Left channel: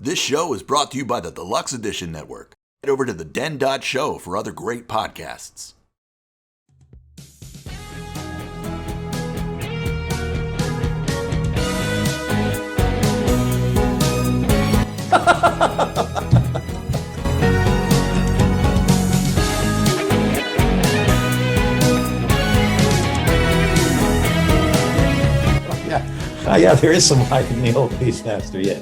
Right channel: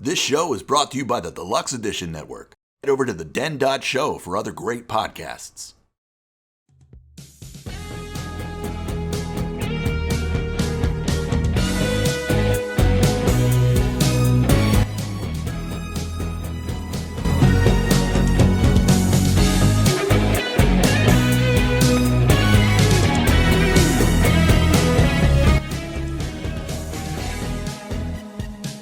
This show is brought to you by the Deluxe Edition Network. Head over to the den.show for other great podcasts. Yeah, there is some life in the old Beastmaster, yeah.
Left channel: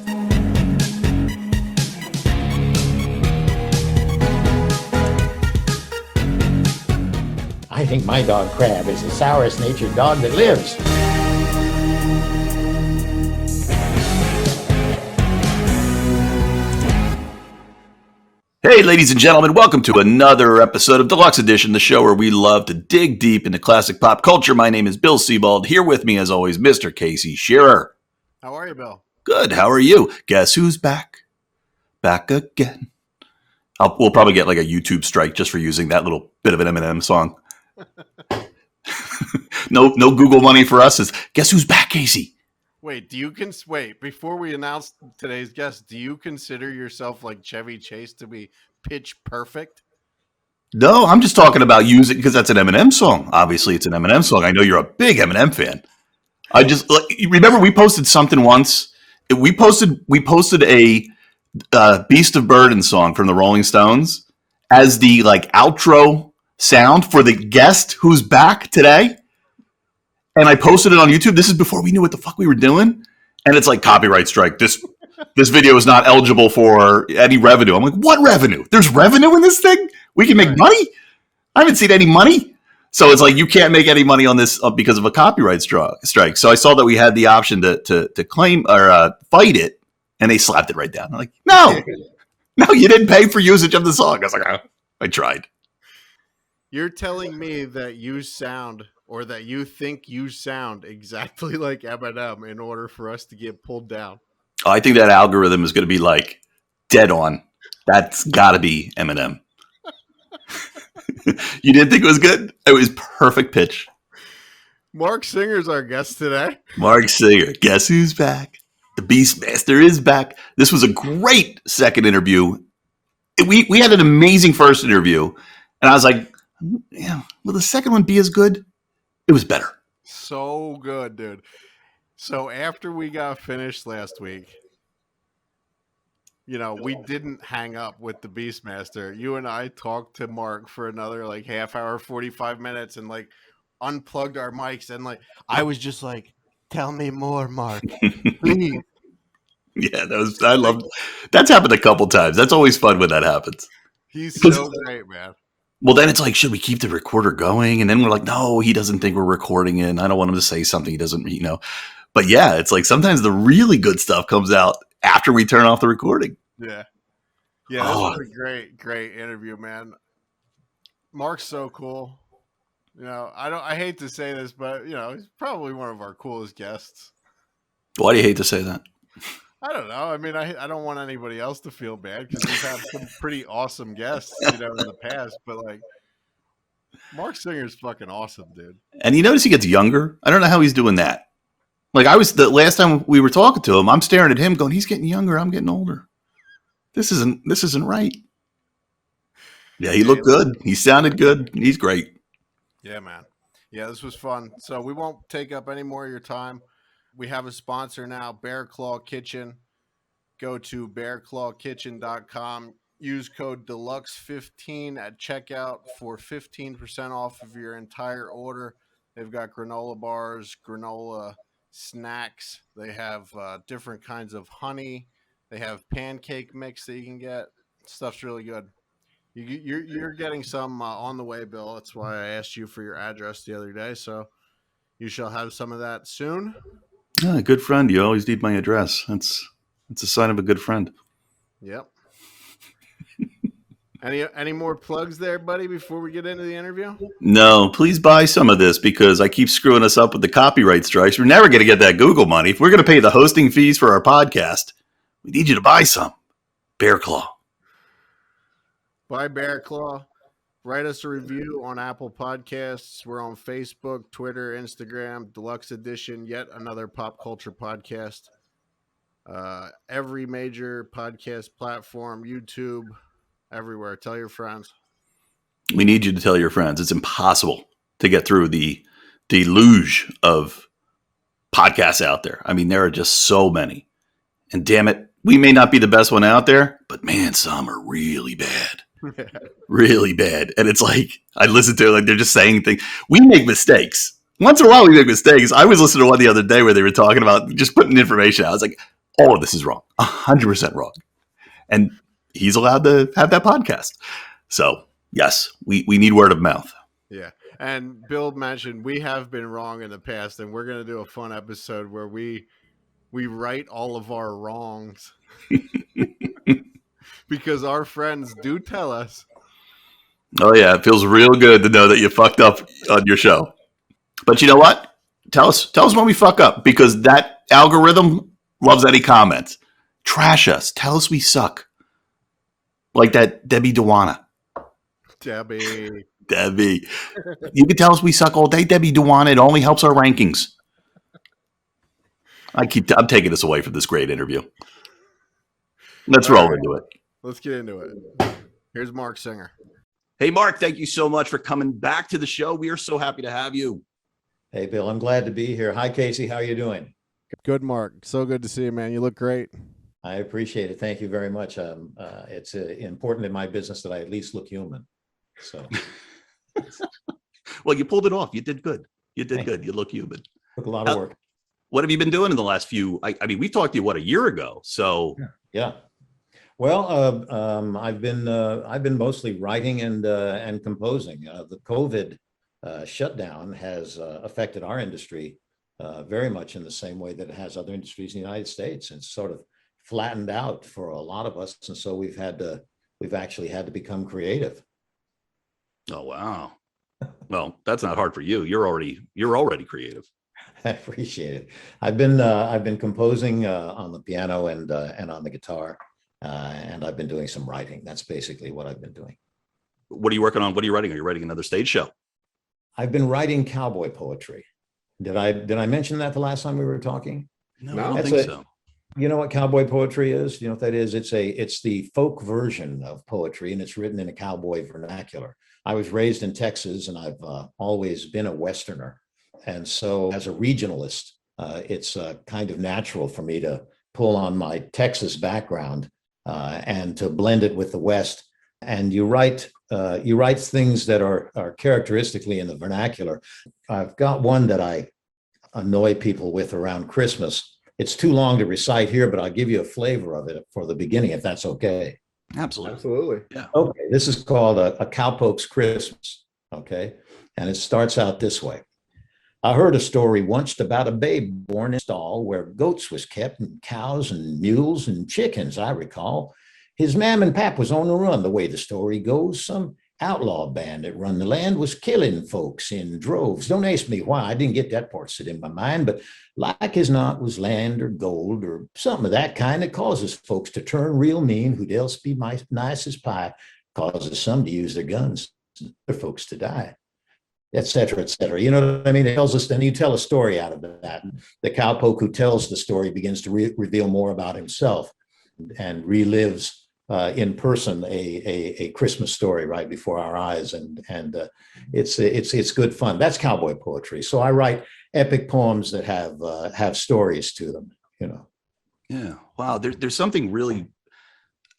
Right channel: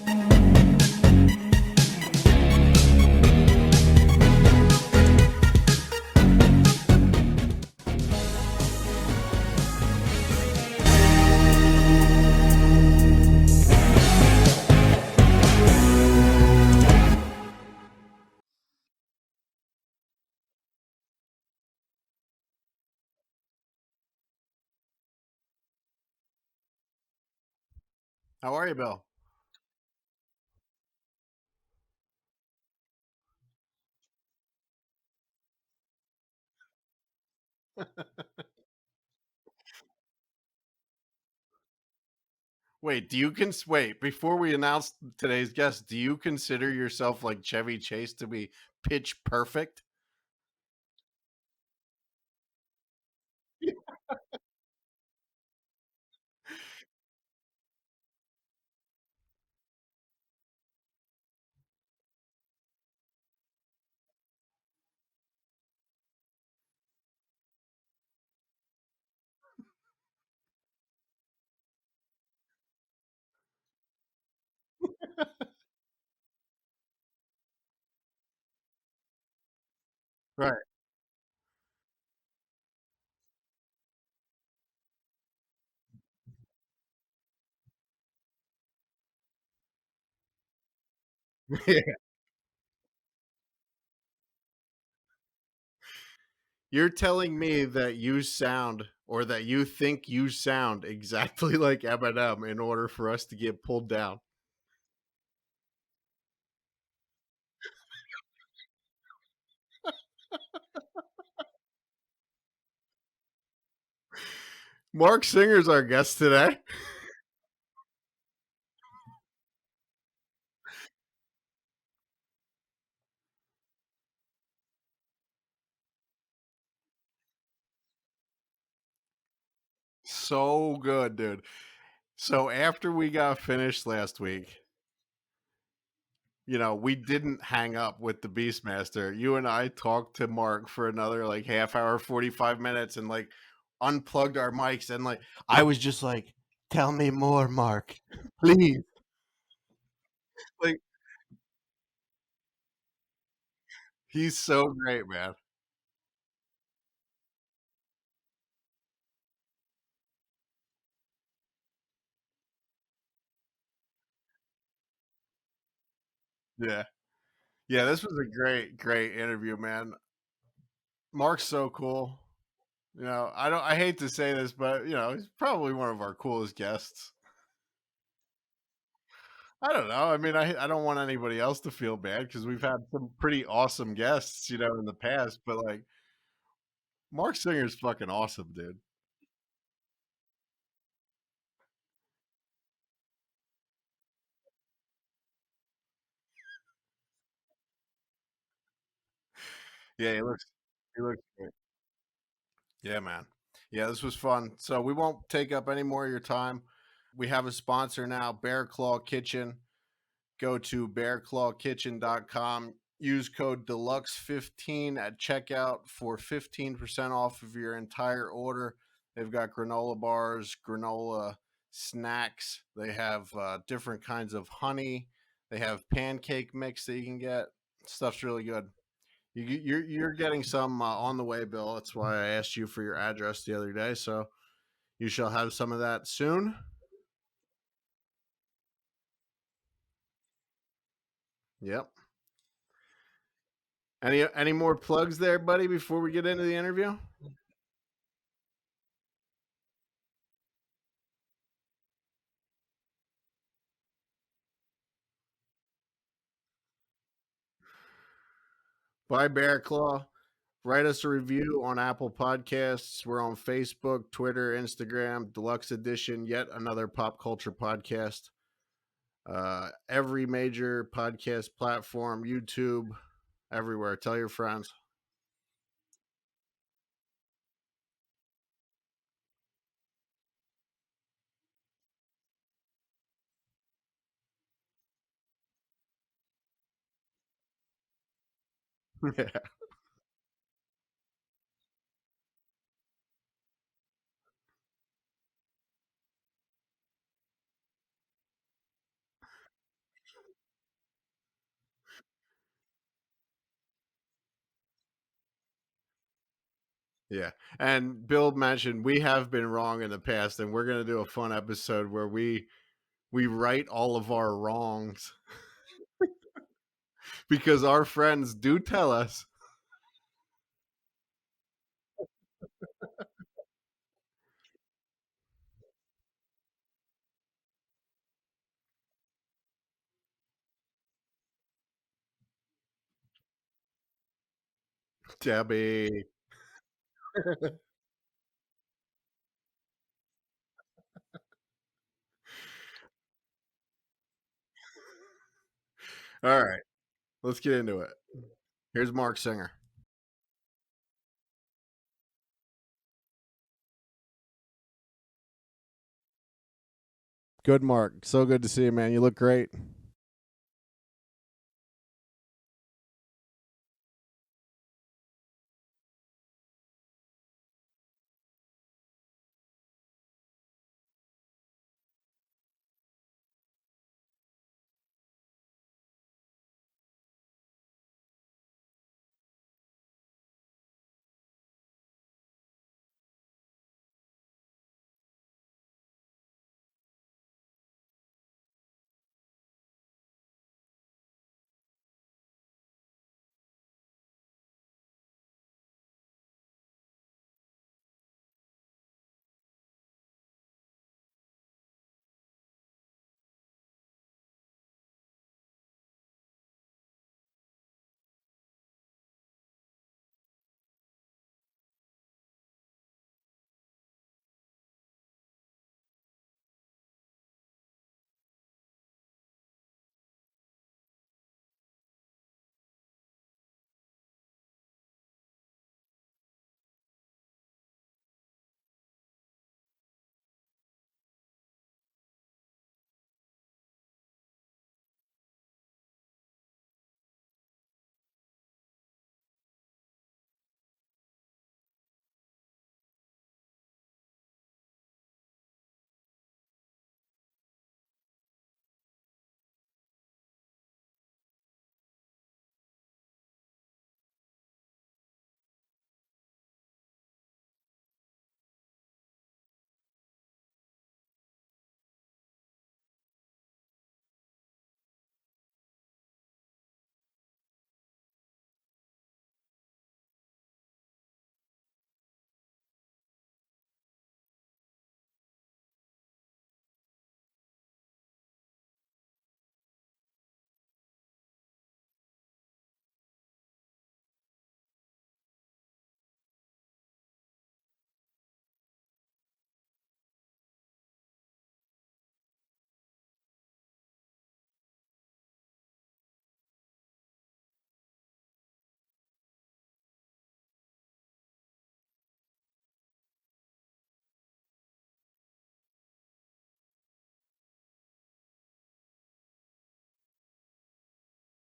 I think my dog Crab is the sourest natured dog that lives. Hey, ladies and gentlemen, welcome to another episode of Deluxe Edition, the show where we love to dig deep into classic pop culture. My name is Bill Sebald. Here with me, as always, Mr. Casey Shearer. How are you, Bill? Good. How are you? Guess who's back? Back again. We'll probably get like a YouTube strike just for using that little bit of an Eminem song. No Google money for us. Is guess who's back, Casey? Wait, wait, before we announce today's guest, do you consider yourself like Chevy Chase to be pitch perfect? No, I'm just talking about using because that's an Eminem song. Obviously, it's an Eminem song. I know you're a big Eminem fan. I just remember we posted something once. We posted a Beast of Burden song from the Rolling Stones as the like outro sound for the guest who's back today. And I posted it on YouTube. This is before we knew what the fuck we were doing. And it's like copyright strike. This video is not eligible for any revenue. I'm like, what revenue? There's revenue in this thing? We can make money? I haven't seen any money. So it's like you can't make any money on this because of a copyright strike. So I saw that we had the option to claim or fight it, and they slapped it right down. I'm like, no, you didn't pay for usage of the song. I was like, oh, I tried. You're telling me that you sound or that you think you sound exactly like Eminem in order for us to get pulled down. I think that algorithm is going to be like dead on. That's got to be Eminem. You didn't think it was good? It was perfect pitch. Marc Singer's our guest today. Marc Singer. Guess who's back? The Beastmaster is back. This was a great second interview. We had an amazing first interview. And I was like, yeah, will the second one be as good? It was better. So good, dude. So after we got finished last week, we didn't hang up with the Beastmaster. You and I talked to Mark for another like half hour, 45 minutes and like unplugged our mics. And like, I was just like, tell me more, Mark, please. Yeah, I love that's happened a couple times. That's always fun when that happens. He's so great, man. Well, then it's like, should we keep the recorder going? And then we're like, no, he doesn't think we're recording it. And I don't want him to say something he doesn't, But yeah, it's like sometimes the really good stuff comes out after we turn off the recording. Yeah. Yeah, this was a great interview, man. Mark's so cool. I hate to say this, but he's probably one of our coolest guests. Why do you hate to say that? I don't know. I mean, I don't want anybody else to feel bad because we've had some pretty awesome guests, in the past. But like, Marc Singer's fucking awesome, dude. And you notice he gets younger. I don't know how he's doing that. Like the last time we were talking to him, I'm staring at him, going, "He's getting younger. I'm getting older. This isn't right." Yeah, he looked good. He sounded good. He's great. Yeah, man. Yeah, this was fun. So we won't take up any more of your time. We have a sponsor now, Bear Claw Kitchen. Go to bearclawkitchen.com. Use code DELUXE15 at checkout for 15% off of your entire order. They've got granola bars, granola snacks. They have different kinds of honey. They have pancake mix that you can get. Stuff's really good. You're getting some on the way, Bill. That's why I asked you for your address the other day. So you shall have some of that soon. Yeah, good friend. You always need my address. That's a sign of a good friend. Yep. Any more plugs there, buddy, before we get into the interview? No, please buy some of this because I keep screwing us up with the copyright strikes. We're never going to get that Google money. If we're going to pay the hosting fees for our podcast, we need you to buy some. Bear Claw. Buy Bear Claw. Write us a review on Apple Podcasts. We're on Facebook, Twitter, Instagram, Deluxe Edition, yet another pop culture podcast. every major podcast platform, YouTube, everywhere. Tell your friends. We need you to tell your friends. It's impossible to get through the deluge of podcasts out there. I mean, there are just so many. And damn it, we may not be the best one out there, but man, some are really bad. Really bad. And it's like, I listen to it, like they're just saying things. We make mistakes. Once in a while, we make mistakes. I was listening to one the other day where they were talking about just putting information out. I was like, all of this is wrong, 100% wrong. And he's allowed to have that podcast. So, yes, we need word of mouth. Yeah. And Bill mentioned we have been wrong in the past, and we're going to do a fun episode where we right all of our wrongs because our friends do tell us. Oh, yeah. It feels real good to know that you fucked up on your show. But you know what? Tell us when we fuck up, because that algorithm loves any comments. Trash us. Tell us we suck. Like that Debbie Dewana. Debbie. You can tell us we suck all day, Debbie Dewana. It only helps our rankings. I'm taking this away from this great interview. Let's roll into it. Let's get into it. Here's Marc Singer. Hey, Marc, thank you so much for coming back to the show. We are so happy to have you. Hey, Bill, I'm glad to be here. Hi, Casey. How are you doing? Good, Marc. So good to see you, man. You look great. I appreciate it. Thank you very much. It's important in my business that I at least look human. So, well, you pulled it off. You did good. You look human. Took a lot of work. What have you been doing in the last few? I mean, we talked to you a year ago. So yeah. Well, I've been mostly writing and composing. The COVID shutdown has affected our industry very much in the same way that it has other industries in the United States. It's sort of flattened out for a lot of us, and so we've actually had to become creative. Oh wow! Well, that's not hard for you. You're already creative. I appreciate it. I've been composing on the piano and on the guitar, and I've been doing some writing. That's basically what I've been doing. What are you working on? What are you writing? Are you writing another stage show? I've been writing cowboy poetry. Did I mention that the last time we were talking? No, I don't think so. You know what cowboy poetry is? You know what that is? It's the folk version of poetry, and it's written in a cowboy vernacular. I was raised in Texas, and I've always been a Westerner. And so as a regionalist, it's kind of natural for me to pull on my Texas background and to blend it with the West. And you write things that are characteristically in the vernacular. I've got one that I annoy people with around Christmas. It's too long to recite here, but I'll give you a flavor of it for the beginning, if that's okay. Absolutely. Yeah. Okay. This is called a Cowpoke's Christmas. Okay. And it starts out this way. I heard a story once about a babe born in a stall where goats was kept and cows and mules and chickens, I recall. His mam and pap was on the run. The way the story goes, some outlaw band that run the land was killing folks in droves. Don't ask me why. I didn't get that part set in my mind, but like as not was land or gold or something of that kind that causes folks to turn real mean, who'd else be nice as pie, causes some to use their guns, and other folks to die, et cetera, et cetera. You know what I mean? It tells us, then you tell a story out of that. The cowpoke who tells the story begins to reveal more about himself and relives in person a Christmas story right before our eyes, and it's good fun. That's cowboy poetry. So I write epic poems that have stories to them. You know. Yeah. Wow. There's something really,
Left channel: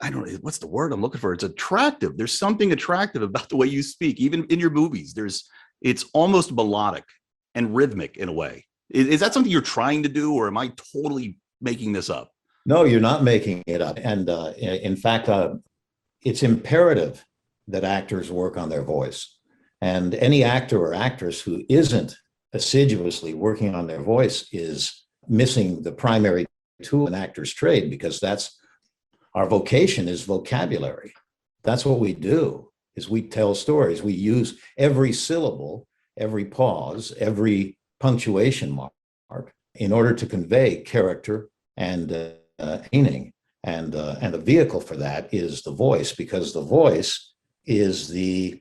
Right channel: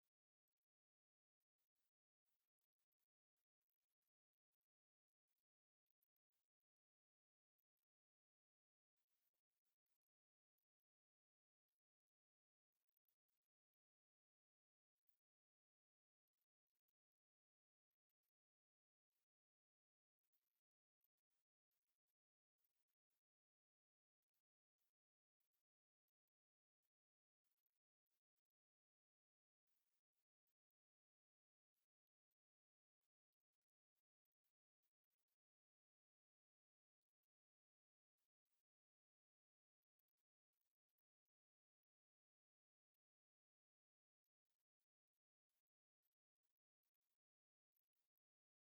I don't know what's the word I'm looking for. It's attractive. There's something attractive about the way you speak, even in your movies. It's almost melodic and rhythmic in a way. Is that something you're trying to do, or am I totally making this up? No, you're not making it up. And in fact, it's imperative that actors work on their voice. And any actor or actress who isn't assiduously working on their voice is missing the primary tool in actor's trade, because that's our vocation is vocabulary. That's what we do, is we tell stories. We use every syllable, every pause, every punctuation mark in order to convey character and meaning, and the vehicle for that is the voice, because the voice is the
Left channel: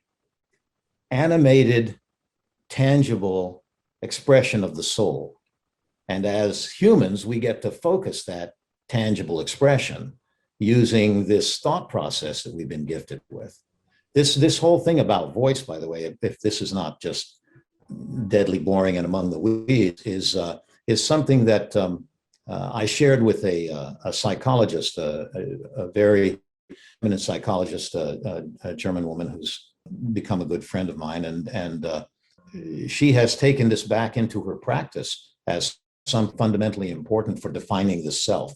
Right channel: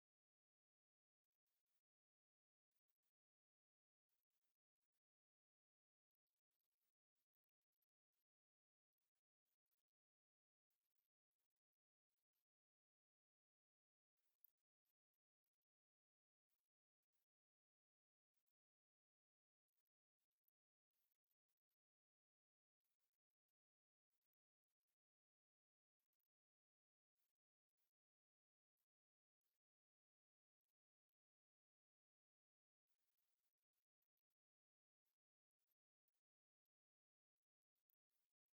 animated, tangible expression of the soul. And as humans, we get to focus that tangible expression using this thought process that we've been gifted with. This whole thing about voice, by the way, if this is not just deadly boring and among the weeds, is something that I shared with a psychologist, a very eminent psychologist, a German woman who's become a good friend of mine, and she has taken this back into her practice as some fundamentally important for defining the self.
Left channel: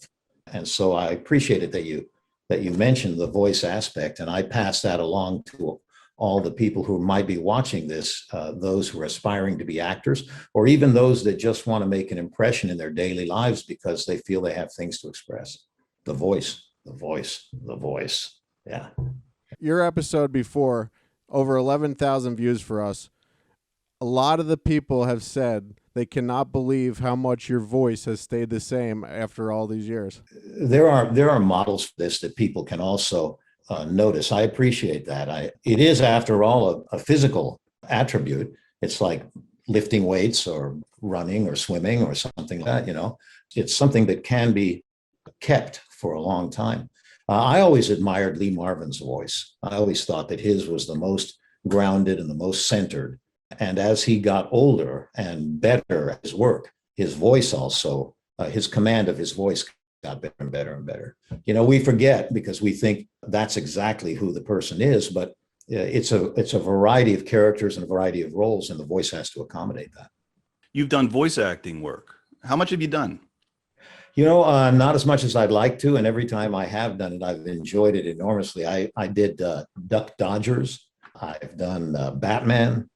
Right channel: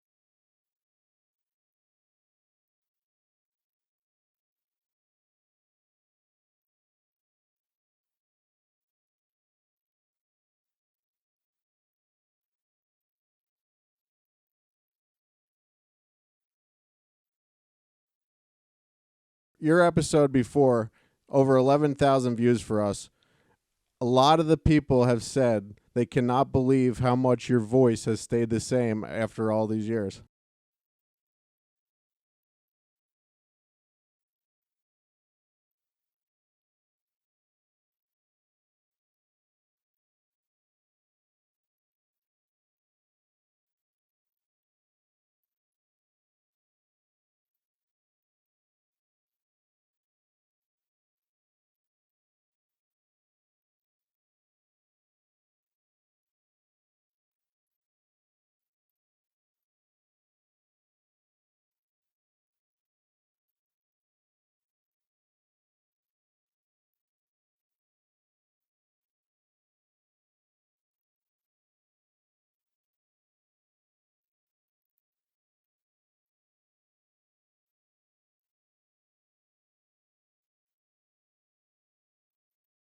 And so I appreciate it that you mentioned the voice aspect, and I pass that along to all the people who might be watching this, those who are aspiring to be actors, or even those that just want to make an impression in their daily lives because they feel they have things to express. The voice, the voice, the voice. Yeah. Your episode before, over 11,000 views for us. A lot of the people have said they cannot believe how much your voice has stayed the same after all these years. There are models for this that people can also notice. I appreciate that. It is, after all, a physical attribute. It's like lifting weights or running or swimming or something like that, you know. It's something that can be kept for a long time. I always admired Lee Marvin's voice. I always thought that his was the most grounded and the most centered. And as he got older and better at his work, his voice also, his command of his voice got better and better and better. You know, we forget because we think that's exactly who the person is, but it's a variety of characters and a variety of roles, and the voice has to accommodate that. You've done voice acting work. How much have you done? You know, not as much as I'd like to, and every time I have done it, I've enjoyed it enormously. I did Duck Dodgers. I've done Batman.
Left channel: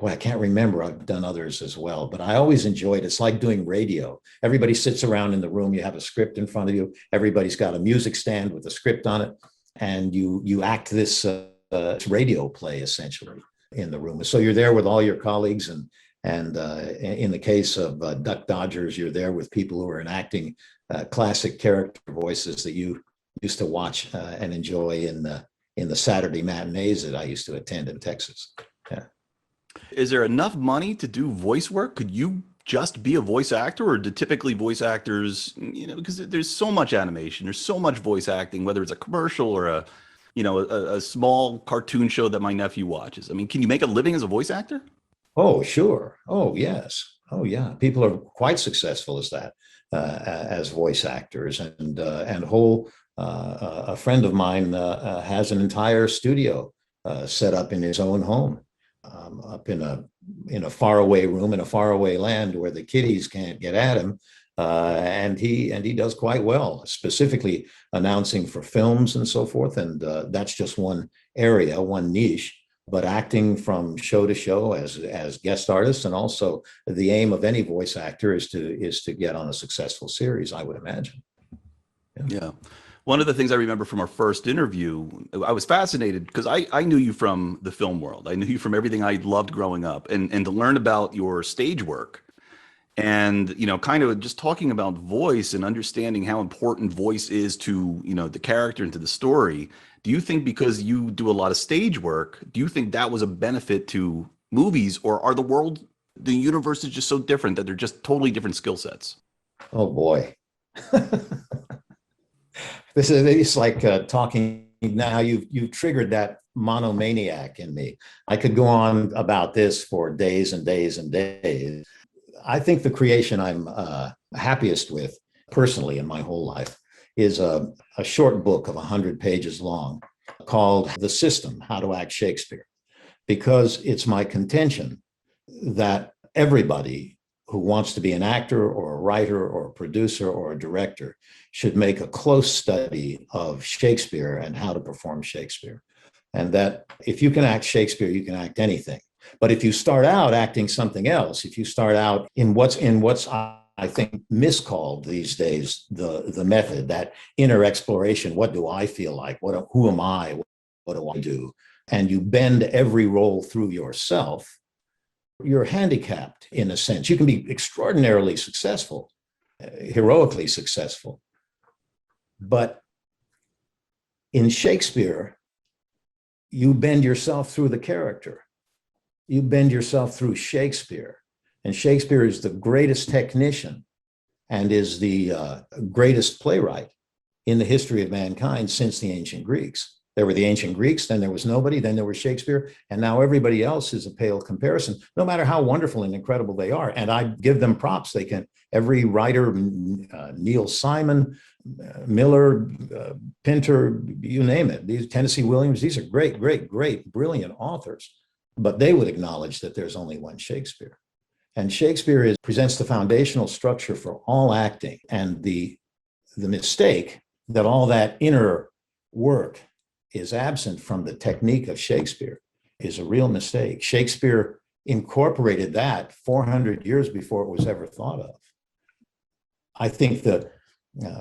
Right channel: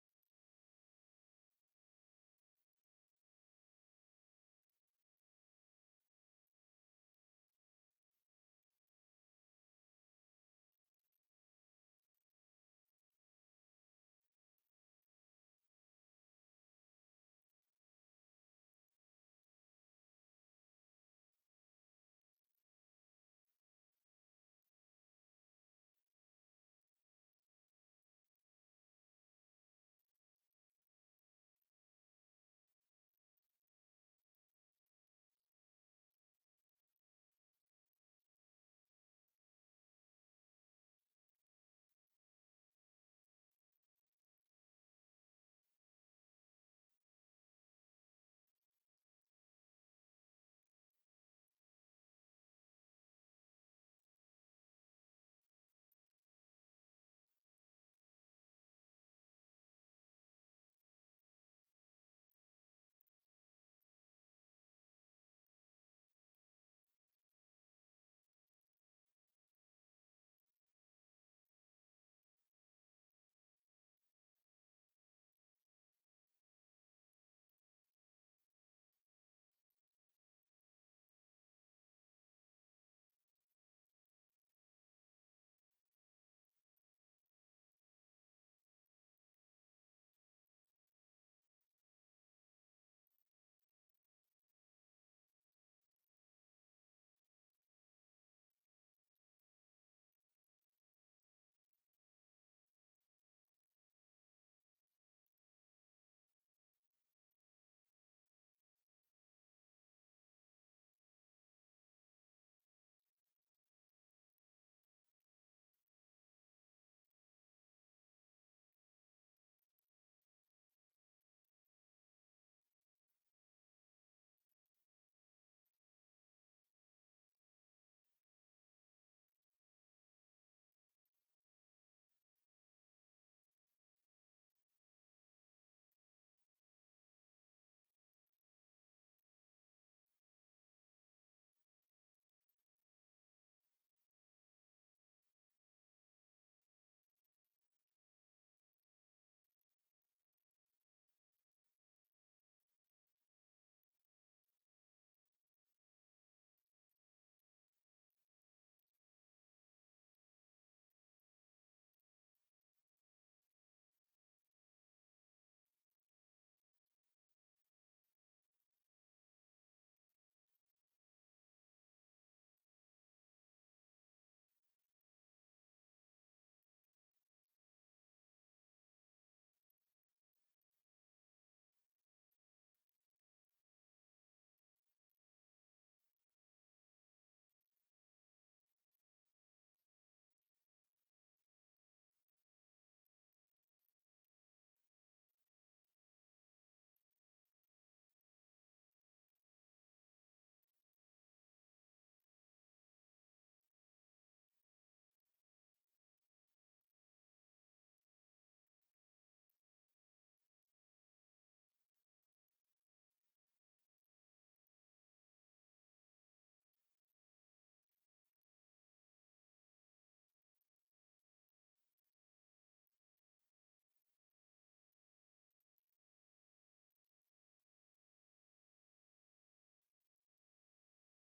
Boy, I can't remember. I've done others as well, but I always enjoyed it. It's like doing radio. Everybody sits around in the room. You have a script in front of you. Everybody's got a music stand with a script on it, and you act this radio play essentially in the room. So you're there with all your colleagues, and in the case of Duck Dodgers, you're there with people who are enacting classic character voices that you used to watch and enjoy in the Saturday matinees that I used to attend in Texas. Yeah. Is there enough money to do voice work? Could you just be a voice actor, or do typically voice actors, you know, because there's so much animation, there's so much voice acting, whether it's a commercial or a small cartoon show that my nephew watches. I mean, can you make a living as a voice actor? Oh, sure. Oh, yes. Oh, yeah. People are quite successful as that, as voice actors, and a friend of mine has an entire studio set up in his own home, up in a faraway room in a faraway land where the kiddies can't get at him, and he does quite well, specifically announcing for films and so forth. And that's just one area, one niche. But acting from show to show as guest artists, and also the aim of any voice actor is to get on a successful series, I would imagine. Yeah. One of the things I remember from our first interview, I was fascinated because I knew you from the film world. I knew you from everything I loved growing up, and to learn about your stage work and, you know, kind of just talking about voice and understanding how important voice is to, you know, the character and to the story. Do you think because you do a lot of stage work, do you think that was a benefit to movies, or are the universe is just so different that they're just totally different skill sets? Oh boy. It's like talking now. You've triggered that monomaniac in me. I could go on about this for days and days and days. I think the creation I'm happiest with personally in my whole life is a short book of 100 pages long called The System: How to Act Shakespeare, because it's my contention that everybody who wants to be an actor or a writer or a producer or a director should make a close study of Shakespeare and how to perform Shakespeare. And that if you can act Shakespeare, you can act anything. But if you start out acting something else, if you start out in what's I think miscalled these days, the method, that inner exploration, what do I feel like? Who am I? What do I do? And you bend every role through yourself, you're handicapped in a sense. You can be extraordinarily successful, heroically successful. But in Shakespeare, you bend yourself through the character. You bend yourself through Shakespeare. And Shakespeare is the greatest technician and is the greatest playwright in the history of mankind since the ancient Greeks. There were the ancient Greeks, then there was nobody, then there was Shakespeare, and now everybody else is a pale comparison, no matter how wonderful and incredible they are. And I give them props. They can, every writer, Neil Simon, Miller, Pinter, you name it, these Tennessee Williams, these are great, great, great, brilliant authors, but they would acknowledge that there's only one Shakespeare. And Shakespeare presents the foundational structure for all acting, and the mistake that all that inner work is absent from the technique of Shakespeare is a real mistake. Shakespeare incorporated that 400 years before it was ever thought of. I think that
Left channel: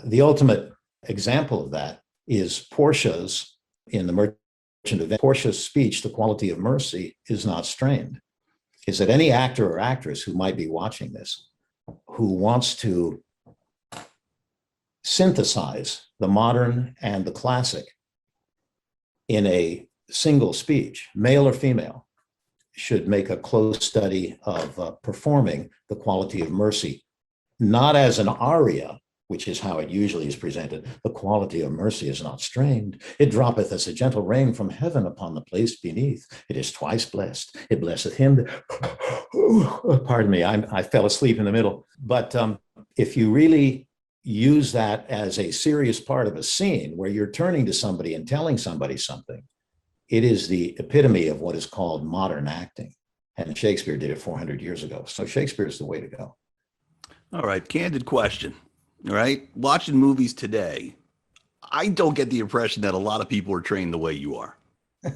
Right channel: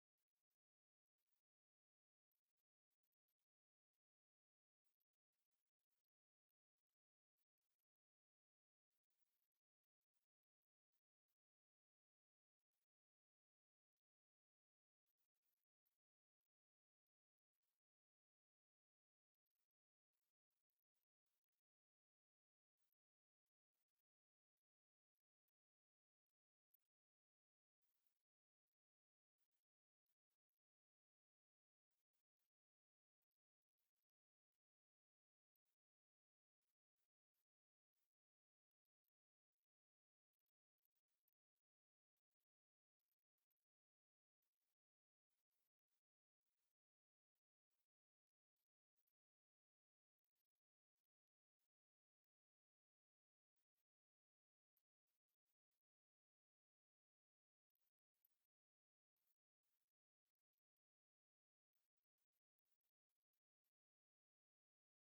the ultimate example of that is Portia's, in The Merchant of Venice, Portia's speech, "The quality of mercy is not strained." Is that any actor or actress who might be watching this, who wants to synthesize the modern and the classic in a single speech, male or female, should make a close study of performing The Quality of Mercy, not as an aria, which is how it usually is presented. The quality of mercy is not strained. It droppeth as a gentle rain from heaven upon the place beneath. It is twice blessed. It blesseth him. Pardon me, I fell asleep in the middle. But if you really use that as a serious part of a scene where you're turning to somebody and telling somebody something, it is the epitome of what is called modern acting. And Shakespeare did it 400 years ago. So Shakespeare is the way to go. All right, candid question. All right, watching movies today, I don't get the impression that a lot of people are trained the way you are.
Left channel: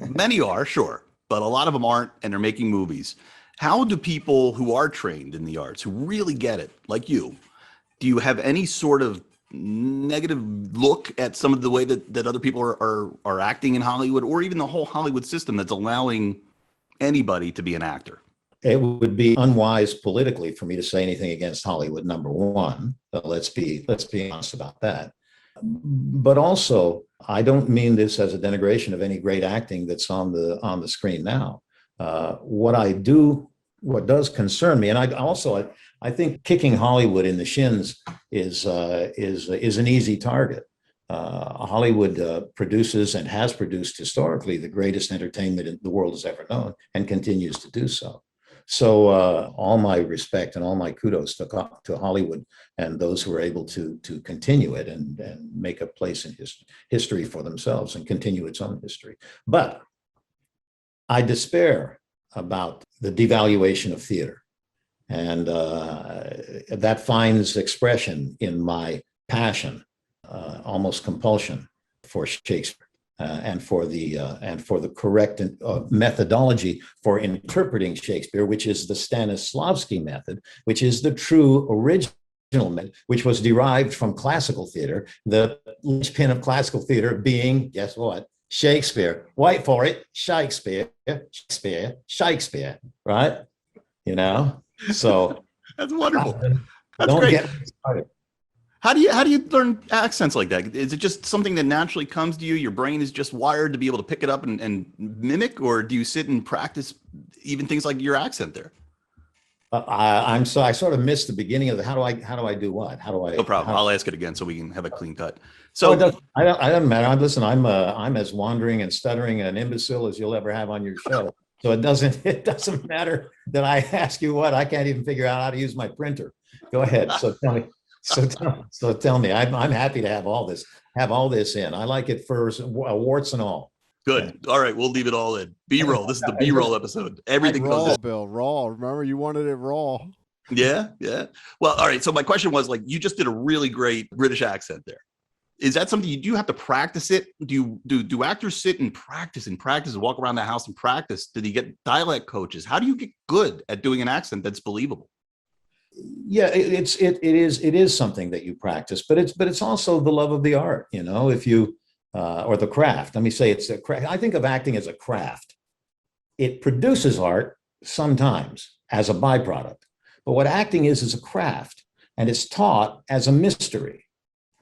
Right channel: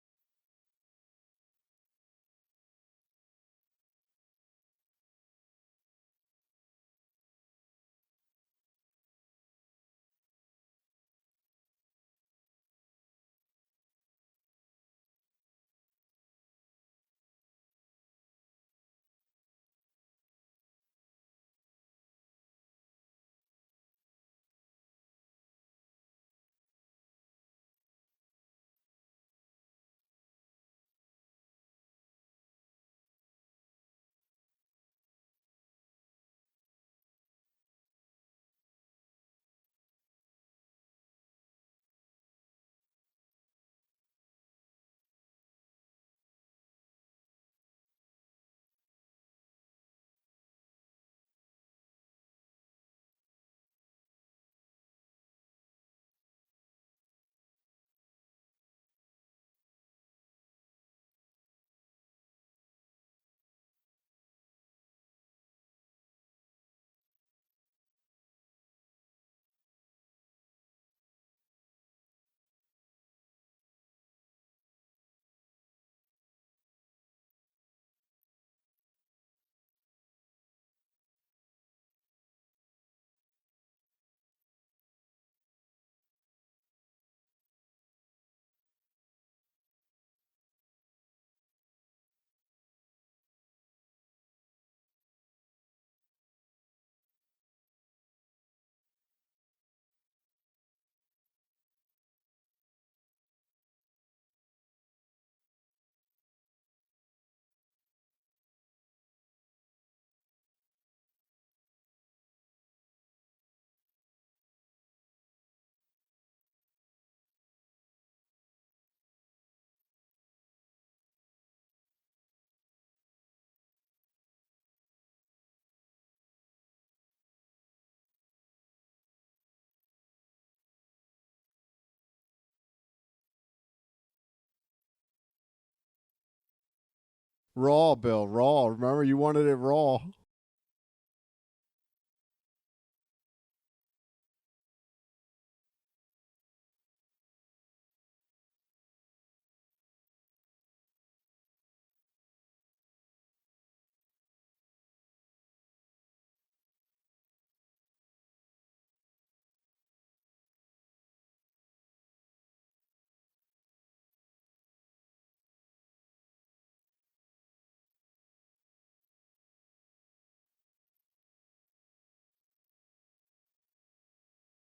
Many are, sure, but a lot of them aren't, and they're making movies. How do people who are trained in the arts, who really get it, like you, do you have any sort of negative look at some of the way that other people are acting in Hollywood, or even the whole Hollywood system that's allowing anybody to be an actor? It would be unwise politically for me to say anything against Hollywood, number one. Let's be honest about that. But also, I don't mean this as a denigration of any great acting that's on the screen now. What does concern me, and I think kicking Hollywood in the shins is an easy target. Hollywood produces and has produced historically the greatest entertainment the world has ever known, and continues to do so. So all my respect and all my kudos to Hollywood and those who are able to continue it and make a place in history for themselves and continue its own history. But I despair about the devaluation of theater. And that finds expression in my passion, almost compulsion, for Shakespeare. And for the correct methodology for interpreting Shakespeare, which is the Stanislavski method, which is the true original method, which was derived from classical theater, the linchpin of classical theater being, guess what? Shakespeare. Wait for it, Shakespeare, Shakespeare, Shakespeare, right? You know, so that's wonderful. That's don't great. Get me started. How do you learn accents like that? Is it just something that naturally comes to you? Your brain is just wired to be able to pick it up and mimic, or do you sit and practice even things like your accent there? I sort of missed the beginning of the how do I do what? How do I? No problem. I'll ask it again so we can have a clean cut. So it doesn't matter. Listen, I'm as wandering and stuttering an imbecile as you'll ever have on your show. So it doesn't matter that I ask you what. I can't even figure out how to use my printer. Go ahead. So tell me. So tell me. I'm happy to have all this in. I like it for warts and all. Good. All right, we'll leave it all in. B-roll. This is the B-roll episode. Everything raw, goes Bill. Raw. Remember, you wanted it raw. Yeah. Well, all right. So my question was, like, you just did a really great British accent there. Is that something you have to practice it? Do actors sit and practice and walk around the house and practice? Do they get dialect coaches? How do you get good at doing an accent that's believable? Yeah, it is something that you practice, but it's also the love of the art, you know, if you or the craft. Let me say it's a craft. I think of acting as a craft. It produces art sometimes as a byproduct, but what acting is a craft, and it's taught as a mystery.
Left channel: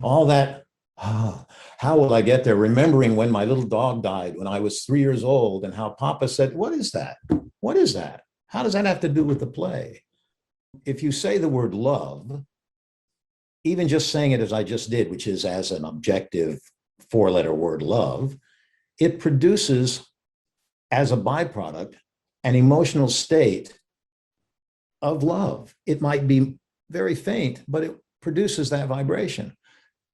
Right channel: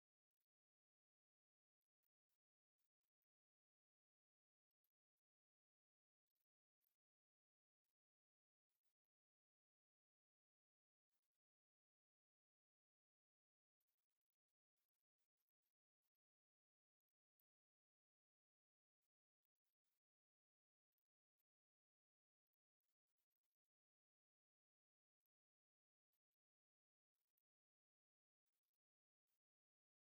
All that, how will I get there? Remembering when my little dog died when I was 3 years old, and how Papa said, "What is that? What is that? How does that have to do with the play?" If you say the word love, even just saying it as I just did, which is as an objective 4-letter word, love, it produces as a byproduct an emotional state of love. It might be very faint, but it produces that vibration.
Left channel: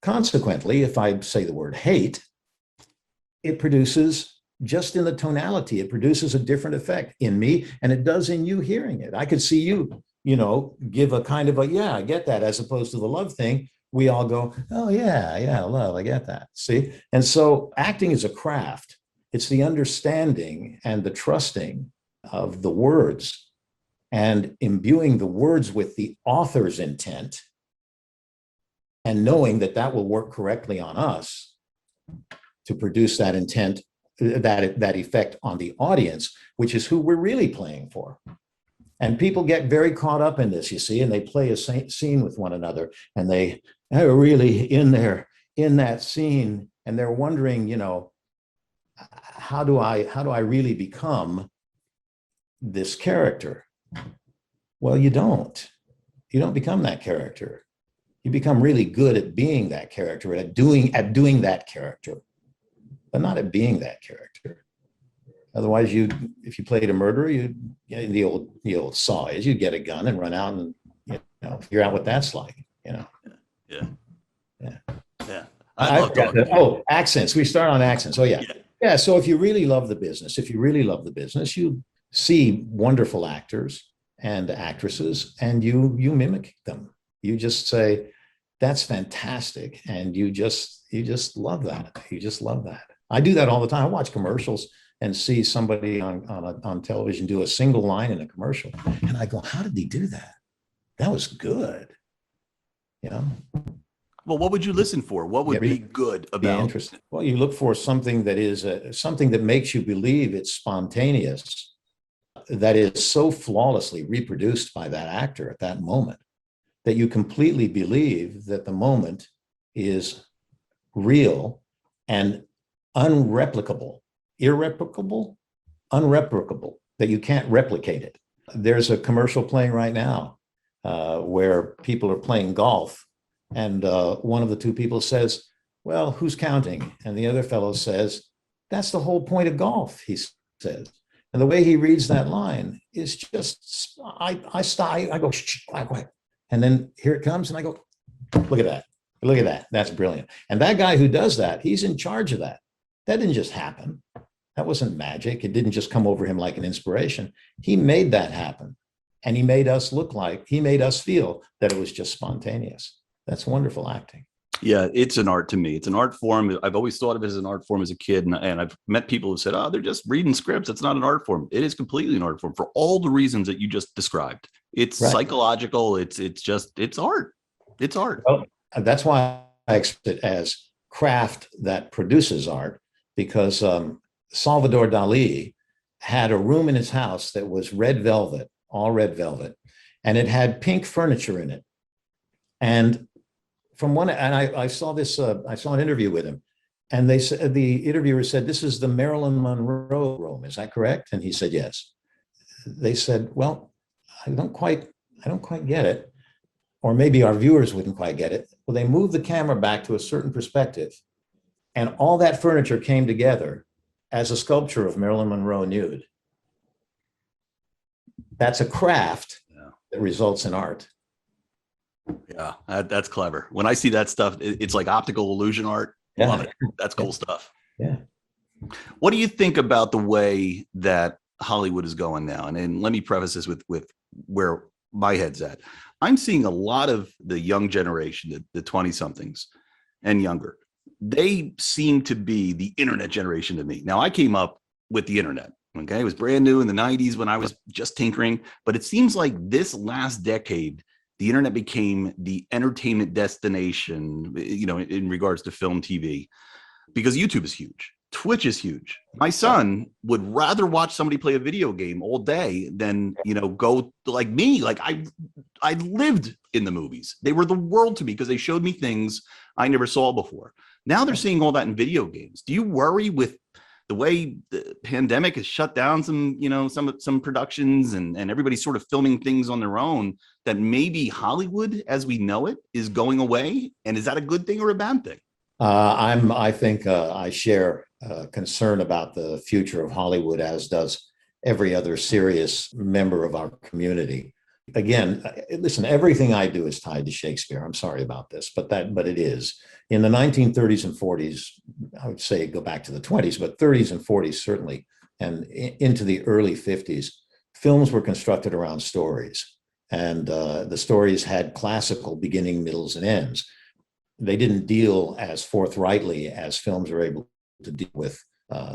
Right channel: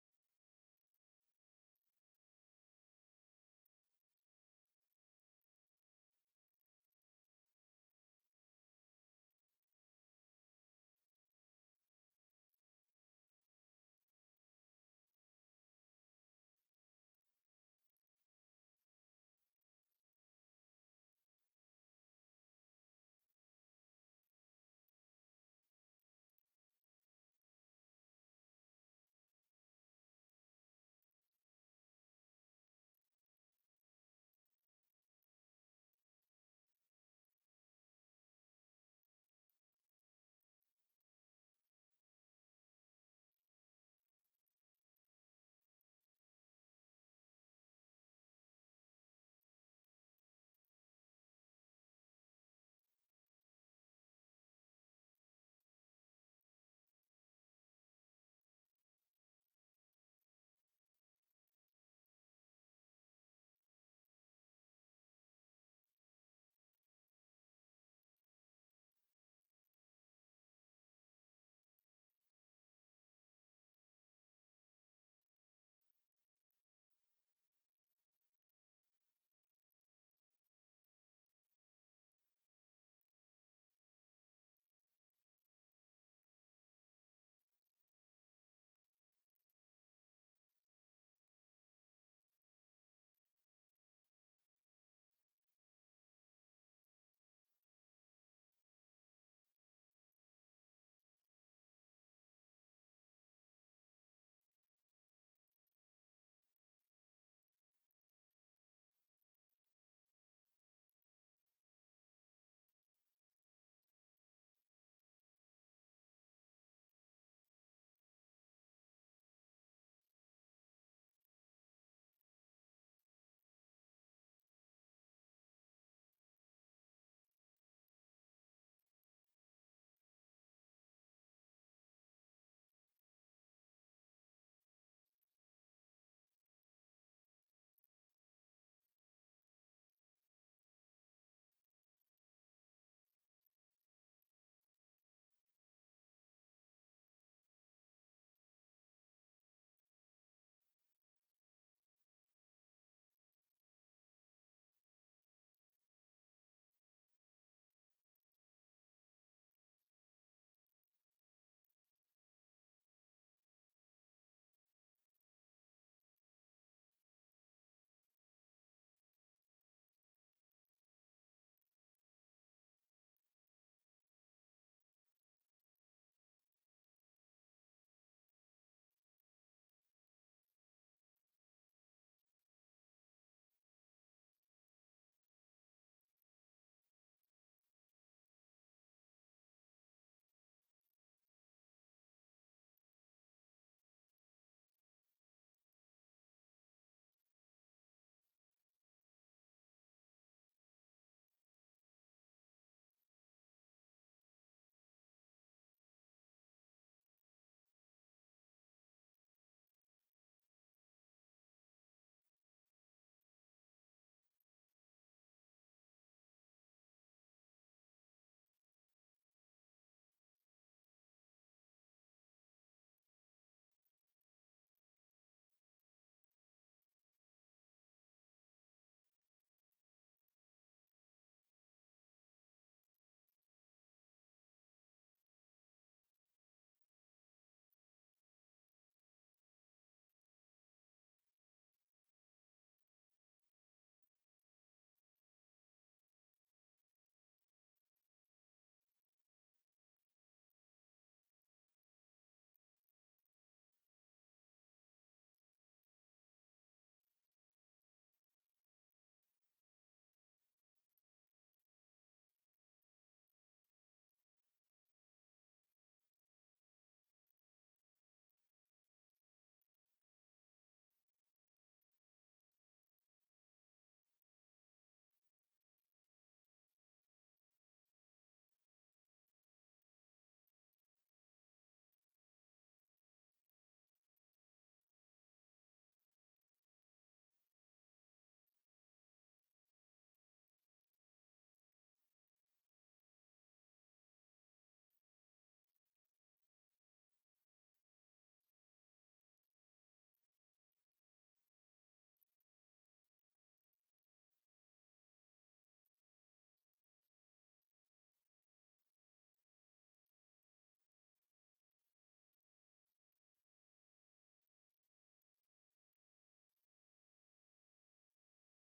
Consequently, if I say the word hate, it produces, just in the tonality, it produces a different effect in me, and it does in you hearing it. I could see you, give a kind of a, yeah, I get that, as opposed to the love thing. We all go, oh yeah, love, I get that. See? And so acting is a craft. It's the understanding and the trusting of the words and imbuing the words with the author's intent and knowing that that will work correctly on us to produce that intent, that effect on the audience, which is who we're really playing for. And people get very caught up in this, you see, and they play a scene with one another, and they are really in that scene, and they're wondering, how do I really become this character? Well, you don't become that character. You become really good at being that character, at doing that character, but not at being that character. Otherwise, if you played a murderer, the old saw is you'd get a gun and run out and figure out what that's like. Yeah. I love talking. Oh, accents. We start on accents. Oh yeah. So if you really love the business, you see wonderful actors and actresses, and you mimic them. You just say, "That's fantastic," and you just love that. You just love that. I do that all the time. I watch commercials and see somebody on television do a single line in a commercial, and I go, "How did he do that? That was good." Well, what would you listen for? What would be good about? Interesting. Well, you look for something that is something that makes you believe it's spontaneous, that is so flawlessly reproduced by that actor at that moment that you completely believe that the moment is real and unreplicable, unreplicable, that you can't replicate it. There's a commercial playing right now where people are playing golf, and one of the two people says, "Well, who's counting?" And the other fellow says, "That's the whole point of golf," he says. And the way he reads that line is just, I stop, I go, "Shh, quiet." And then here it comes, and I go, look at that. That's brilliant. And that guy who does that, he's in charge of that. That didn't just happen. That wasn't magic. It didn't just come over him like an inspiration. He made that happen. And he made us feel that it was just spontaneous. That's wonderful acting. Yeah, it's an art to me. It's an art form. I've always thought of it as an art form as a kid. And I've met people who said, "Oh, they're just reading scripts. It's not an art form." It is completely an art form for all the reasons that you just described. It's right. Psychological. It's art. It's art. Well, that's why I accept it as craft that produces art, because Salvador Dali had a room in his house that was red velvet, all red velvet, and it had pink furniture in it. And I saw this, I saw an interview with him, and they said, the interviewer said, "This is the Marilyn Monroe room. Is that correct?" And he said, "Yes." They said, "Well, I don't quite get it." Or maybe our viewers wouldn't quite get it. Well, they moved the camera back to a certain perspective, and all that furniture came together as a sculpture of Marilyn Monroe nude. That's a craft that results in art. Yeah, that's clever. When I see that stuff, it's like optical illusion art. Yeah. Love it. That's cool stuff. Yeah. What do you think about the way that Hollywood is going now? And let me preface this with where my head's at. I'm seeing a lot of the young generation, the 20-somethings and younger. They seem to be the internet generation to me. Now, I came up with the internet. Okay, it was brand new in the 90s when I was just tinkering. But it seems like this last decade, the internet became the entertainment destination, in regards to film, TV, because YouTube is huge. Twitch is huge. My son would rather watch somebody play a video game all day than, go like me. Like I lived in the movies. They were the world to me because they showed me things I never saw before. Now they're seeing all that in video games. Do you worry with the way the pandemic has shut down some productions and everybody's sort of filming things on their own, that maybe Hollywood as we know it is going away? And is that a good thing or a bad thing? I think I share concern about the future of Hollywood, as does every other serious member of our community. Again, listen, everything I do is tied to Shakespeare. I'm sorry about this, but it is. In the 1930s and 40s, I would say go back to the 20s, but 30s and 40s certainly, and into the early 50s, films were constructed around stories. And the stories had classical beginning, middles, and ends. They didn't deal as forthrightly as films are able to deal with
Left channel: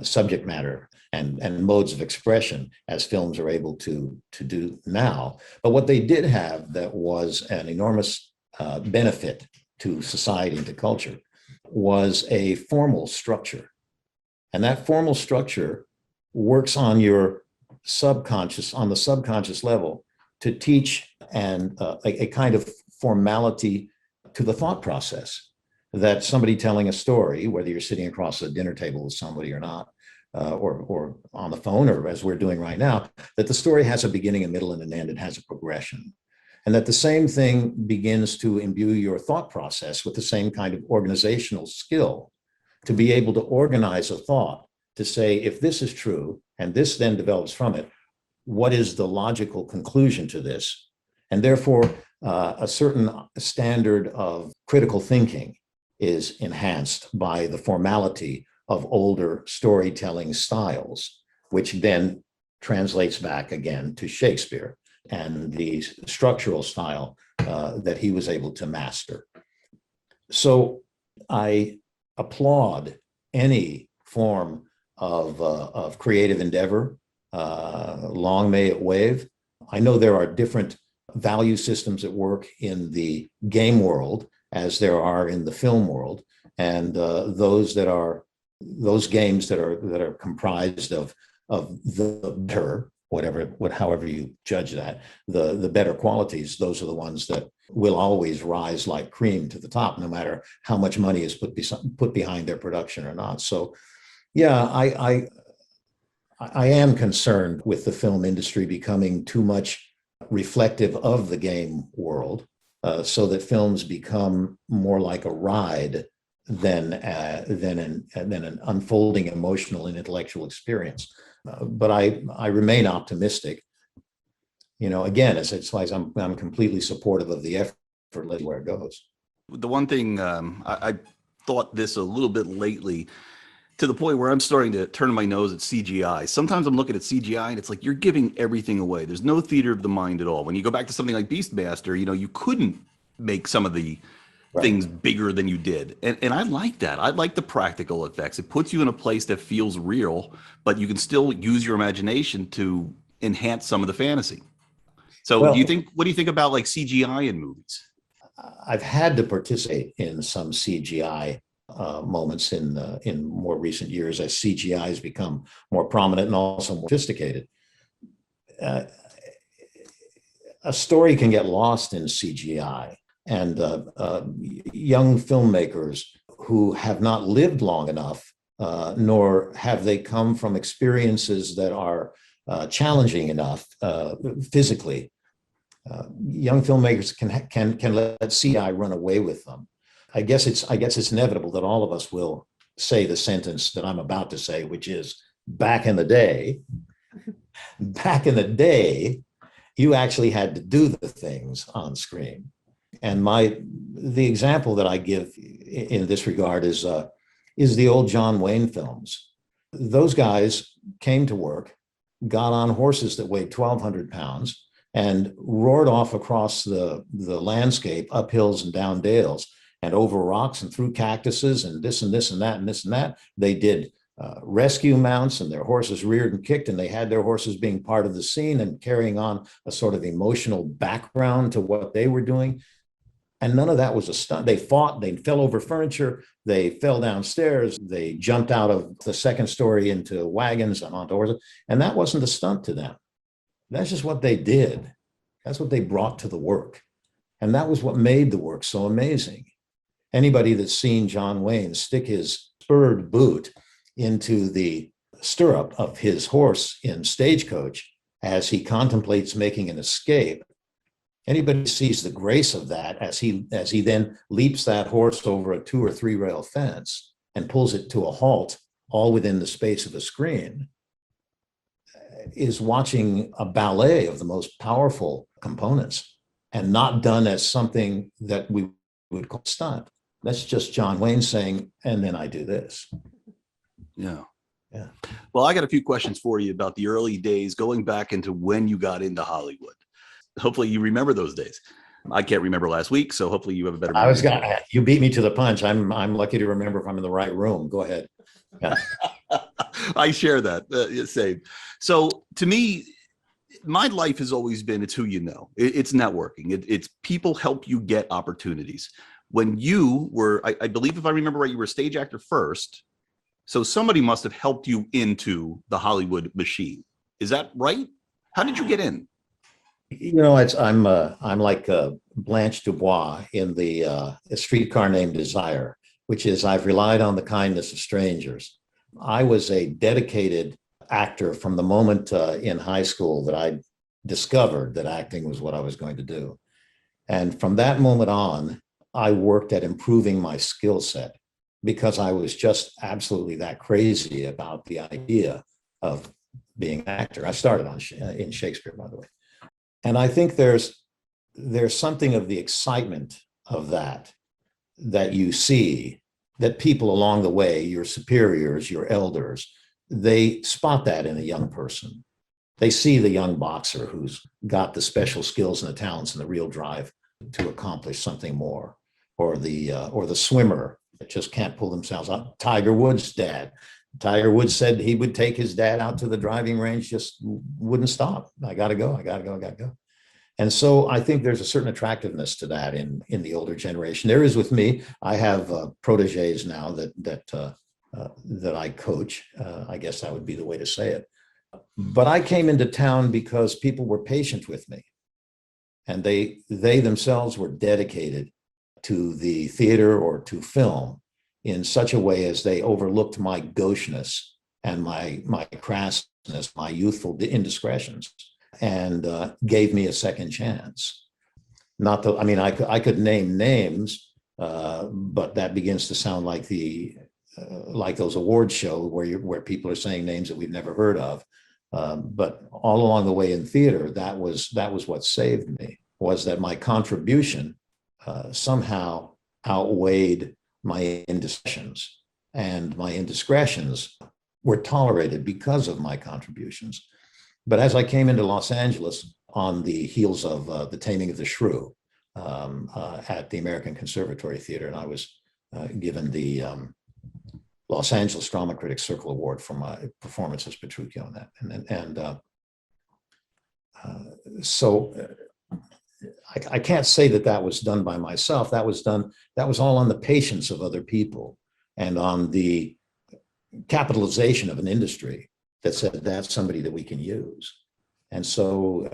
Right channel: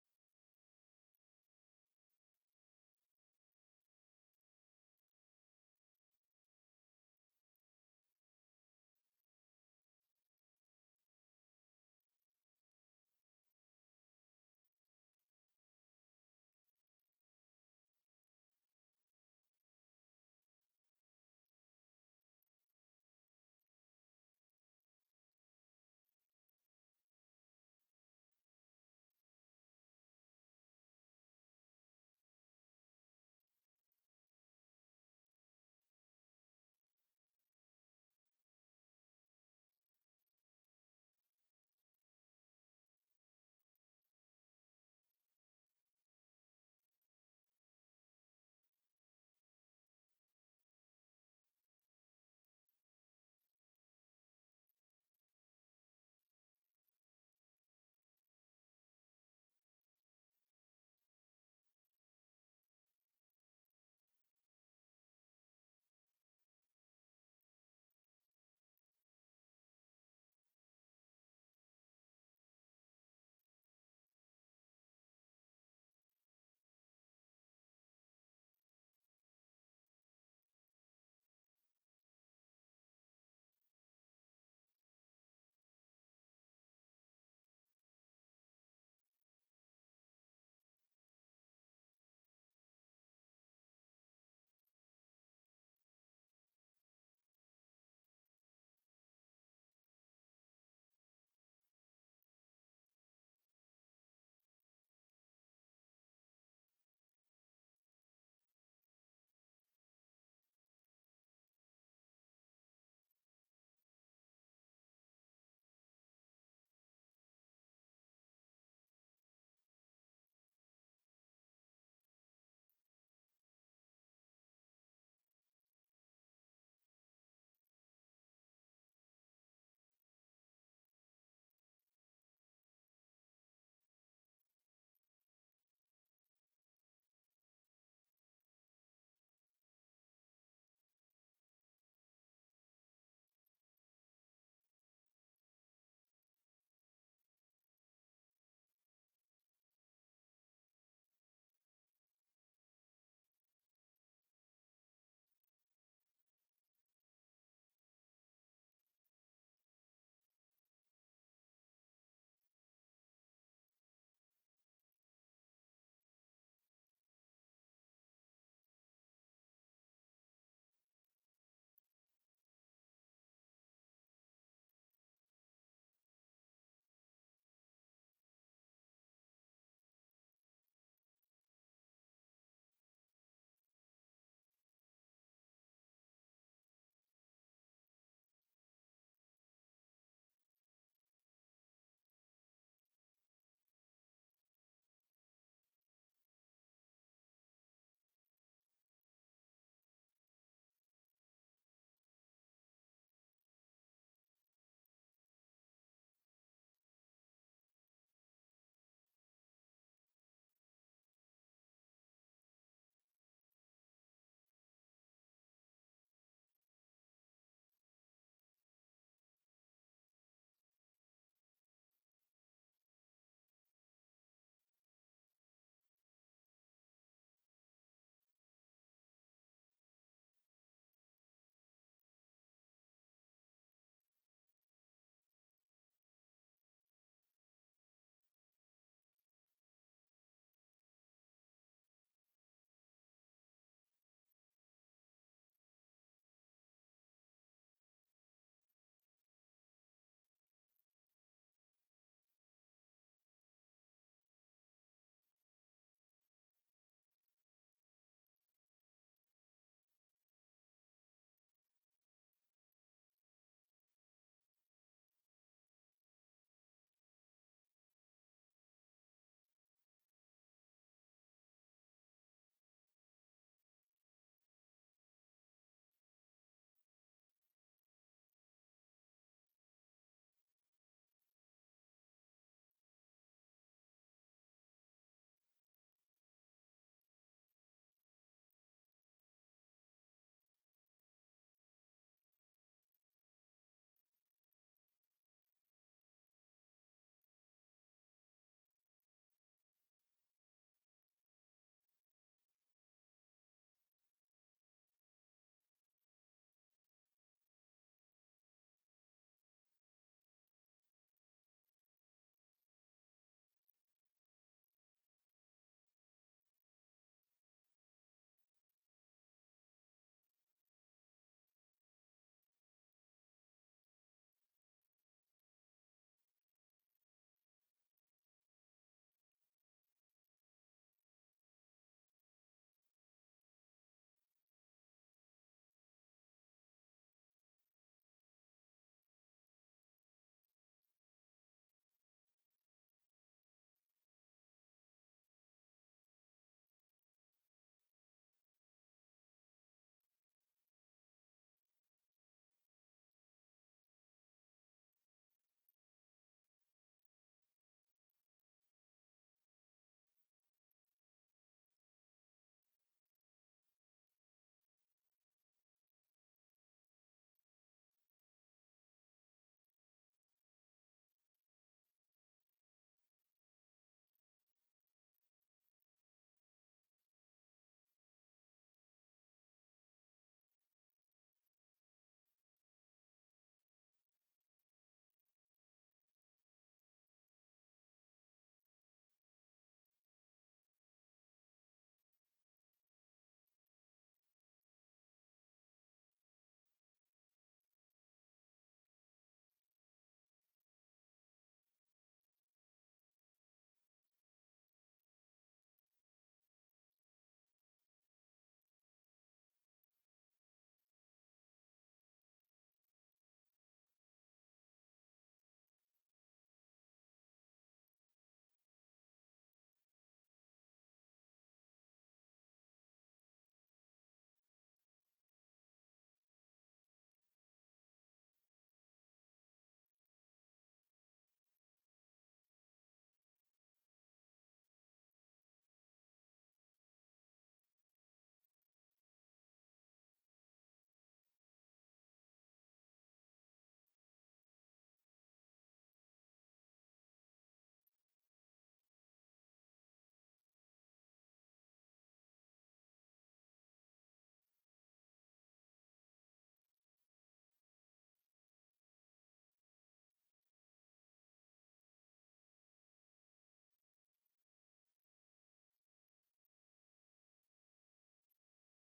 subject matter and modes of expression as films are able to do now. But what they did have that was an enormous benefit to society and to culture was a formal structure. And that formal structure works on your subconscious, on the subconscious level, to teach and a kind of formality to the thought process, that somebody telling a story, whether you're sitting across a dinner table with somebody or not, or on the phone, or as we're doing right now, that the story has a beginning, a middle, and an end. It has a progression. And that the same thing begins to imbue your thought process with the same kind of organizational skill to be able to organize a thought, to say, if this is true, and this then develops from it, what is the logical conclusion to this? And therefore, a certain standard of critical thinking is enhanced by the formality of older storytelling styles, which then translates back again to Shakespeare and the structural style that he was able to master. So I applaud any form of creative endeavor. Long may it wave. I know there are different value systems at work in the game world as there are in the film world, and those games that are comprised of the better, however you judge that, the better qualities, those are the ones that will always rise like cream to the top, no matter how much money is put behind their production or not. So yeah, I am concerned with the film industry becoming too much reflective of the game world, so that films become more like a ride than an unfolding emotional and intellectual experience. But I remain optimistic. You know, again, it's like I'm completely supportive of the effort, let where it goes. The one thing I thought this a little bit lately, to the point where I'm starting to turn my nose at CGI. Sometimes I'm looking at CGI and it's like you're giving everything away. There's no theater of the mind at all. When you go back to something like Beastmaster, you know, you couldn't make some of the things bigger than you did. And I like that. I like the practical effects. It puts you in a place that feels real, but you can still use your imagination to enhance some of the fantasy. So what do you think about like CGI in movies? I've had to participate in some CGI moments in more recent years as CGI has become more prominent and also more sophisticated. A story can get lost in CGI, and young filmmakers who have not lived long enough, nor have they come from experiences that are challenging enough physically. Young filmmakers can let CGI run away with them. I guess it's inevitable that all of us will say the sentence that I'm about to say, which is, back in the day, you actually had to do the things on screen. And the example that I give in this regard is the old John Wayne films. Those guys came to work, got on horses that weighed 1,200 pounds, and roared off across the landscape, up hills and down dales, and over rocks and through cactuses and this and this and that and this and that. They did rescue mounts, and their horses reared and kicked, and they had their horses being part of the scene and carrying on a sort of emotional background to what they were doing. And none of that was a stunt. They fought, they fell over furniture, they fell downstairs, they jumped out of the second story into wagons and onto horses, and that wasn't a stunt to them. That's just what they did. That's what they brought to the work. And that was what made the work so amazing. Anybody that's seen John Wayne stick his spurred boot into the stirrup of his horse in Stagecoach as he contemplates making an escape, Anybody who sees the grace of that as he then leaps that horse over a 2 or 3 rail fence and pulls it to a halt, all within the space of a screen, is watching a ballet of the most powerful components, and not done as something that we would call stunt. That's just John Wayne saying, and then I do this. Yeah. Yeah. Well, I got a few questions for you about the early days, going back into when you got into Hollywood. Hopefully you remember those days. I can't remember last week, so hopefully you have a better memory. You beat me to the punch. I'm lucky to remember if I'm in the right room. Go ahead. Yeah. I share that. Same. So to me, my life has always been, it's who you know. It's networking. It's people help you get opportunities. When you were, I believe if I remember right, you were a stage actor first. So somebody must have helped you into the Hollywood machine. Is that right? How did you get in? You know, I'm like Blanche Dubois in the A Streetcar Named Desire, which is I've relied on the kindness of strangers. I was a dedicated actor from the moment in high school that I discovered that acting was what I was going to do. And from that moment on, I worked at improving my skill set because I was just absolutely that crazy about the idea of being an actor. I started in Shakespeare, by the way. And I think there's something of the excitement of that you see, that people along the way, your superiors, your elders, they spot that in a young person. They see the young boxer who's got the special skills and the talents and the real drive to accomplish something more, or the swimmer that just can't pull themselves up. Tiger Woods' dad. Tiger Woods said he would take his dad out to the driving range, just wouldn't stop. I got to go. And so I think there's a certain attractiveness to that in the older generation. There is with me. I have proteges now that I coach. I guess that would be the way to say it. But I came into town because people were patient with me, and they themselves were dedicated to the theater or to film in such a way as they overlooked my gaucheness and my crassness, my youthful indiscretions, and gave me a second chance. Not that, I mean, I could name names, but that begins to sound like like those award show where people are saying names that we've never heard of. But all along the way in theater, that was what saved me, was that my contribution somehow outweighed my indiscretions, and my indiscretions were tolerated because of my contributions. But as I came into Los Angeles on the heels of The Taming of the Shrew at the American Conservatory Theater, and I was given the Los Angeles Drama Critics Circle Award for my performance as Petruchio in that. So I can't say that was done by myself. That was all on the patience of other people and on the capitalization of an industry that said that's somebody that we can use. And so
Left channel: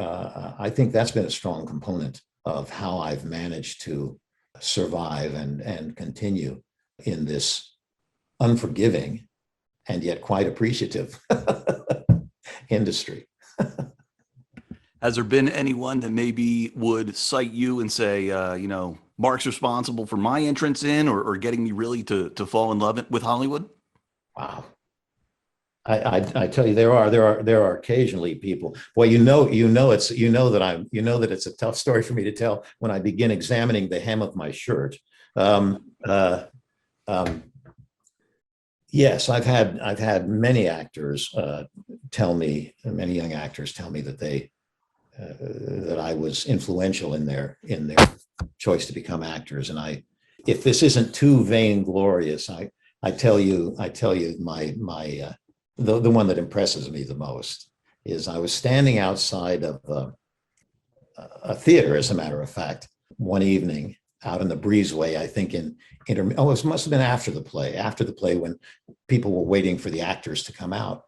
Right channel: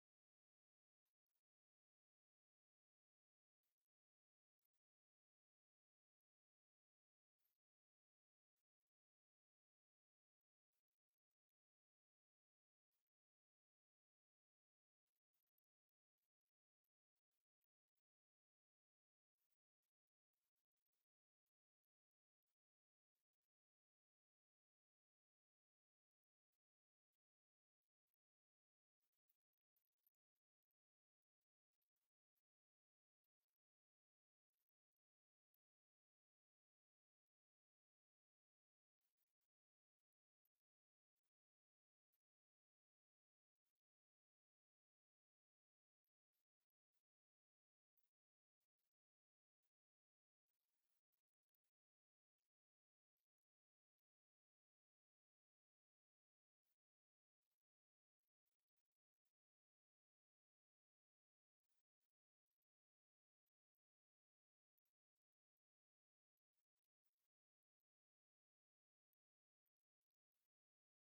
I think that's been a strong component of how I've managed to survive and continue in this unforgiving and yet quite appreciative industry. Has there been anyone that maybe would cite you and say, Marc's responsible for my entrance in or getting me really to fall in love with Hollywood? Wow. I tell you, there are occasionally people. Well, that it's a tough story for me to tell when I begin examining the hem of my shirt. Yes, I've had many actors many young actors tell me that that I was influential in their choice to become actors. And if this isn't too vainglorious, I tell you the one that impresses me the most is I was standing outside of a theater, as a matter of fact, one evening out in the breezeway, I think it must have been after the play when people were waiting for the actors to come out.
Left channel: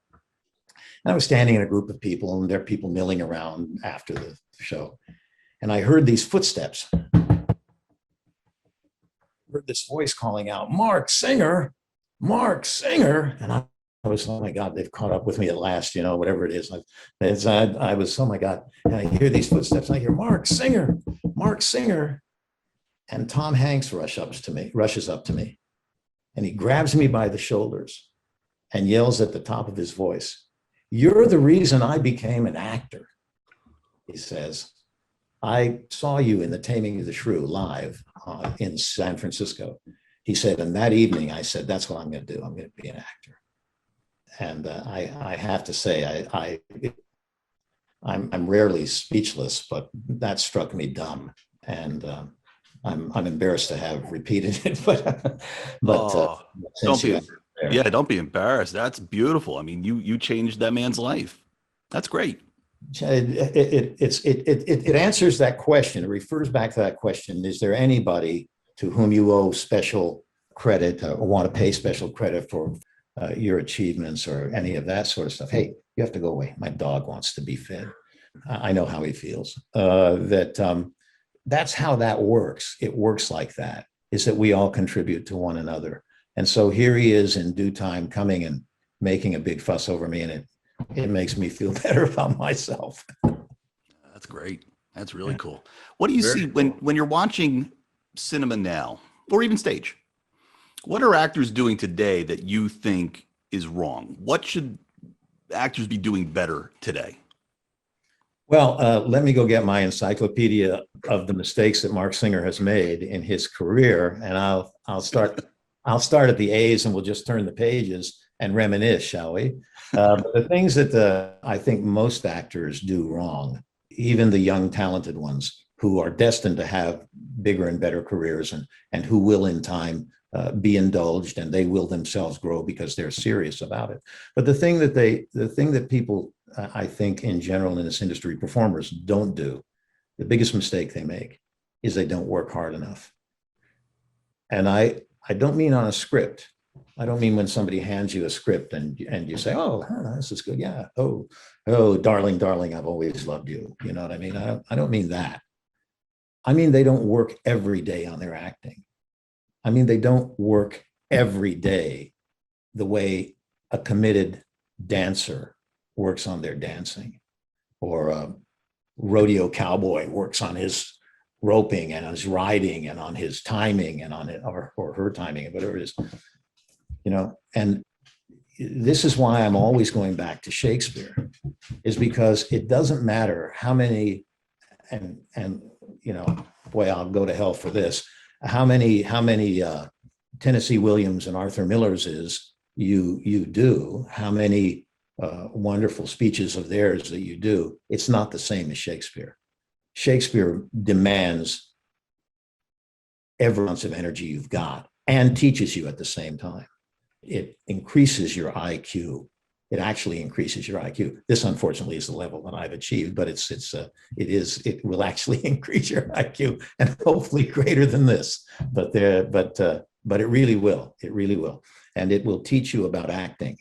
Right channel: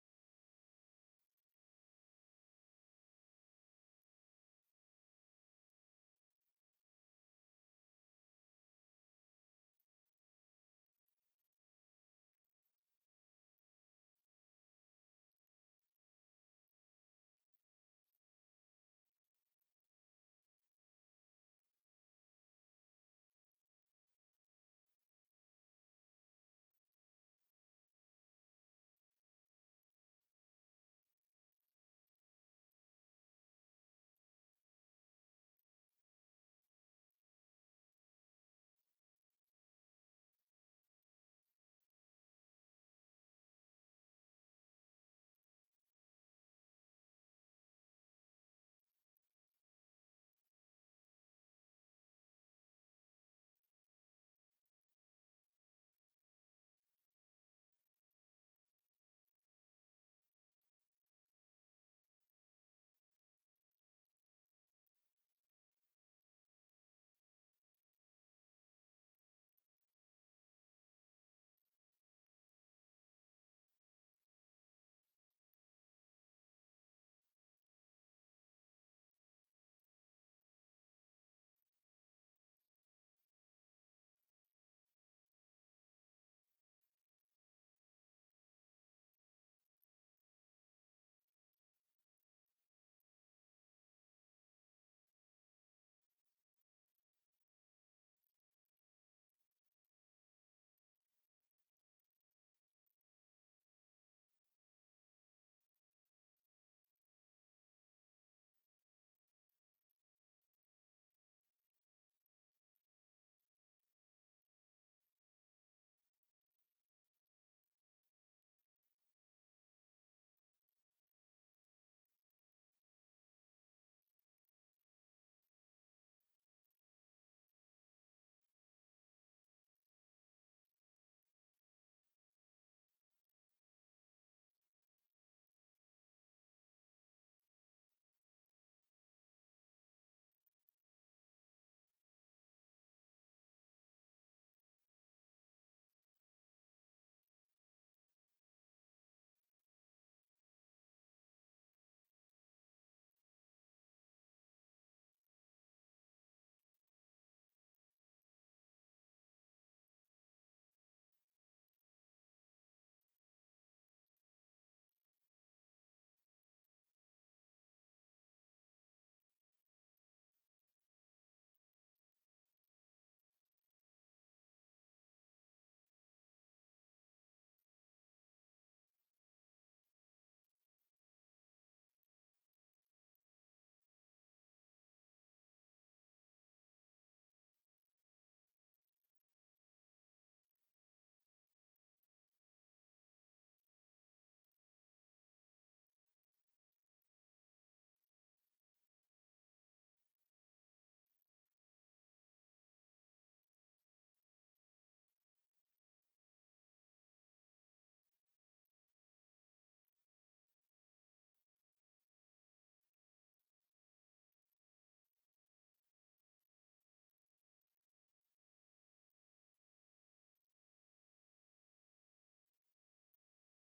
And I was standing in a group of people, and there are people milling around after the show. And I heard these footsteps. Heard this voice calling out, Marc Singer, Marc Singer. And was, oh my God, they've caught up with me at last, you know, whatever it is. I was, oh my God. And I hear these footsteps. And I hear Marc Singer, Marc Singer. And Tom Hanks rushes up to me, and he grabs me by the shoulders and yells at the top of his voice, "You're the reason I became an actor." He says, "I saw you in The Taming of the Shrew live in San Francisco." He said, and that evening I said, that's what I'm going to do. I'm going to be an actor. And I have to say, I'm rarely speechless, but that struck me dumb. And I'm embarrassed to have repeated it, but don't be, yeah, don't be embarrassed. That's beautiful. I mean, you changed that man's life. That's great. It answers that question. It refers back to that question. Is there anybody to whom you owe special credit or want to pay special credit for your achievements or any of that sort of stuff? Hey, you have to go away. My dog wants to be fed. I know how he feels. That's how that works. It works like that, is that we all contribute to one another. And so here he is in due time coming and making a big fuss over me, and it makes me feel better about myself. That's great. That's really cool. What do you see when you're watching cinema now, or even stage? What are actors doing today that you think is wrong? What should actors be doing better today? Well, let me go get my encyclopedia of the mistakes that Marc Singer has made in his career, and I'll start at the A's, and we'll just turn the pages and reminisce, shall we? But the things that I think most actors do wrong, even the young talented ones who are destined to have bigger and better careers, and who will in time be indulged, and they will themselves grow because they're serious about it. But the thing that people, I think in general in this industry, performers don't do, the biggest mistake they make is they don't work hard enough. And I don't mean on a script. I don't mean when somebody hands you a script and you say, "Oh, this is good. Yeah. Oh, darling, I've always loved you." You know what I mean? I don't mean that. I mean, they don't work every day on their acting. I mean, they don't work every day the way a committed dancer works on their dancing, or a rodeo cowboy works on his roping and on his riding and on his timing and on it, or her timing, whatever it is, you know. And this is why I'm always going back to Shakespeare, is because it doesn't matter how many, and you know, boy, I'll go to hell for this, how many Tennessee Williams and Arthur Millers is you do, how many wonderful speeches of theirs that you do, it's not the same as Shakespeare. Shakespeare demands every ounce of energy you've got and teaches you at the same time. It increases your IQ. It actually increases your IQ. This, unfortunately, is the level that I've achieved, but it will actually increase your IQ, and hopefully greater than this. But it really will. It really will, and it will teach you about acting.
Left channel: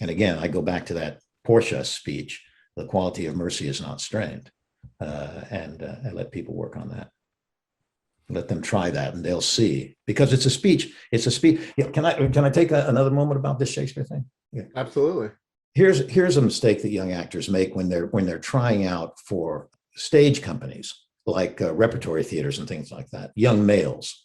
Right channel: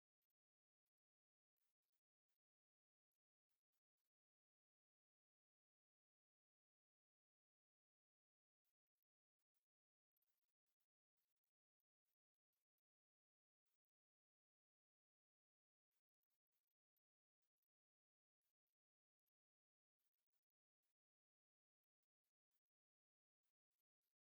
And again, I go back to that Portia speech: "The quality of mercy is not strained," and let people work on that. Let them try that, and they'll see. Because it's a speech. It's a speech. Yeah, can I take another moment about this Shakespeare thing? Yeah, absolutely. Here's a mistake that young actors make when they're trying out for stage companies like repertory theaters and things like that. Young males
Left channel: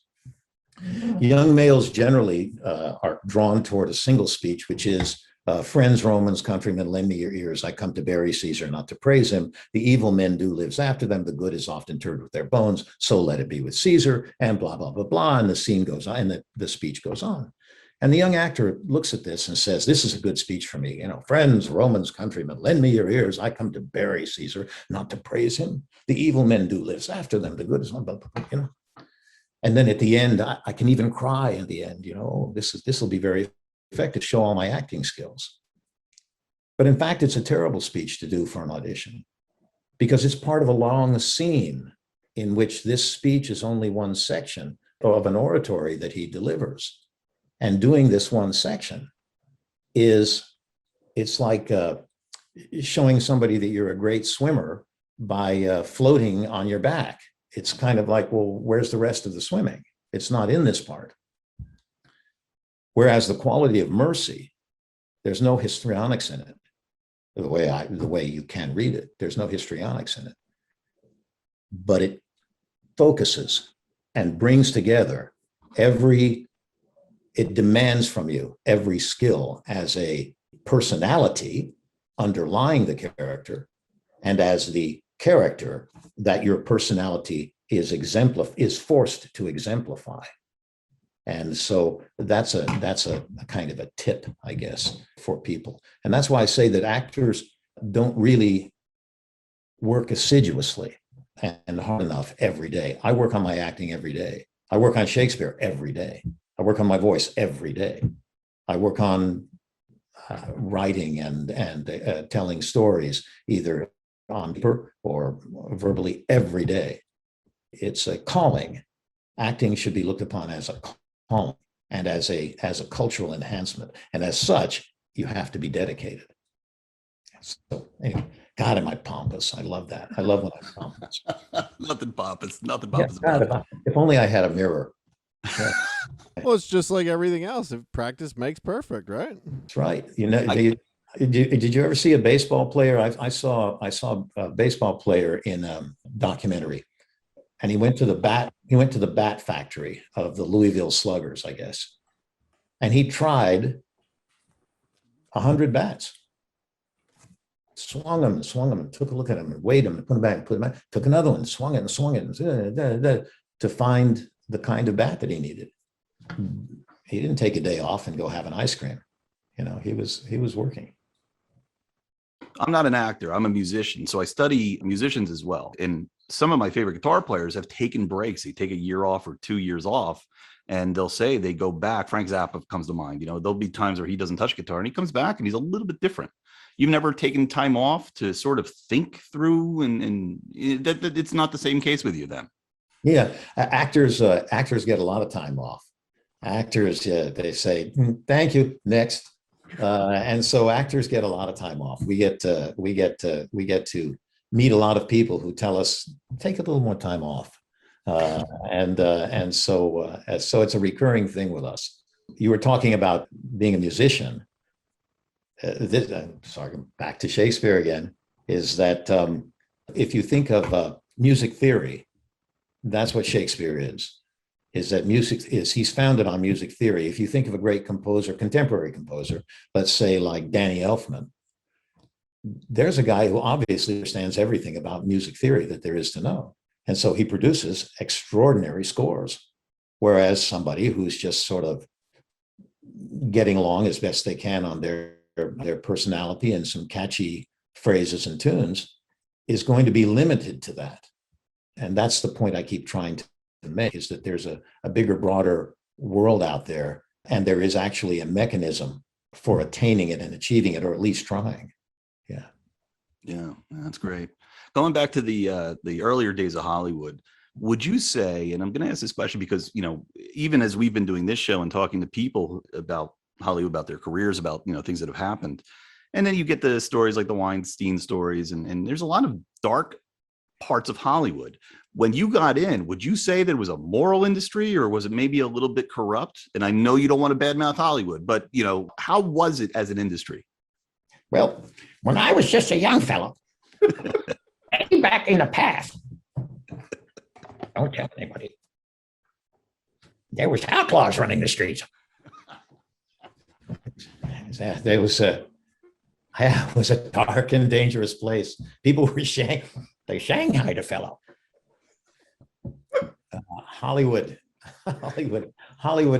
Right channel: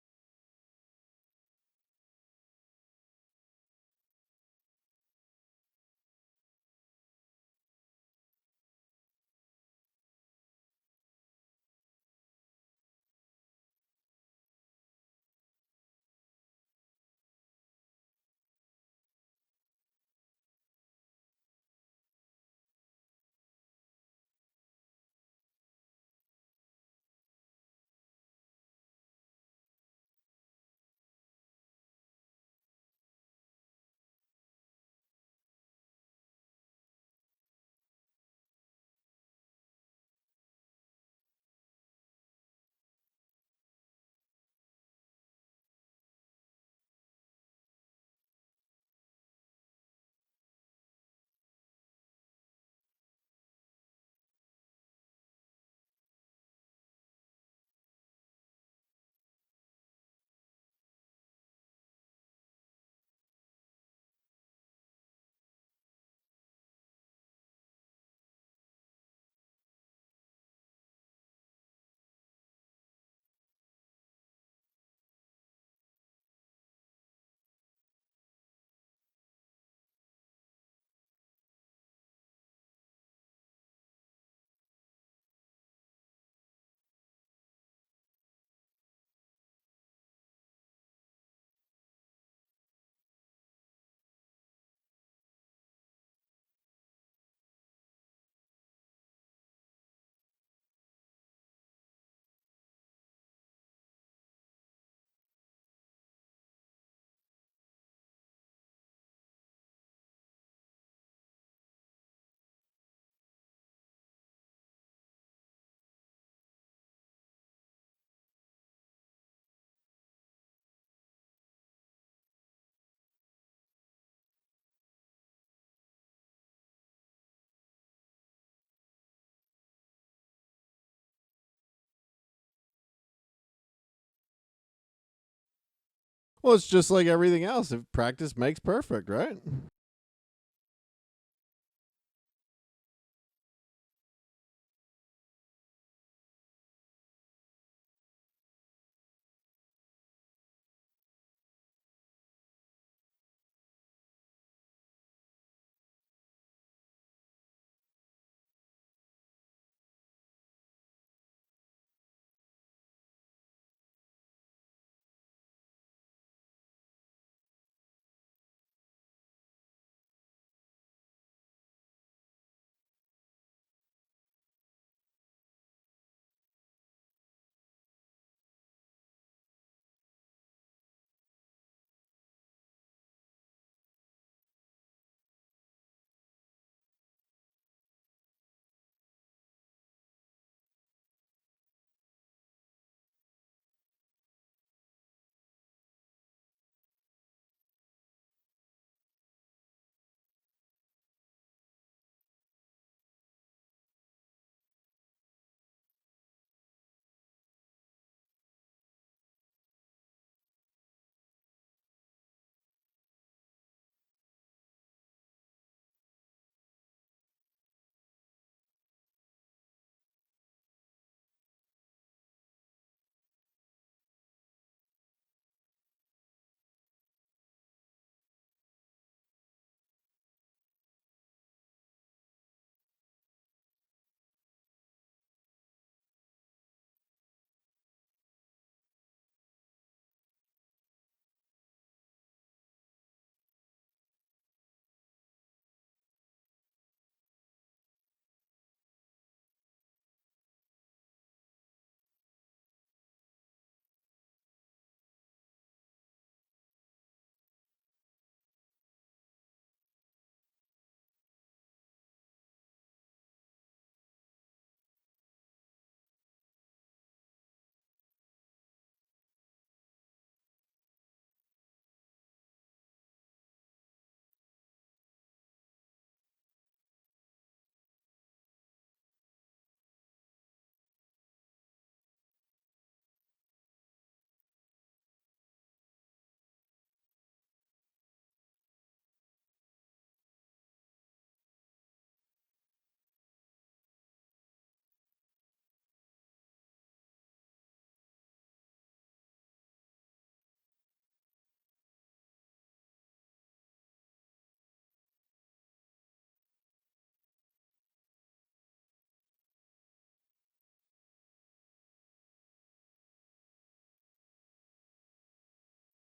generally are drawn toward a single speech, which is, "Friends, Romans, countrymen, lend me your ears. I come to bury Caesar, not to praise him. The evil men do lives after them. The good is often interred with their bones. So let it be with Caesar," and blah, blah, blah, blah. And the scene goes on, and the speech goes on. And the young actor looks at this and says, "This is a good speech for me. You know, friends, Romans, countrymen, lend me your ears. I come to bury Caesar, not to praise him. The evil men do lives after them. The good is not," you know. And then at the end, I can even cry in the end, you know, this will be very effective, show all my acting skills. But in fact, it's a terrible speech to do for an audition, because it's part of a long scene in which this speech is only one section of an oratory that he delivers. And doing this one section it's like showing somebody that you're a great swimmer by floating on your back. It's kind of like, well, where's the rest of the swimming? It's not in this part. Whereas the quality of mercy There's no histrionics in it. The way you can read it, there's no histrionics in it. But it focuses and brings together it demands from you every skill as a personality underlying the character, and as the character that your personality is forced to exemplify. And so that's a kind of a tip, I guess, for people. And that's why I say that actors don't really work assiduously and hard enough every day. I work on my acting every day. I work on Shakespeare every day. I work on my voice every day. I work on writing and telling stories, either on paper or verbally, every day. It's a calling. Acting should be looked upon as a calling and as a cultural enhancement. And as such, you have to be dedicated. So anyway, God, am I pompous? I love that. I love when I'm pompous. Nothing pompous. Nothing Yeah, pompous God, about it. if only I had a mirror. Yeah, Well, it's just like everything else. If practice makes perfect, right? that's right. You know, did you ever see a baseball player? I saw a baseball player in a documentary, and he went to the bat factory of the Louisville Sluggers, I guess, and he tried 100 bats. Swung them and took a look at them and weighed them and put them back and put them back. Took another one, swung it to find the kind of bat that he needed. He didn't take a day off and go have an ice cream. You know, he was working. I'm not an actor. I'm a musician. So I study musicians as well. And some of my favorite guitar players have taken breaks. They take a year off or 2 years off, and they'll say they go back. Frank Zappa comes to mind. You know, there'll be times where he doesn't touch guitar and he comes back and he's a little bit different. You've never taken time off to sort of think through, and that it's not the same case with you then. Yeah, actors get a lot of time off. Actors, they say, thank you, next. And so actors get a lot of time off. We get to meet a lot of people who tell us, take a little more time off. And so it's a recurring thing with us. You were talking about being a musician. Sorry, back to Shakespeare again, is that if you think of music theory, that's what Shakespeare is that he's founded on music theory. If you think of a great composer, contemporary composer, let's say like Danny Elfman, there's a guy who obviously understands everything about music theory that there is to know. And so he produces extraordinary scores. Whereas somebody who's just sort of getting along as best they can on their personality and some catchy phrases and tunes is going to be limited to that. And that's the point I keep trying to make, is that there's a bigger, broader world out there, and there is actually a mechanism for attaining it and achieving it, or at least trying. Yeah, that's great. Going back to the earlier days of Hollywood, would you say, and I'm going to ask this question because, you know, even as we've been doing this show and talking to people about Hollywood, about their careers, about, you know, things that have happened, and then you get the stories like the Weinstein stories, and there's a lot of dark parts of Hollywood. When you got in, would you say there was a moral industry, or was it maybe a little bit corrupt? And I know you don't want to badmouth Hollywood, but, you know, how was it as an industry? Well, when I was just a young fellow, back in the past, don't tell anybody, there was outlaws running the streets. There was it was a dark and dangerous place. People were they shanghaied a fellow. Hollywood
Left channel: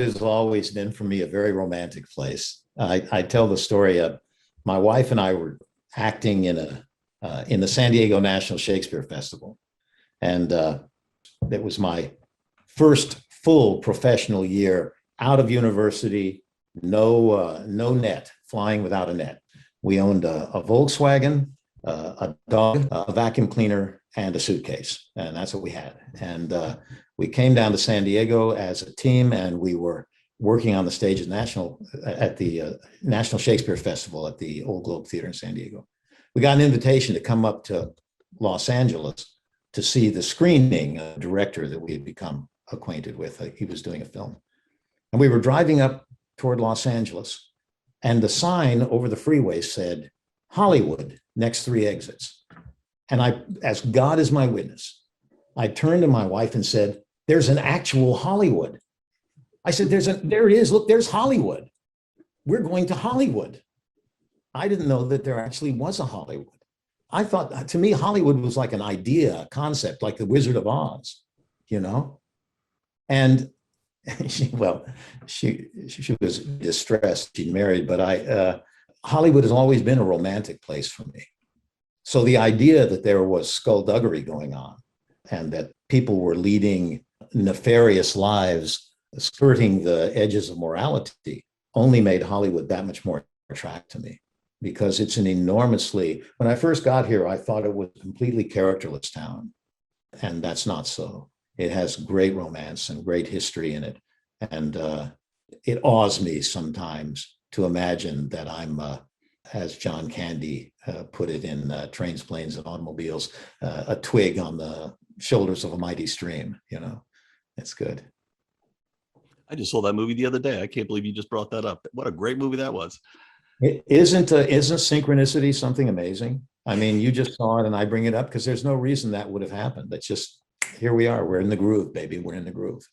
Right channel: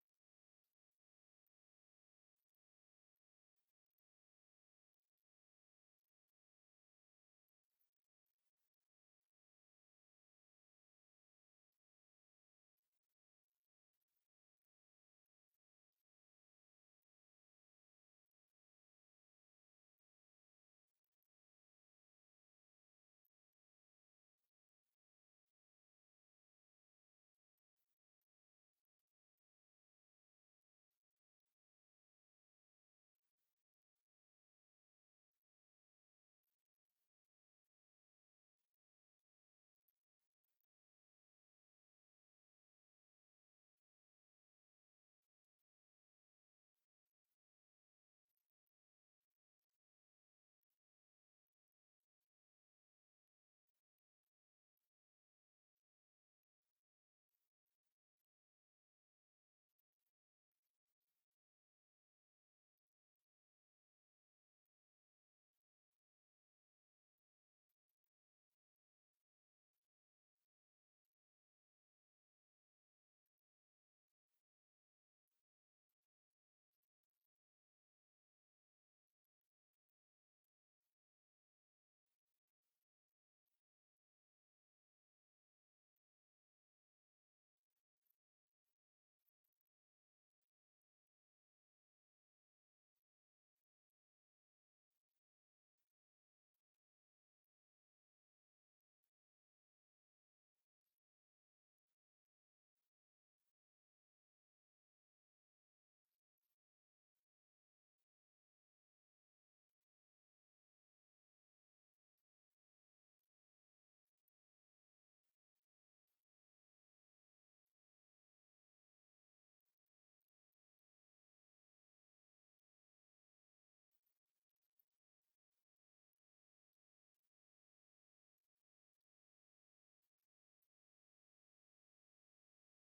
has always been for me a very romantic place. I tell the story of my wife and I were acting in the San Diego National Shakespeare Festival, and it was my first full professional year out of university. No net, flying without a net. We owned a Volkswagen, a dog, a vacuum cleaner, and a suitcase, and that's what we had. And we came down to San Diego as a team, and we were working on the stage at the National Shakespeare Festival at the Old Globe Theater in San Diego. We got an invitation to come up to Los Angeles to see the screening of a director that we had become acquainted with. He was doing a film, and we were driving up toward Los Angeles, And the sign over the freeway said, Hollywood, next 3 exits. And I, as God is my witness, I turned to my wife and said, there's an actual Hollywood. I said, there it is. Look, there's Hollywood. We're going to Hollywood. I didn't know that there actually was a Hollywood. I thought, to me, Hollywood was like an idea, a concept, like the Wizard of Oz, you know? And she was distressed. She'd married, but Hollywood has always been a romantic place for me. So the idea that there was skullduggery going on and that people were leading nefarious lives, skirting the edges of morality, only made Hollywood that much more attractive to me, because it's an enormously, when I first got here, I thought it was a completely characterless town, and that's not so. It has great romance and great history in it. And it awes me sometimes to imagine that I'm, as John Candy put it in Trains, Planes, and Automobiles, a twig on the shoulders of a mighty stream, you know. It's good. I just saw that movie the other day. I can't believe you just brought that up. What a great movie that was. Isn't synchronicity something amazing? I mean, you just saw it and I bring it up because there's no reason that would have happened. It's just, here we are. We're in the groove, baby. We're in the groove.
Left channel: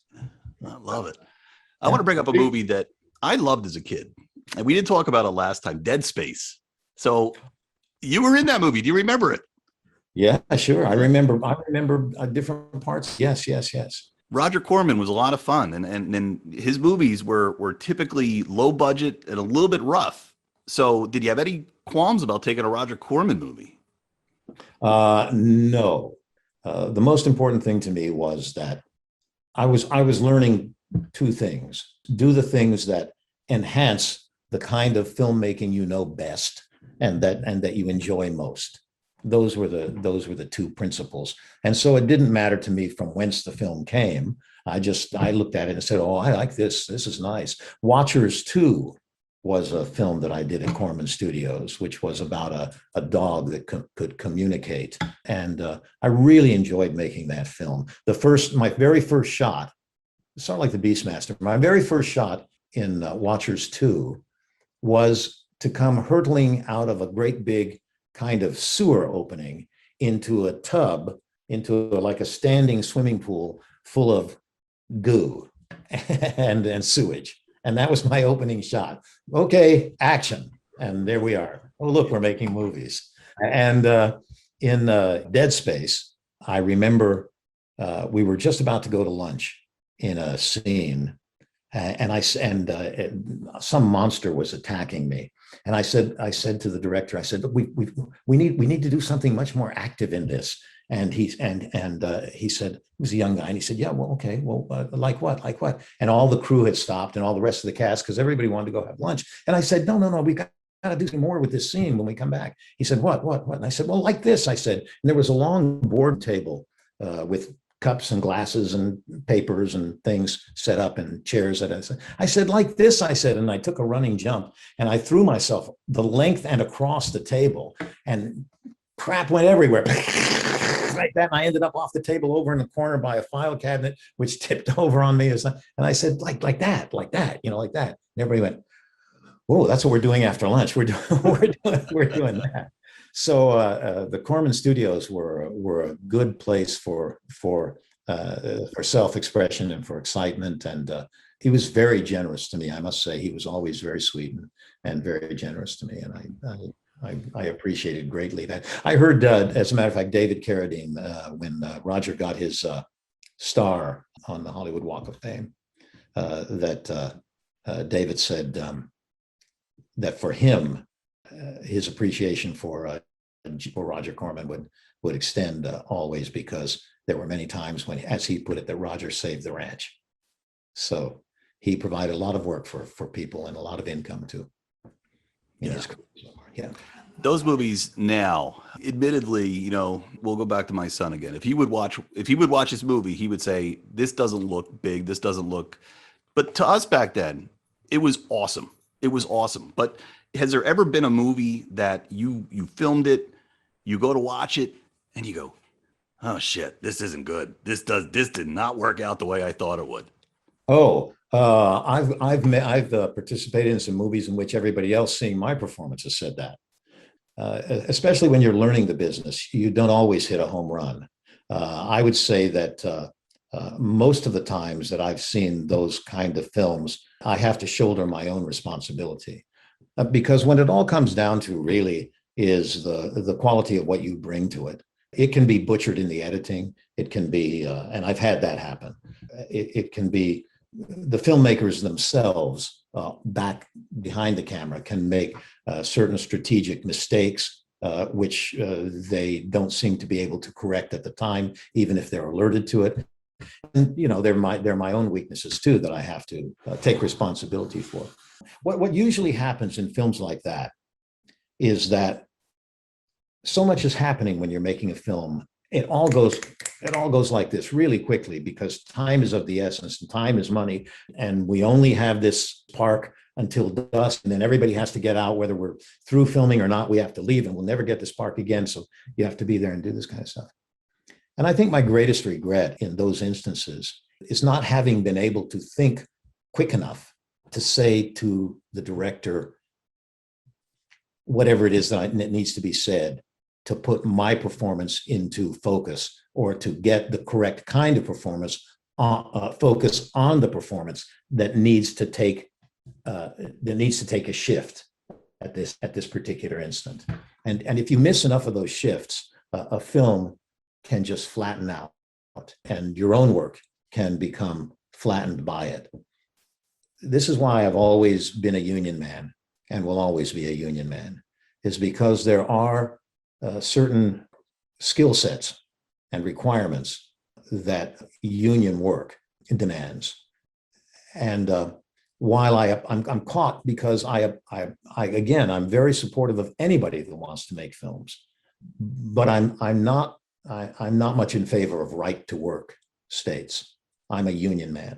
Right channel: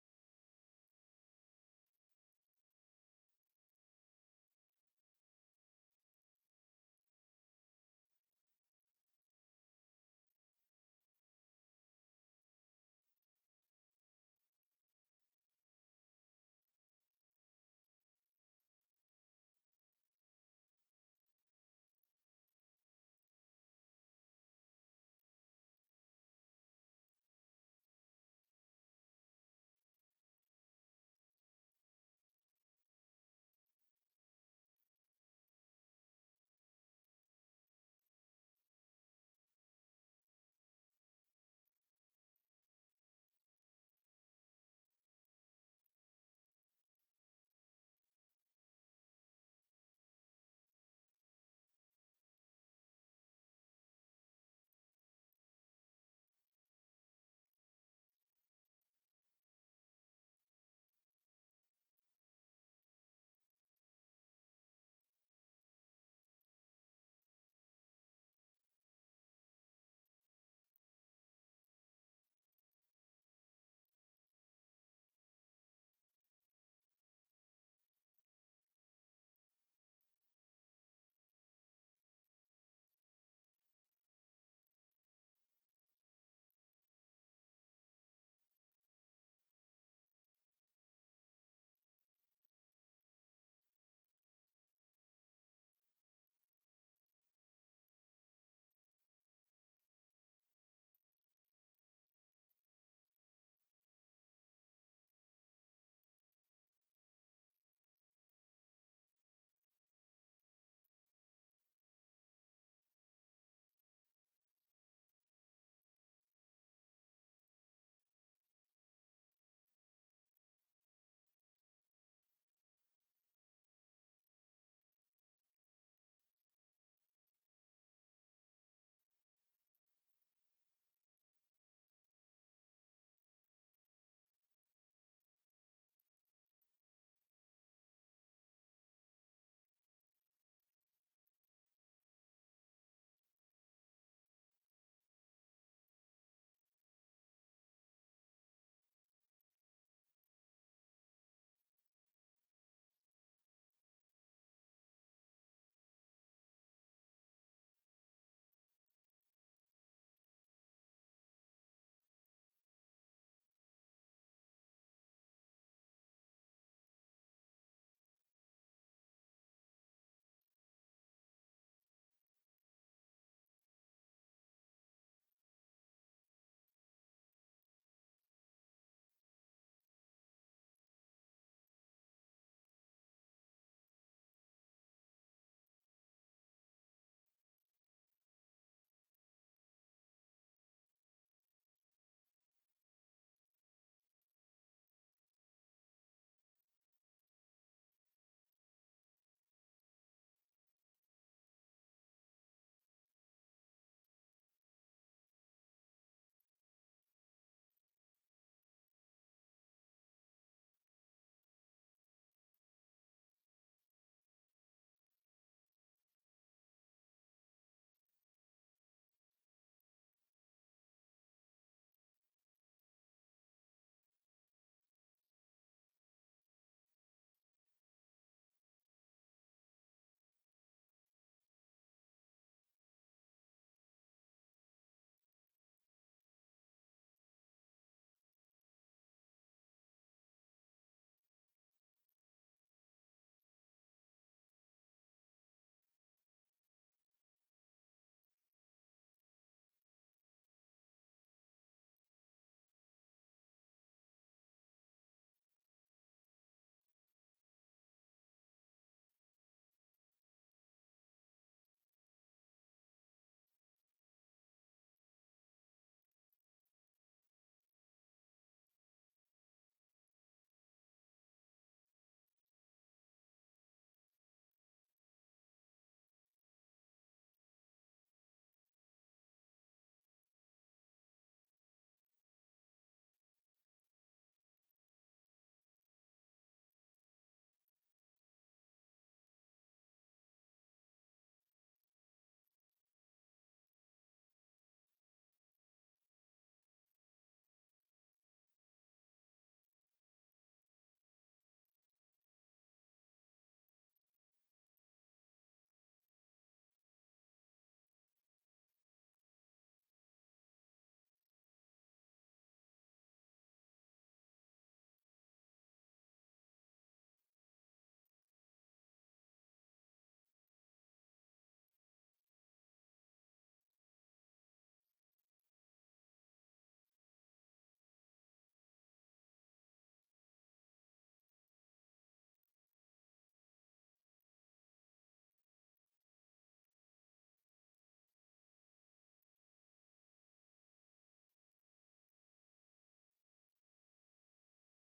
I love it. I want to bring up a movie that I loved as a kid, and we didn't talk about it last time, Dead Space. So you were in that movie. Do you remember it? Yeah, sure. I remember different parts. Yes. Roger Corman was a lot of fun, and his movies were typically low budget and a little bit rough. So did you have any qualms about taking a Roger Corman movie? No. The most important thing to me was that I was learning 2 things. Do the things that enhance the kind of filmmaking you know best and that you enjoy most. Those were the 2 principles. And so it didn't matter to me from whence the film came. I looked at it and said, oh, I like this. This is nice. Watchers 2 was a film that I did at Corman Studios, which was about a dog that could communicate. And I really enjoyed making that film. My very first shot, sort of like the Beastmaster, my very first shot in Watchers 2 was to come hurtling out of a great big kind of sewer opening into a tub, like a standing swimming pool full of goo and sewage. And that was my opening shot. Okay, action. And there we are. Oh, look, we're making movies. And in Dead Space, I remember we were just about to go to lunch in a scene, and some monster was attacking me. And I said to the director, I said, look, we need to do something much more active in this. And he said, he was a young guy, and he said, yeah, well, okay, well, like what? And all the crew had stopped, and all the rest of the cast, because everybody wanted to go have lunch. And I said, no, we got to do some more with this scene when we come back. He said, what? And I said, well, like this, I said. And there was a long board table with cups and glasses and papers and things set up and chairs. I said, like this, I said, and I took a running jump and I threw myself the length and across the table, and crap went everywhere. Like that, and I ended up off the table over in the corner by a file cabinet, which tipped over on me. And I said, like that, you know, like that. And everybody went, whoa, that's what we're doing after lunch. We're doing that. So the Corman Studios were a good place for self-expression and for excitement. And he was very generous to me. I must say, he was always very sweet and very generous to me. And I appreciated greatly that. I heard, as a matter of fact, David Carradine, when Roger got his star on the Hollywood Walk of Fame, that David said that for him, his appreciation for Roger Corman would extend always, because there were many times when, as he put it, that Roger saved the ranch. So he provided a lot of work for people and a lot of income too. Yeah. Those movies now, admittedly, you know, we'll go back to my son again. If he would watch this movie, he would say, this doesn't look big. This doesn't look, but to us back then, it was awesome. It was awesome. But has there ever been a movie that you filmed it, you go to watch it, and you go, oh shit, this isn't good. This did not work out the way I thought it would? Oh, I've participated in some movies in which everybody else seeing my performance has said that. Especially when you're learning the business, you don't always hit a home run. I would say that most of the times that I've seen those kind of films, I have to shoulder my own responsibility. Because when it all comes down to really is the quality of what you bring to it. It can be butchered in the editing. It can be, and I've had that happen. It can be the filmmakers themselves back behind the camera can make certain strategic mistakes, which they don't seem to be able to correct at the time, even if they're alerted to it. And they're my own weaknesses too that I have to take responsibility for. What usually happens in films like that is that so much is happening when you're making a film. It all goes like this really quickly because time is of the essence and time is money. And we only have this spark until dusk. And then everybody has to get out, whether we're through filming or not, we have to leave and we'll never get the spark again. So you have to be there and do this kind of stuff. And I think my greatest regret in those instances is not having been able to think quick enough to say to the director, whatever it is that needs to be said, to put my performance into focus or to get the correct kind of performance, focus on the performance that needs to take a shift at this particular instant. And if you miss enough of those shifts, a film can just flatten out and your own work can become flattened by it. This is why I've always been a union man and will always be a union man, is because there are certain skill sets and requirements that union work demands. And while I'm caught because I'm very supportive of anybody that wants to make films, but I'm not much in favor of right to work states. I'm a union man.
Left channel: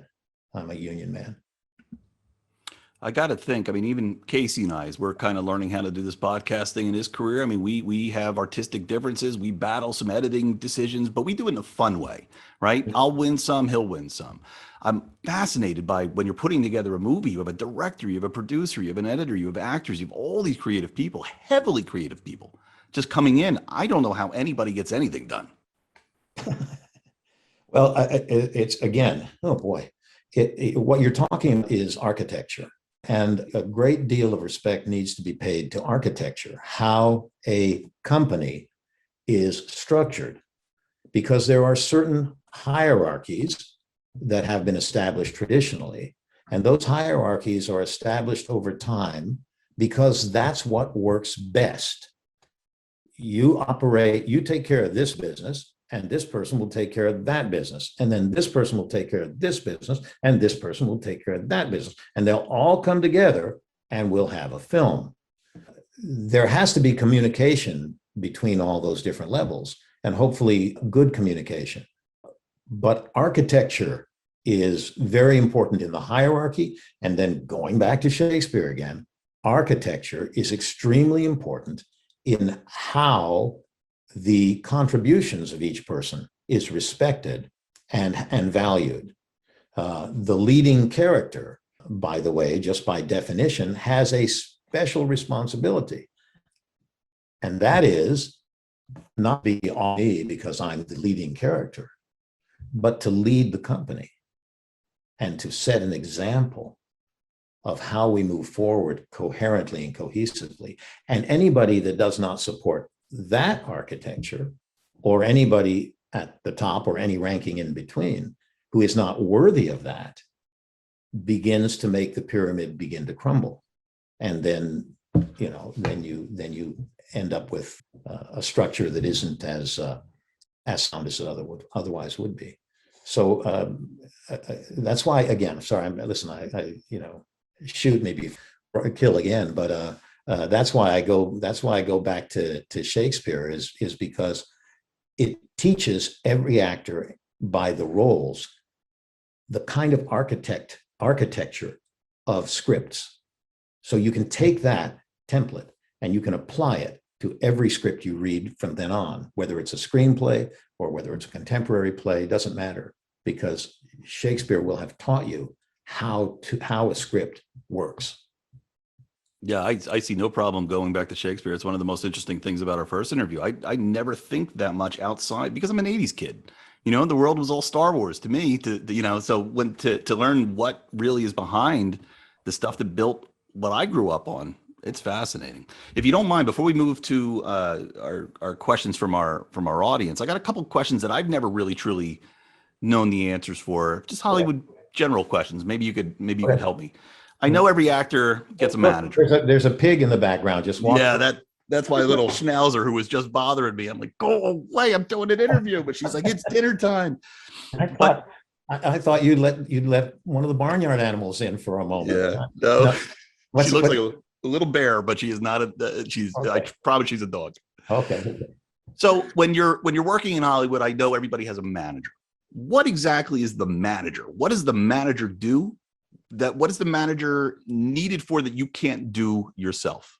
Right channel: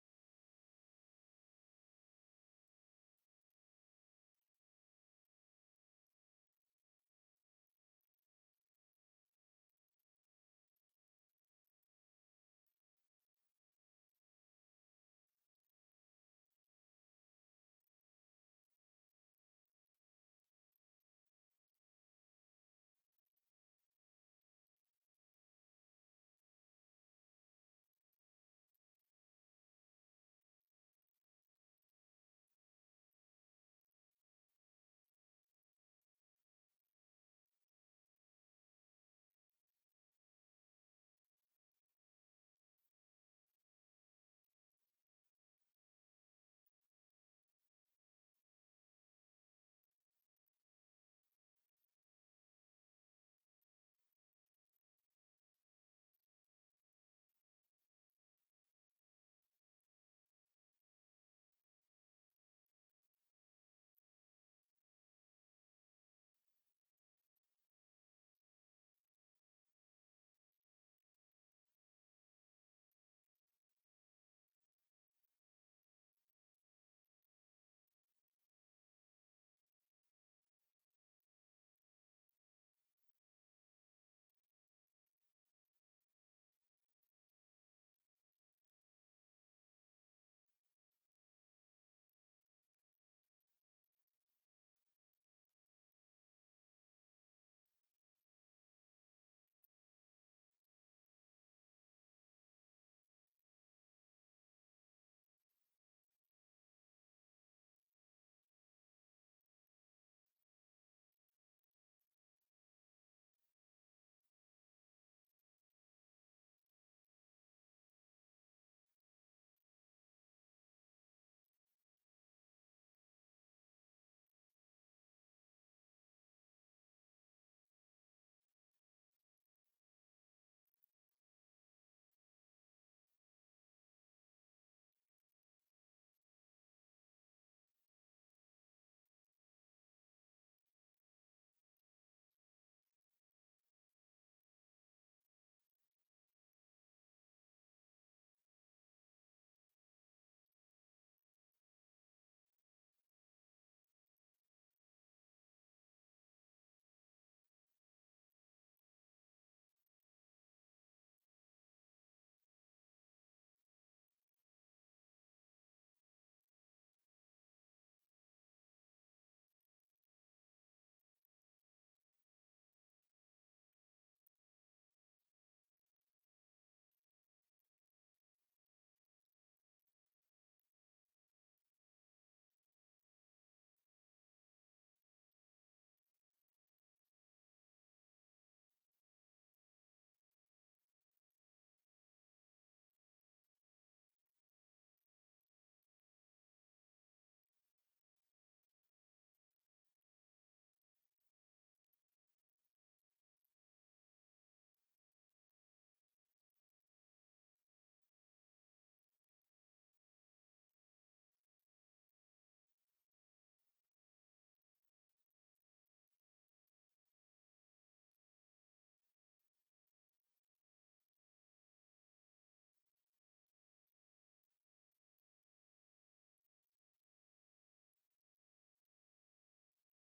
I got to think, even Casey and I, as we're kind of learning how to do this podcast thing in his career, we have artistic differences. We battle some editing decisions, but we do it in a fun way, right? I'll win some, he'll win some. I'm fascinated by when you're putting together a movie, you have a director, you have a producer, you have an editor, you have actors, you have all these creative people, heavily creative people just coming in. I don't know how anybody gets anything done. Well, it's again, oh boy, what you're talking is architecture. And a great deal of respect needs to be paid to architecture, how a company is structured, because there are certain hierarchies that have been established traditionally. And those hierarchies are established over time because that's what works best. You take care of this business, and this person will take care of that business. And then this person will take care of this business, and this person will take care of that business. And they'll all come together and we'll have a film. There has to be communication between all those different levels, and hopefully good communication. But architecture is very important in the hierarchy. And then going back to Shakespeare again, architecture is extremely important in how the contributions of each person is respected and valued. The leading character, by the way, just by definition, has a special responsibility. And that is not be on me because I'm the leading character, but to lead the company and to set an example of how we move forward coherently and cohesively. And anybody that does not support that architecture, or anybody at the top or any ranking in between who is not worthy of that, begins to make the pyramid begin to crumble. And then you end up with a structure that isn't as sound as it otherwise would be. So that's why, again, sorry, I shoot me before I kill again, but that's why I go back to Shakespeare is because it teaches every actor by the roles the kind of architecture of scripts. So you can take that template and you can apply it to every script you read from then on, whether it's a screenplay or whether it's a contemporary play, doesn't matter, because Shakespeare will have taught you how a script works. Yeah, I see no problem going back to Shakespeare. It's one of the most interesting things about our first interview. I never think that much outside because I'm an 80s kid. You know, the world was all Star Wars to me, you know, so when to learn what really is behind the stuff that built what I grew up on, it's fascinating. If you don't mind, before we move to our questions from our audience, I got a couple of questions that I've never really truly known the answers for. Just Hollywood general questions. Maybe you could help me. I know every actor gets a manager. There's a pig in the background. Just walk. Yeah, that's my little schnauzer who was just bothering me. I'm like, go away! I'm doing an interview, but she's like, it's dinner time. I thought you'd let one of the barnyard animals in for a moment. Yeah, no. She looks like a little bear, but she is not she's. Okay. I promise she's a dog. Okay. So when you're working in Hollywood, I know everybody has a manager. What exactly is the manager? What does the manager do? What is the manager needed for that you can't do yourself?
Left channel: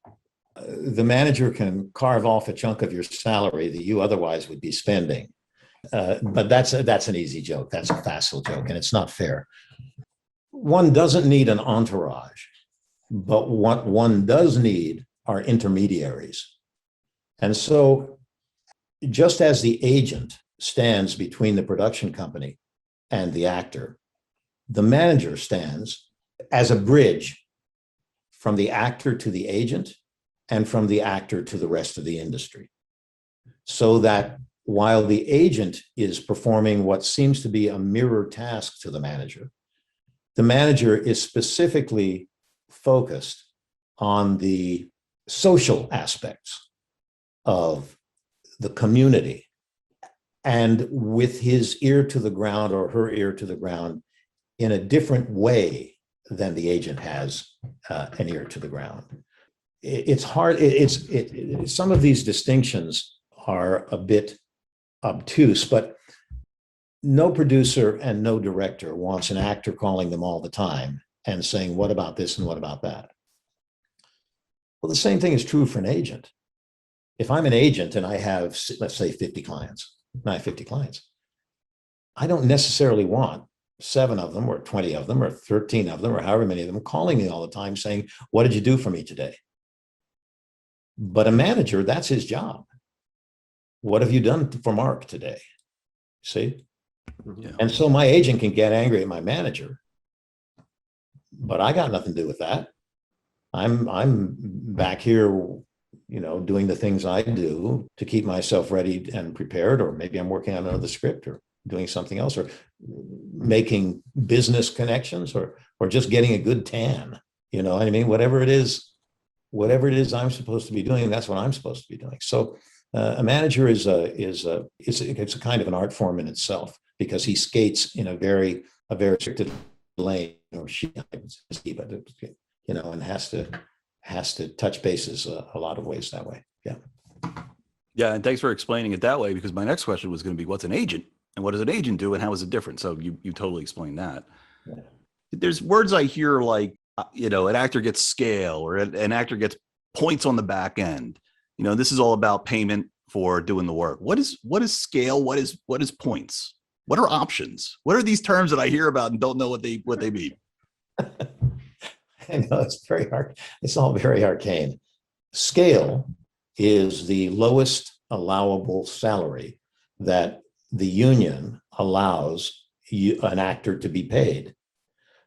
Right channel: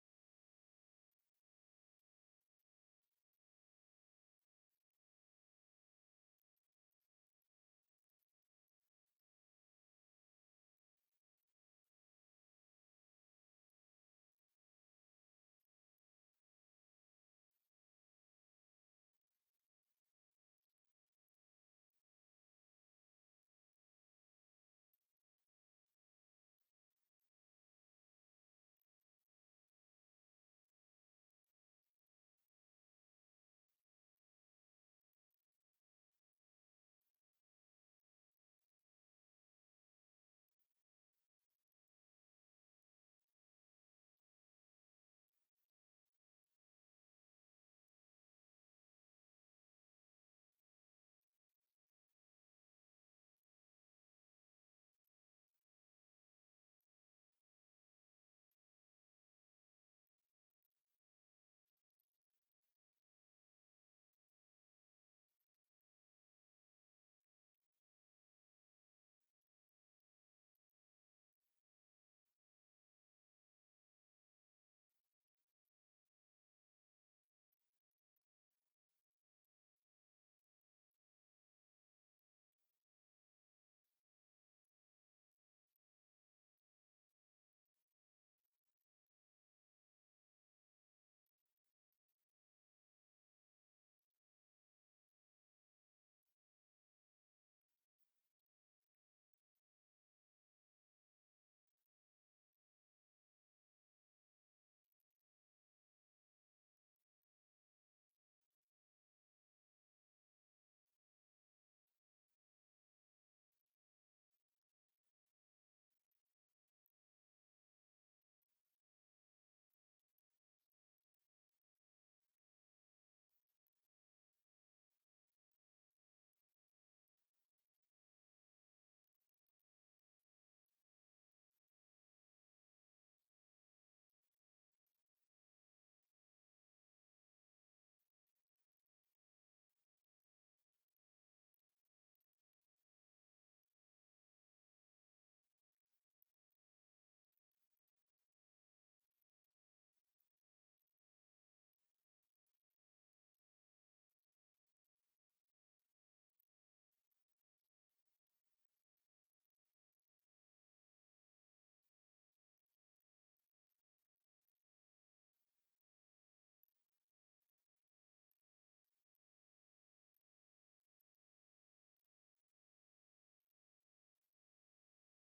The manager can carve off a chunk of your salary that you otherwise would be spending. But that's an easy joke. That's a facile joke, and it's not fair. One doesn't need an entourage, but what one does need are intermediaries. And so just as the agent stands between the production company and the actor, the manager stands as a bridge from the actor to the agent and from the actor to the rest of the industry. So that while the agent is performing what seems to be a mirror task to the manager is specifically focused on the social aspects of the community, and with his ear to the ground or her ear to the ground in a different way than the agent has an ear to the ground. It's hard. Some of these distinctions are a bit obtuse, but no producer and no director wants an actor calling them all the time and saying, what about this and what about that? Well, the same thing is true for an agent. If I'm an agent and I have, let's say, 50 clients, I don't necessarily want 7 of them or 20 of them or 13 of them or however many of them calling me all the time saying, what did you do for me today? But a manager, that's his job. What have you done for Mark today? See? Yeah. And so my agent can get angry at my manager, but I got nothing to do with that. I'm back here, you know, doing the things I do to keep myself ready and prepared, or maybe I'm working on another script or doing something else, or making business connections, or just getting a good tan. You know what I mean? Whatever it is I'm supposed to be doing, that's what I'm supposed to be doing. So a manager is a kind of an art form in itself, because he skates in a very restricted lane, or she, you know, and has to touch bases a lot of ways that way. Yeah. Yeah, and thanks for explaining it that way, because my next question was going to be, what's an agent, and what does an agent do, and how is it different? So you totally explained that. Yeah. There's words I hear like, you know, an actor gets scale, or an actor gets points on the back end. You know, this is all about payment for doing the work. What is scale? What is points? What are options? What are these terms that I hear about and don't know what they mean? I know, it's very hard. It's all very arcane. Scale is the lowest allowable salary that the union allows an actor to be paid.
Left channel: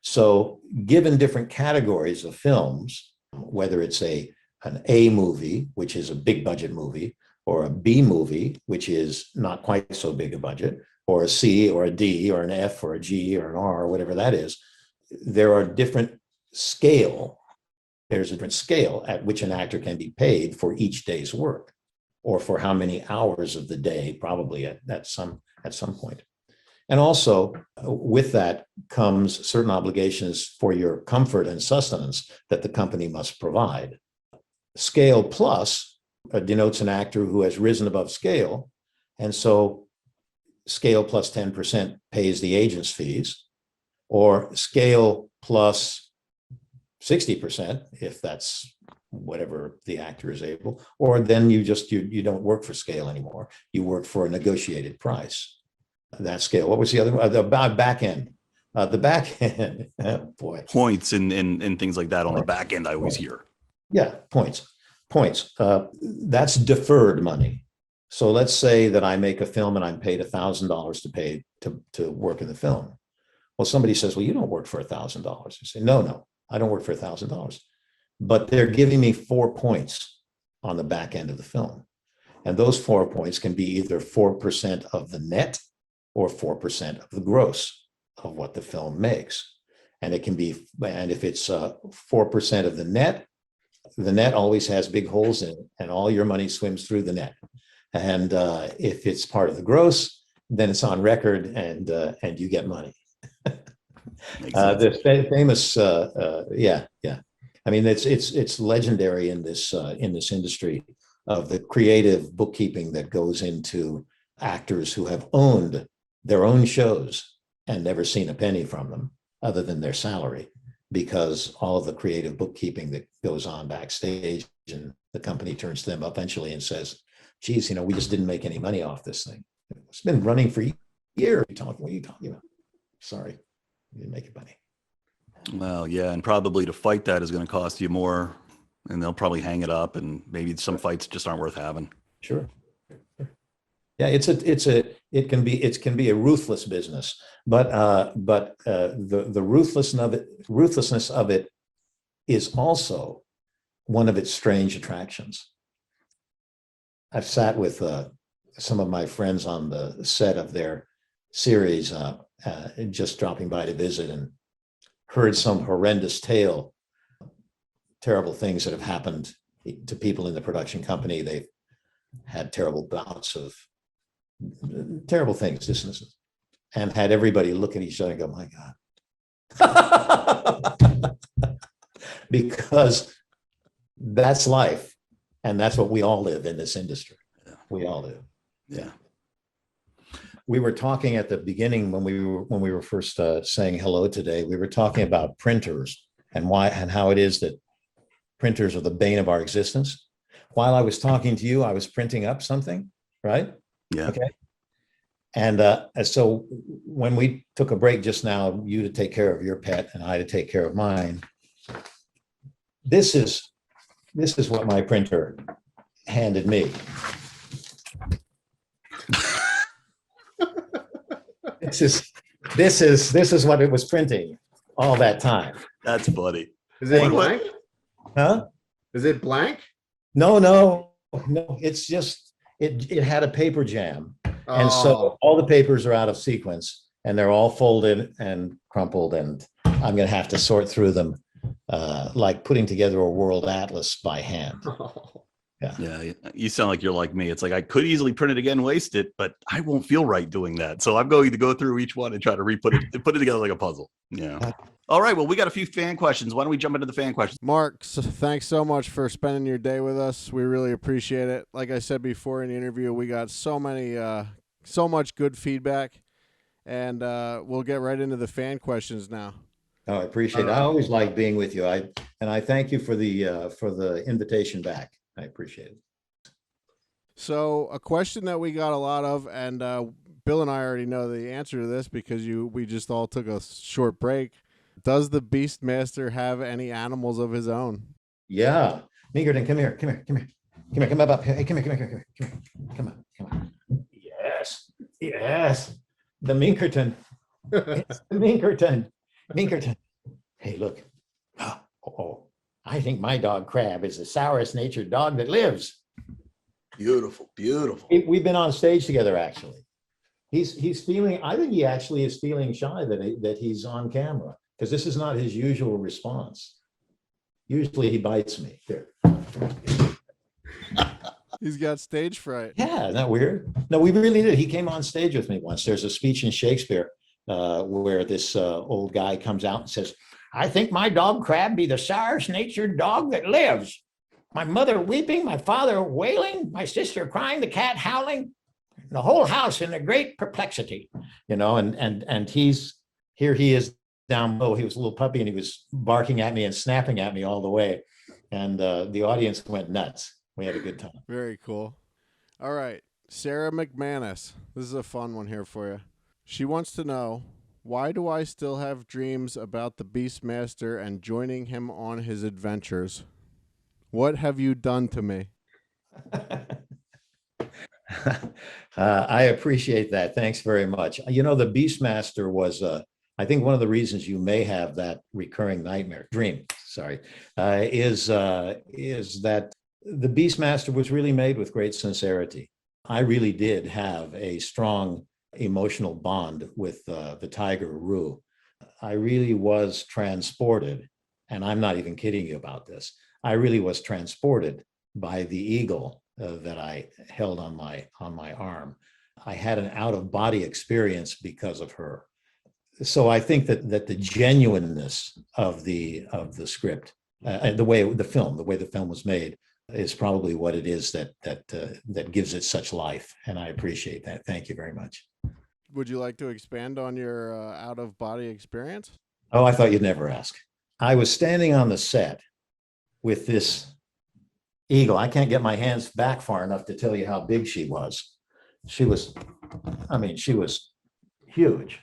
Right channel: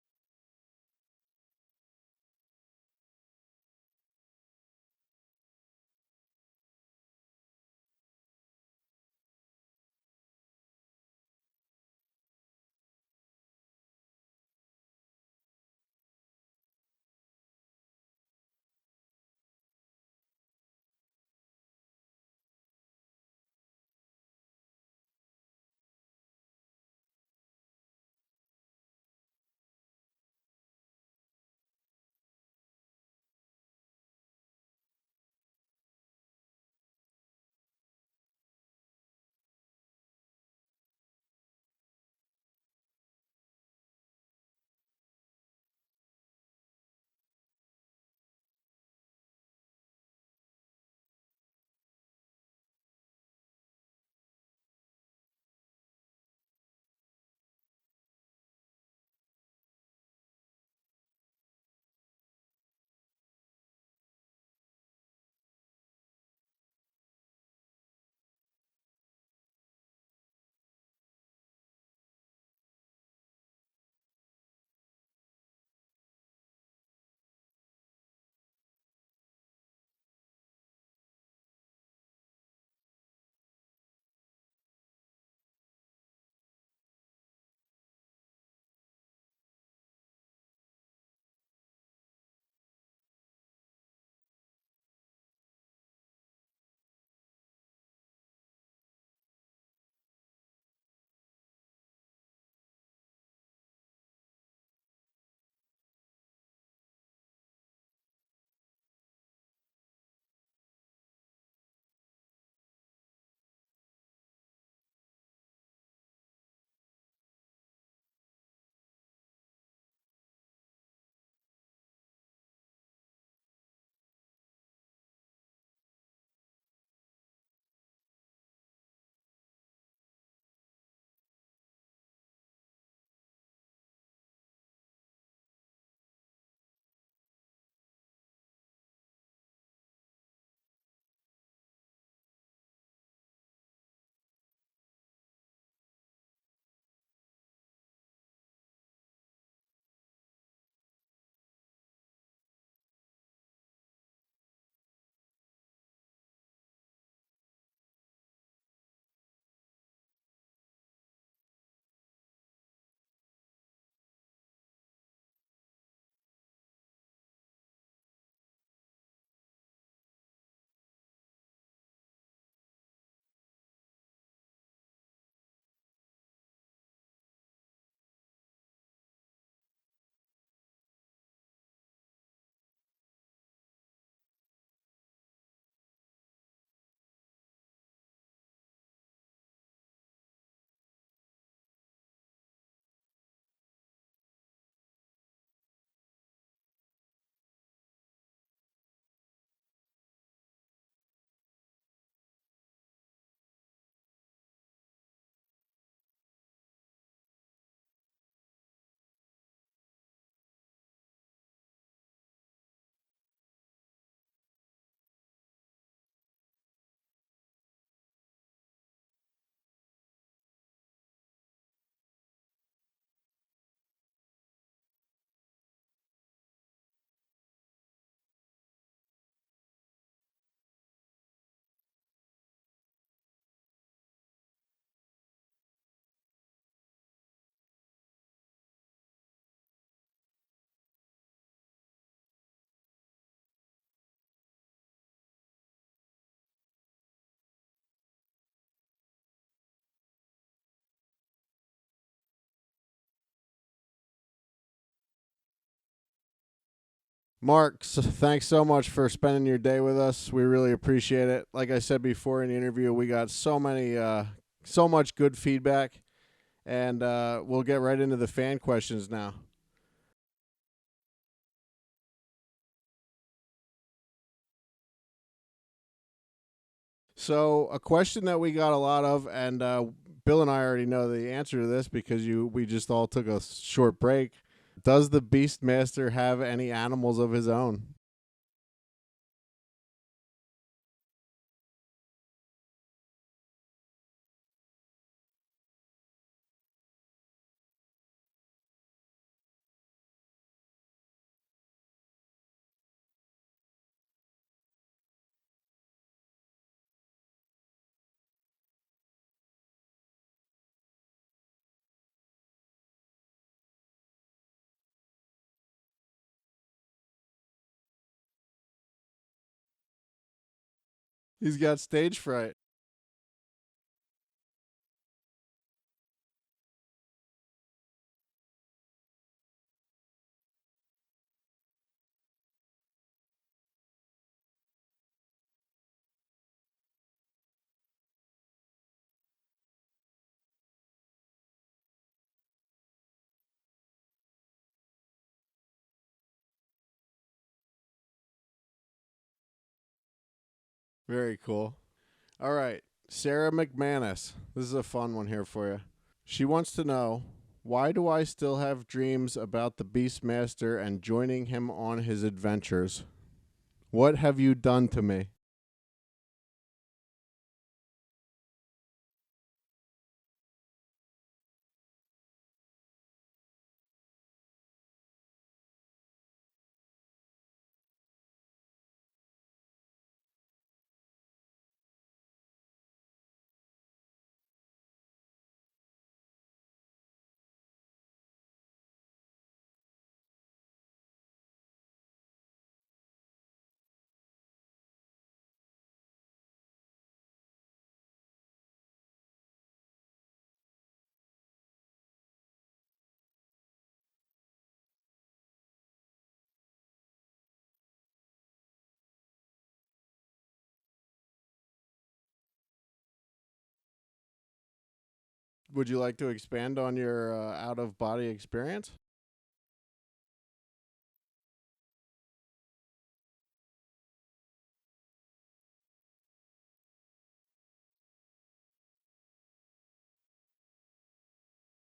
So given different categories of films, whether it's an A movie, which is a big budget movie, or a B movie, which is not quite so big a budget, or a C or a D or an F or a G or an R, or whatever that is, there are different scale. There's a different scale at which an actor can be paid for each day's work, or for how many hours of the day, probably at some point. And also with that comes certain obligations for your comfort and sustenance that the company must provide. Scale plus denotes an actor who has risen above scale. And so scale plus 10% pays the agent's fees, or scale plus 60%, if that's whatever the actor is able, or then you don't work for scale anymore. You work for a negotiated price. That scale. What was the other one? The back end. The back end, oh boy. Points and things like that on the back end, I always hear. Yeah, points. That's deferred money. So let's say that I make a film and I'm paid $1,000 to pay to work in the film. Well, somebody says, well, you don't work for $1,000. I say, no, I don't work for $1,000. But they're giving me 4 points on the back end of the film. And those 4 points can be either 4% of the net or 4% of the gross of what the film makes. And it can be, and if it's 4% of the net always has big holes in it, and all your money swims through the net. And if it's part of the gross, then it's on record, and you get money. The famous, yeah. I mean, it's legendary in this industry of the creative bookkeeping that goes into actors who have owned their own shows and never seen a penny from them other than their salary, because all of the creative bookkeeping that goes on backstage, and the company turns to them eventually and says, geez, we just didn't make any money off this thing. It's been running for years. What are you talking about? Sorry, you didn't make any money. Well, yeah, and probably to fight that is going to cost you more, and they'll probably hang it up, and maybe some fights just aren't worth having. Sure. Yeah, it can be a ruthless business, but the ruthlessness of it is also one of its strange attractions. I've sat with some of my friends on the set of their series, just dropping by to visit, and heard some horrendous tale, terrible things that have happened to people in the production company. They've had terrible bouts of terrible things, and had everybody look at each other and go, my God. Because that's life, and that's what we all live in this industry. Yeah. We all do. Yeah. We were talking at the beginning when we were first saying hello today. We were talking about printers and why and how it is that printers are the bane of our existence. While I was talking to you, I was printing up something, right? Yeah. Okay. And so when we took a break just now, you to take care of your pet and I to take care of mine, this is what my printer handed me. This is what it was printing all that time. That's funny. Is it blank? Huh? Is it blank? No. It's just it had a paper jam, and so all the papers are out of sequence, and they're all folded and crumpled, and I'm gonna have to sort through them, like putting together a world atlas by hand. Yeah, you sound like you're like me. It's like I could easily print it again, waste it, but I won't feel right doing that. So I'm going to go through each one and try to put it together like a puzzle. Yeah. All right. Well, we got a few fan questions. Why don't we jump into the fan questions? Mark, thanks so much for spending your day with us. We really appreciate it. Like I said before in the interview, we got so much good feedback, and we'll get right into the fan questions now. Oh, I appreciate it. I always like being with you. I thank you for the invitation back. I appreciate it. So a question that we got a lot of, and Bill and I already know the answer to this because we just all took a short break. Does the Beastmaster have any animals of his own? Yeah. Minkerton, come here. Come up here. Hey, come here. Come on. Yes. The Minkerton. It's the Minkerton. Hey, look. Oh. I think my dog Crab is the sourest natured dog that lives. Beautiful. We've been on stage together, actually. He's feeling, I think he actually is feeling shy that he's on camera, because this is not his usual response. Usually he bites me. Here. He's got stage fright. Yeah, isn't that weird? No, we really did. He came on stage with me once. There's a speech in Shakespeare where this old guy comes out and says, I think my dog Crab be the sourest natured dog that lives. My mother weeping, my father wailing, my sister crying, the cat howling, the whole house in a great perplexity, and he is down below. He was a little puppy and he was barking at me and snapping at me all the way. And the audience went nuts. We had a good time. Very cool. All right. Sarah McManus. This is a fun one here for you. She wants to know, Why do I still have dreams about the Beastmaster and joining him on his adventures? What have you done to me? I appreciate that. Thanks very much. You know, the Beastmaster was, I think one of the reasons you may have that recurring dream, sorry, is that the Beastmaster was really made with great sincerity. I really did have a strong emotional bond with the tiger Rue. I really was transported, and I'm not even kidding you about this. I really was transported by the eagle that I held on my arm. I had an out of body experience because of her. So I think that the genuineness of the script, the way the film was made, is probably what it is that gives it such life. And I appreciate that. Thank you very much. Would you like to expand on your out of body experience? Oh, I thought you'd never ask. I was standing on the set with this eagle. I can't get my hands back far enough to tell you how big she was. She was huge.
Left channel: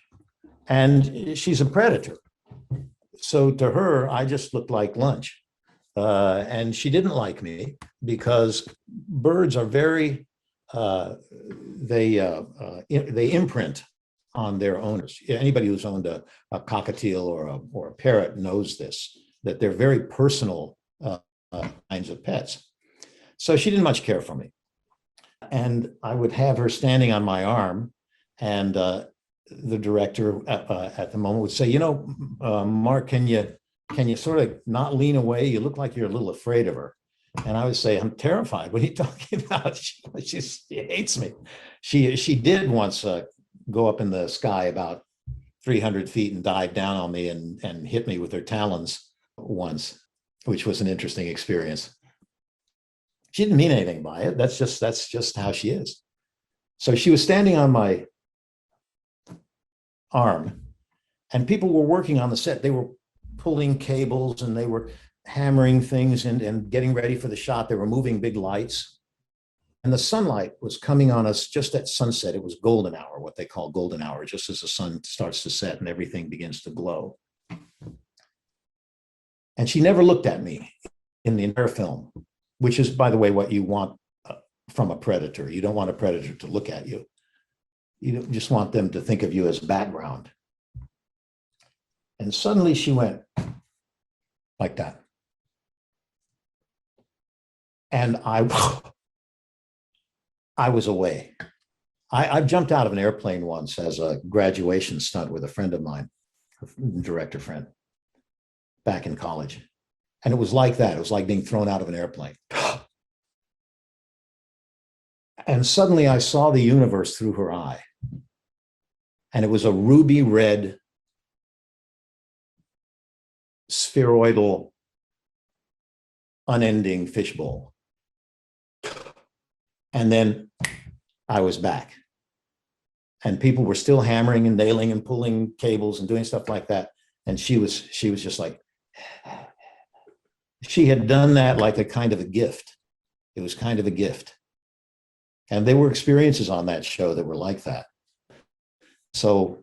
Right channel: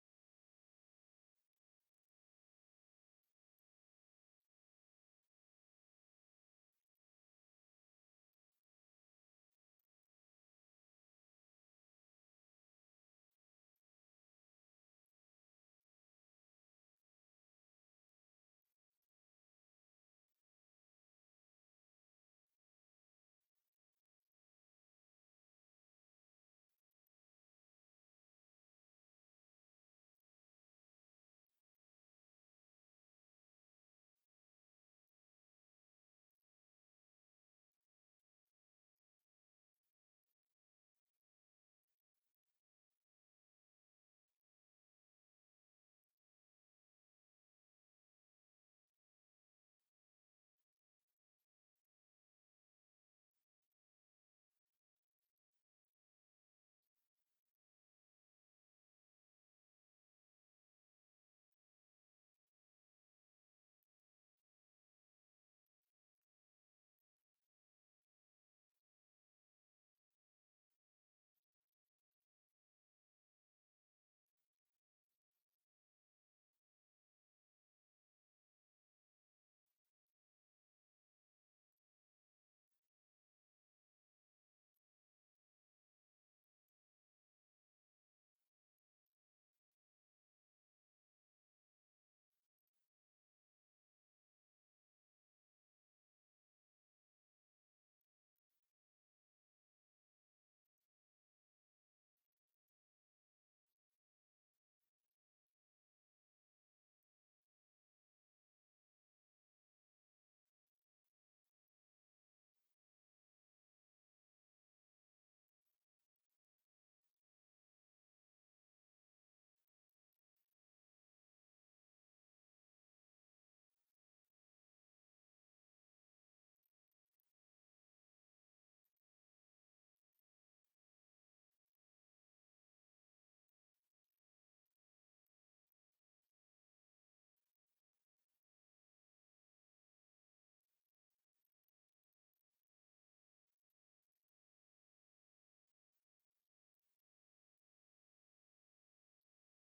And she's a predator. So to her, I just looked like lunch. And she didn't like me because birds are very, they imprint on their owners. Anybody who's owned a cockatiel or a parrot knows this, that they're very personal kinds of pets. So she didn't much care for me. And I would have her standing on my arm, and the director at the moment would say, you know, Mark, can you sort of not lean away? You look like you're a little afraid of her. And I would say, I'm terrified. What are you talking about? She hates me. She did once go up in the sky about 300 feet and dive down on me and hit me with her talons once, which was an interesting experience. She didn't mean anything by it. That's just how she is. So she was standing on my arm, and people were working on the set. They were pulling cables and they were hammering things and getting ready for the shot. They were moving big lights. And the sunlight was coming on us just at sunset. It was golden hour, what they call golden hour, just as the sun starts to set and everything begins to glow. And she never looked at me in the entire film, which is, by the way, what you want from a predator. You don't want a predator to look at you. You just want them to think of you as background. And suddenly she went like that. And I was away. I jumped out of an airplane once as a graduation stunt with a friend of mine, a director friend, back in college. And it was like that. It was like being thrown out of an airplane. And suddenly I saw the universe through her eye. And it was a ruby red, spheroidal, unending fishbowl. And then I was back. And people were still hammering and nailing and pulling cables and doing stuff like that. And she was just like, she had done that like a kind of a gift. It was kind of a gift. And there were experiences on that show that were like that. So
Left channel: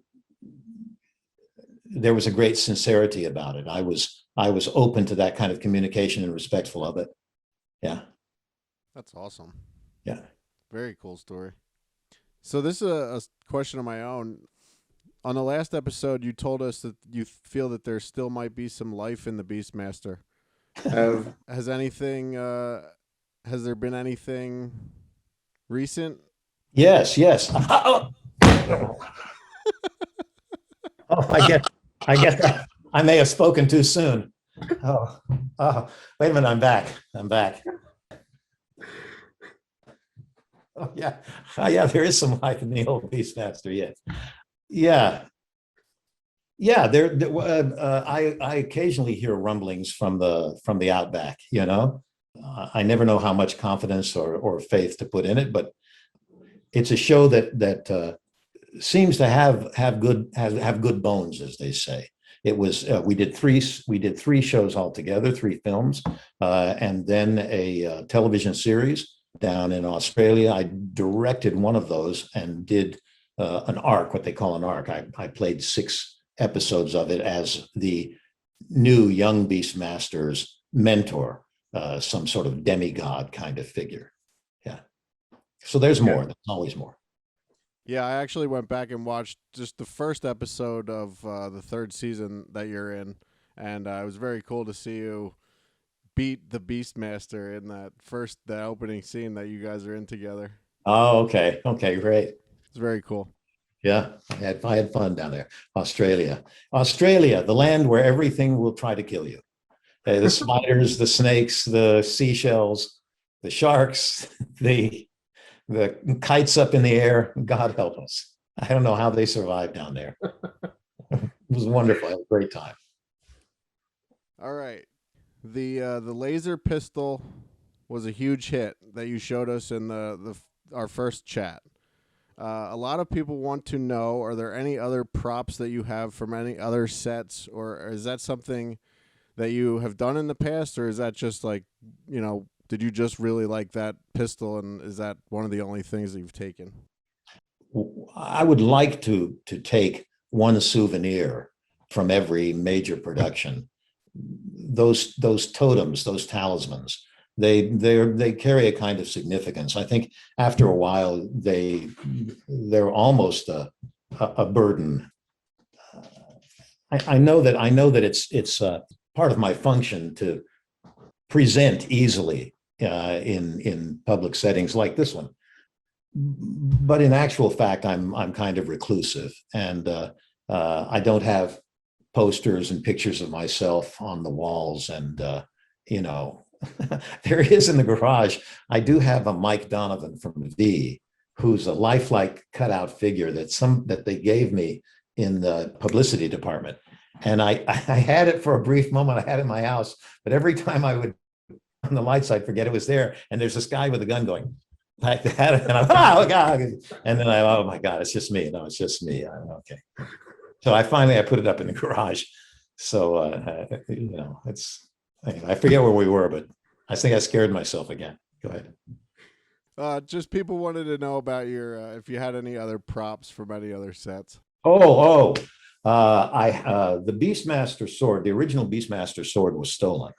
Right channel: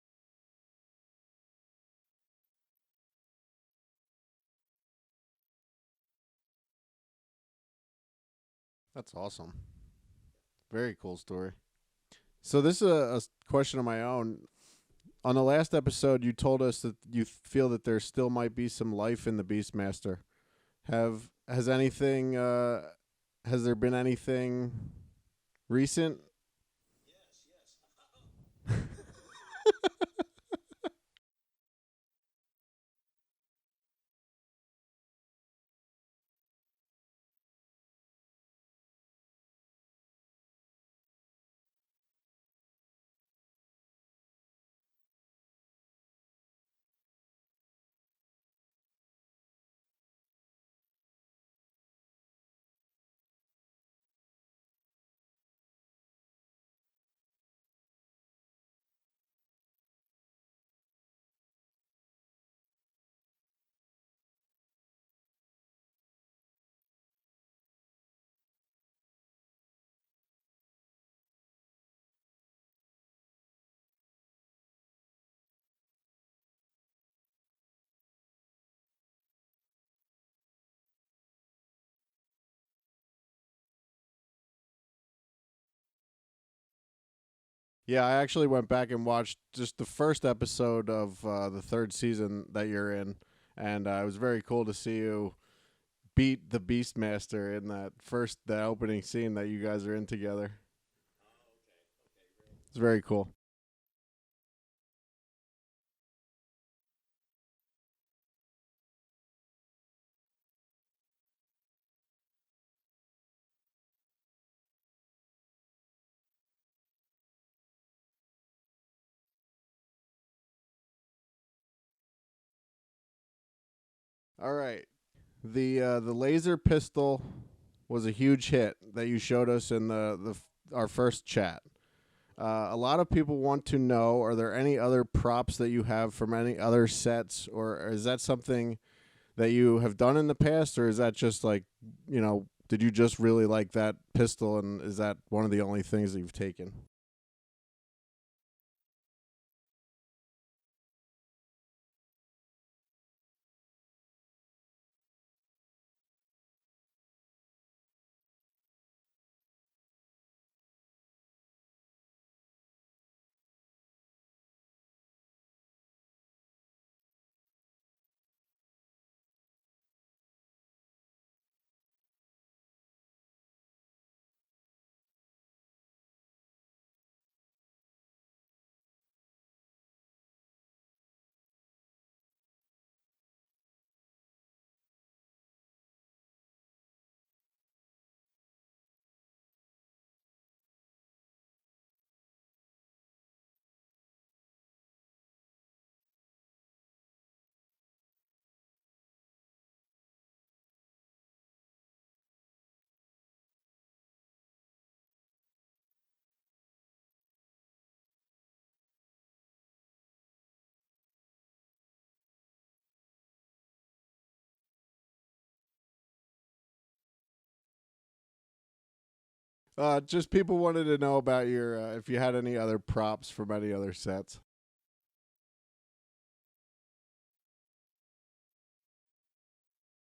there was a great sincerity about it. I was open to that kind of communication and respectful of it. Yeah. That's awesome. Yeah. Very cool story. So this is a question of my own. On the last episode, you told us that you feel that there still might be some life in the Beastmaster. Has there been anything recent? Yes. Oh, I guess I may have spoken too soon. Oh, wait a minute, I'm back. Oh yeah, there is some life in the old Beastmaster, yeah. I occasionally hear rumblings from the outback, you know. I never know how much confidence or faith to put in it, but it's a show that seems to have good bones, as they say. It was we did three shows altogether, 3 films, and then a television series down in Australia. I directed one of those and did an arc, what they call an arc. I played 6 episodes of it as the new young Beastmaster's mentor, some sort of demigod kind of figure. Yeah. So there's more. There's always more. Yeah, I actually went back and watched just the first episode of the third season that you're in, and it was very cool to see you beat the Beastmaster in the opening scene that you guys are in together. Oh, okay. Okay, great. It's very cool. Yeah, I had fun down there. Australia, the land where everything will try to kill you. The spiders, the snakes, the seashells, the sharks, the kites up in the air. God help us. I don't know how they survived down there. It was wonderful. I had a great time. All right. The laser pistol was a huge hit that you showed us in our first chat. A lot of people want to know, are there any other props that you have from any other sets, or is that something that you have done in the past, or is that just like, did you just really like that pistol, and is that one of the only things that you've taken? I would like to take one souvenir from every major production. Those totems, those talismans, they carry a kind of significance. I think after a while they're almost a burden. I know that it's part of my function to present easily in public settings like this one, but in actual fact, I'm kind of reclusive, and I don't have posters and pictures of myself on the walls, and there is in the garage. I do have a Mike Donovan from V, who's a lifelike cutout figure that they gave me in the publicity department, and I had it for a brief moment. I had it in my house, but every time I would on the lights, I'd forget it was there, and there's this guy with a gun going like that, and I'm oh god, and then oh my god, it's just me. No, it's just me. Okay. So I put it up in the garage. So it's anyway, I forget where we were, but I think I scared myself again. Go ahead. Just people wanted to know about your if you had any other props from any other sets. The Beastmaster sword, the original Beastmaster sword, was stolen.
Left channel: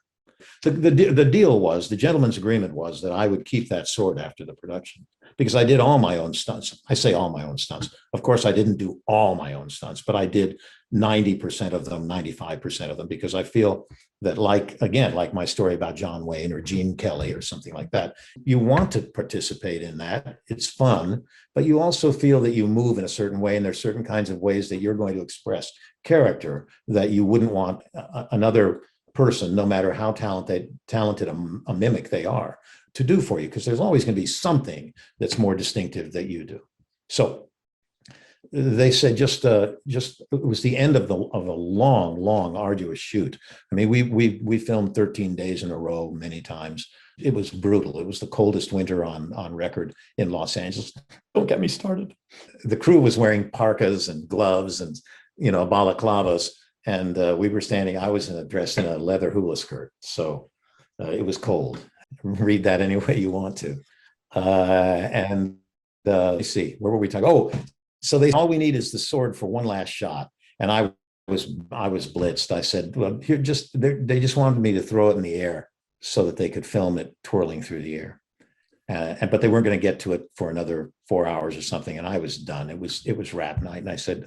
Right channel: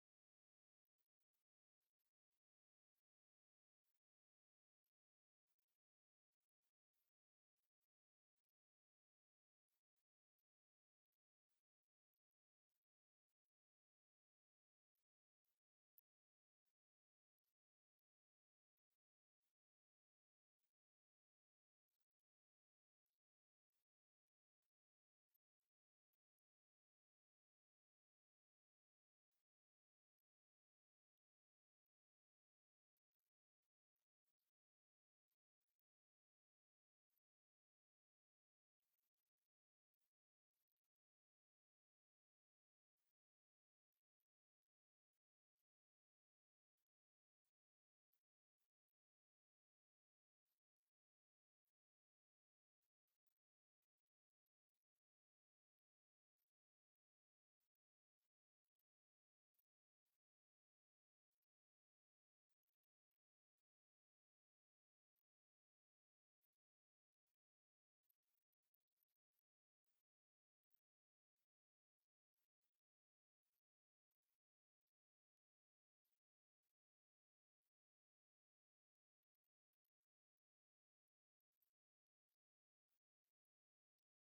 The deal was, the gentleman's agreement was that I would keep that sword after the production, because I did all my own stunts. I say all my own stunts. Of course, I didn't do all my own stunts, but I did 90% of them, 95% of them, because I feel that, like my story about John Wayne or Gene Kelly or something like that, you want to participate in that. It's fun, but you also feel that you move in a certain way, and there's certain kinds of ways that you're going to express character that you wouldn't want another person, no matter how talented a mimic they are, to do for you, because there's always going to be something that's more distinctive that you do. So they said just it was the end of a long arduous shoot. I mean, we filmed 13 days in a row many times. It was brutal. It was the coldest winter on record in Los Angeles. Don't get me started. The crew was wearing parkas and gloves and balaclavas, and we were standing. I was dressed in a leather hula skirt, so it was cold. Read that any way you want to. Let's see, where were we talking? Oh, so all we need is the sword for one last shot, and I was blitzed. I said, well, here, they just wanted me to throw it in the air so that they could film it twirling through the air, but they weren't going to get to it for another 4 hours or something, and I was done. It was wrap night, and I said,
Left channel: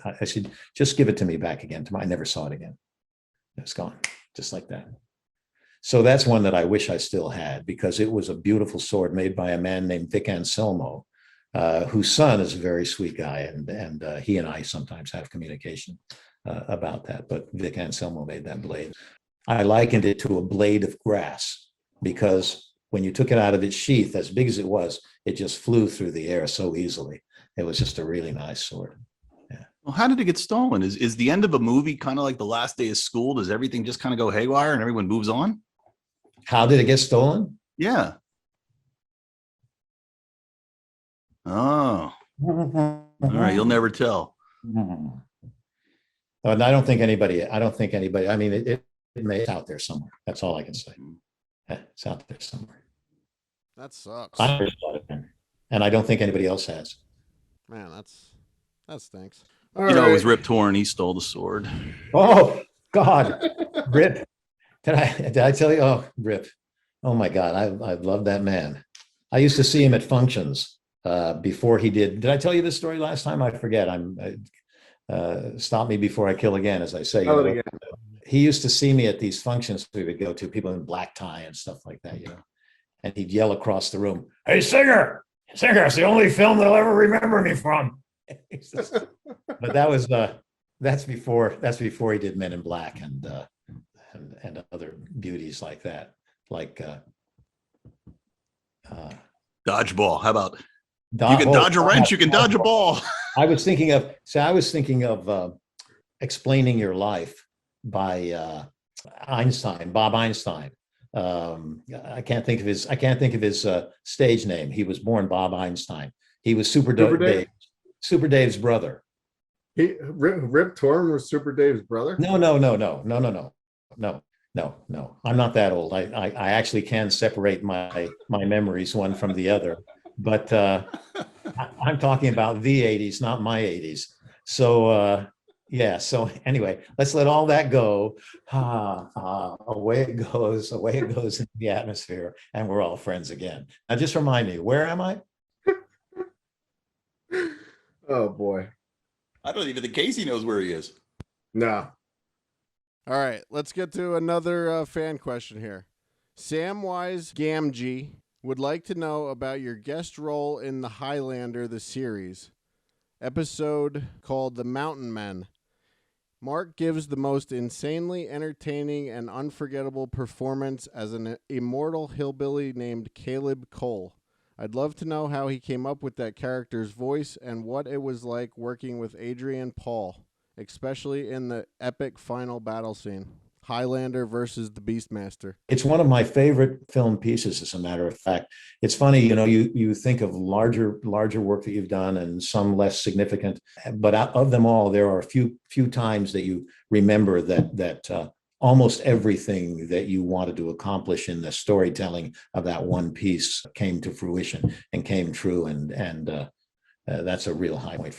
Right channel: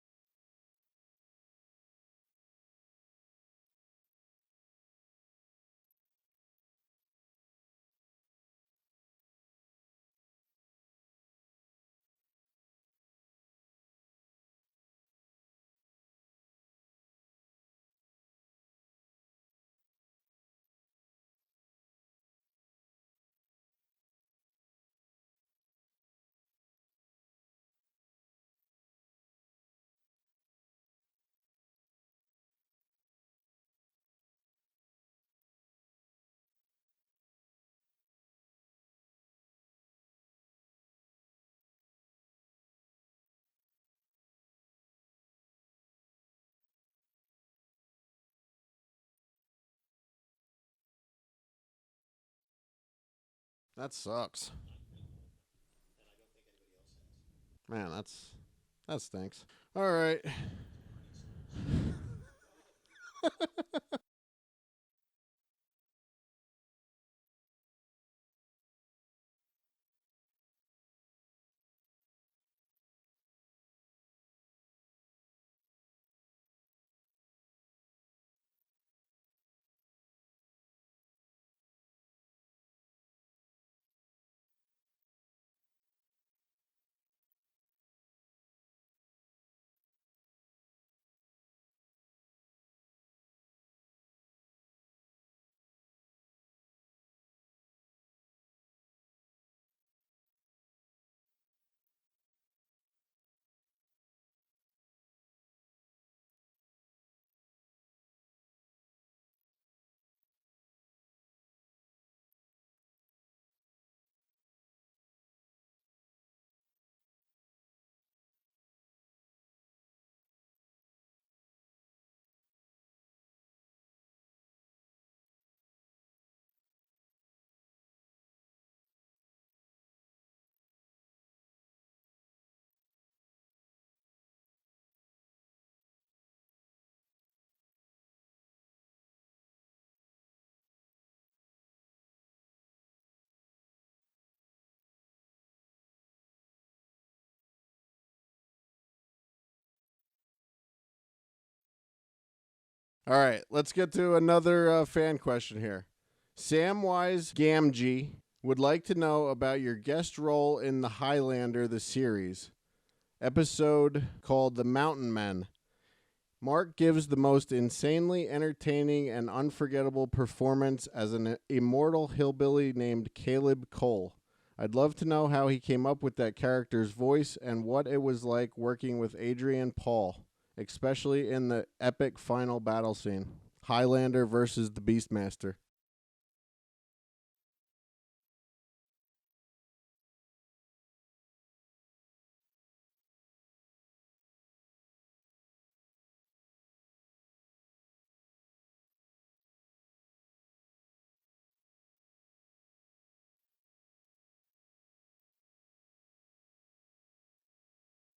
just give it to me back again tomorrow. I never saw it again. It's gone, just like that. So that's one that I wish I still had, because it was a beautiful sword made by a man named Vic Anselmo, whose son is a very sweet guy, and he and I sometimes have communication about that. But Vic Anselmo made that blade. I likened it to a blade of grass, because when you took it out of its sheath, as big as it was, it just flew through the air so easily. It was just a really nice sword. Yeah. Well, how did it get stolen? Is the end of a movie kind of like the last day of school? Does everything just kind of go haywire and everyone moves on? How did it get stolen? Yeah. Oh. All right. You'll never tell. I don't think anybody, I mean, it may be out there somewhere. That's all I can say. It's out there somewhere. That sucks. And I don't think anybody else has. Man, that stinks. All You know, it was right. Rip Torn. He stole the sword. Oh God, Rip. Did I tell you? Oh, Rip. Oh my God, I love that man. I used to see him at functions before he did. Did I tell you this story last time? I forget. Stop me before I kill again, as I say. Tell it again. He used to see me at these functions we would go to, people in black tie and stuff like that, and he'd yell across the room, "Hey, Singer, Singer, it's the only film they'll ever remember me from." But that's before he did Men in Black and other beauties like that, like Dodgeball. How about you can dodge a wrench, you can dodge a ball. I was thinking of Explaining Your Life by Bob Einstein. I can't think of his stage name. He was born Bob Einstein. He was Super Dave's brother. Rip Torn was Super Dave's brother? No. I'm not that old. I actually can separate my memories one from the other, but I'm talking about the 80s, not my 80s. So yeah. So anyway, let's let all that go. Away it goes into the atmosphere, and we're all friends again. Now, just remind me, where am I? Oh boy. I don't even think Casey knows where he is. No. All right, let's get to another fan question here. Samwise Gamgee would like to know about your guest role in the Highlander, the series episode called The Mountain Men. Mark gives the most insanely entertaining and unforgettable performance as an immortal hillbilly named Caleb Cole. I'd love to know how he came up with that character's voice and what it was like working with Adrian Paul, especially in the epic final battle scene, Highlander versus the Beastmaster. It's one of my favorite film pieces, as a matter of fact. It's funny, you think of larger work that you've done and some less significant, but out of them all, there are a few times that you remember that almost everything that you wanted to accomplish in the storytelling of that one piece came to fruition and came true, and that's a real high point.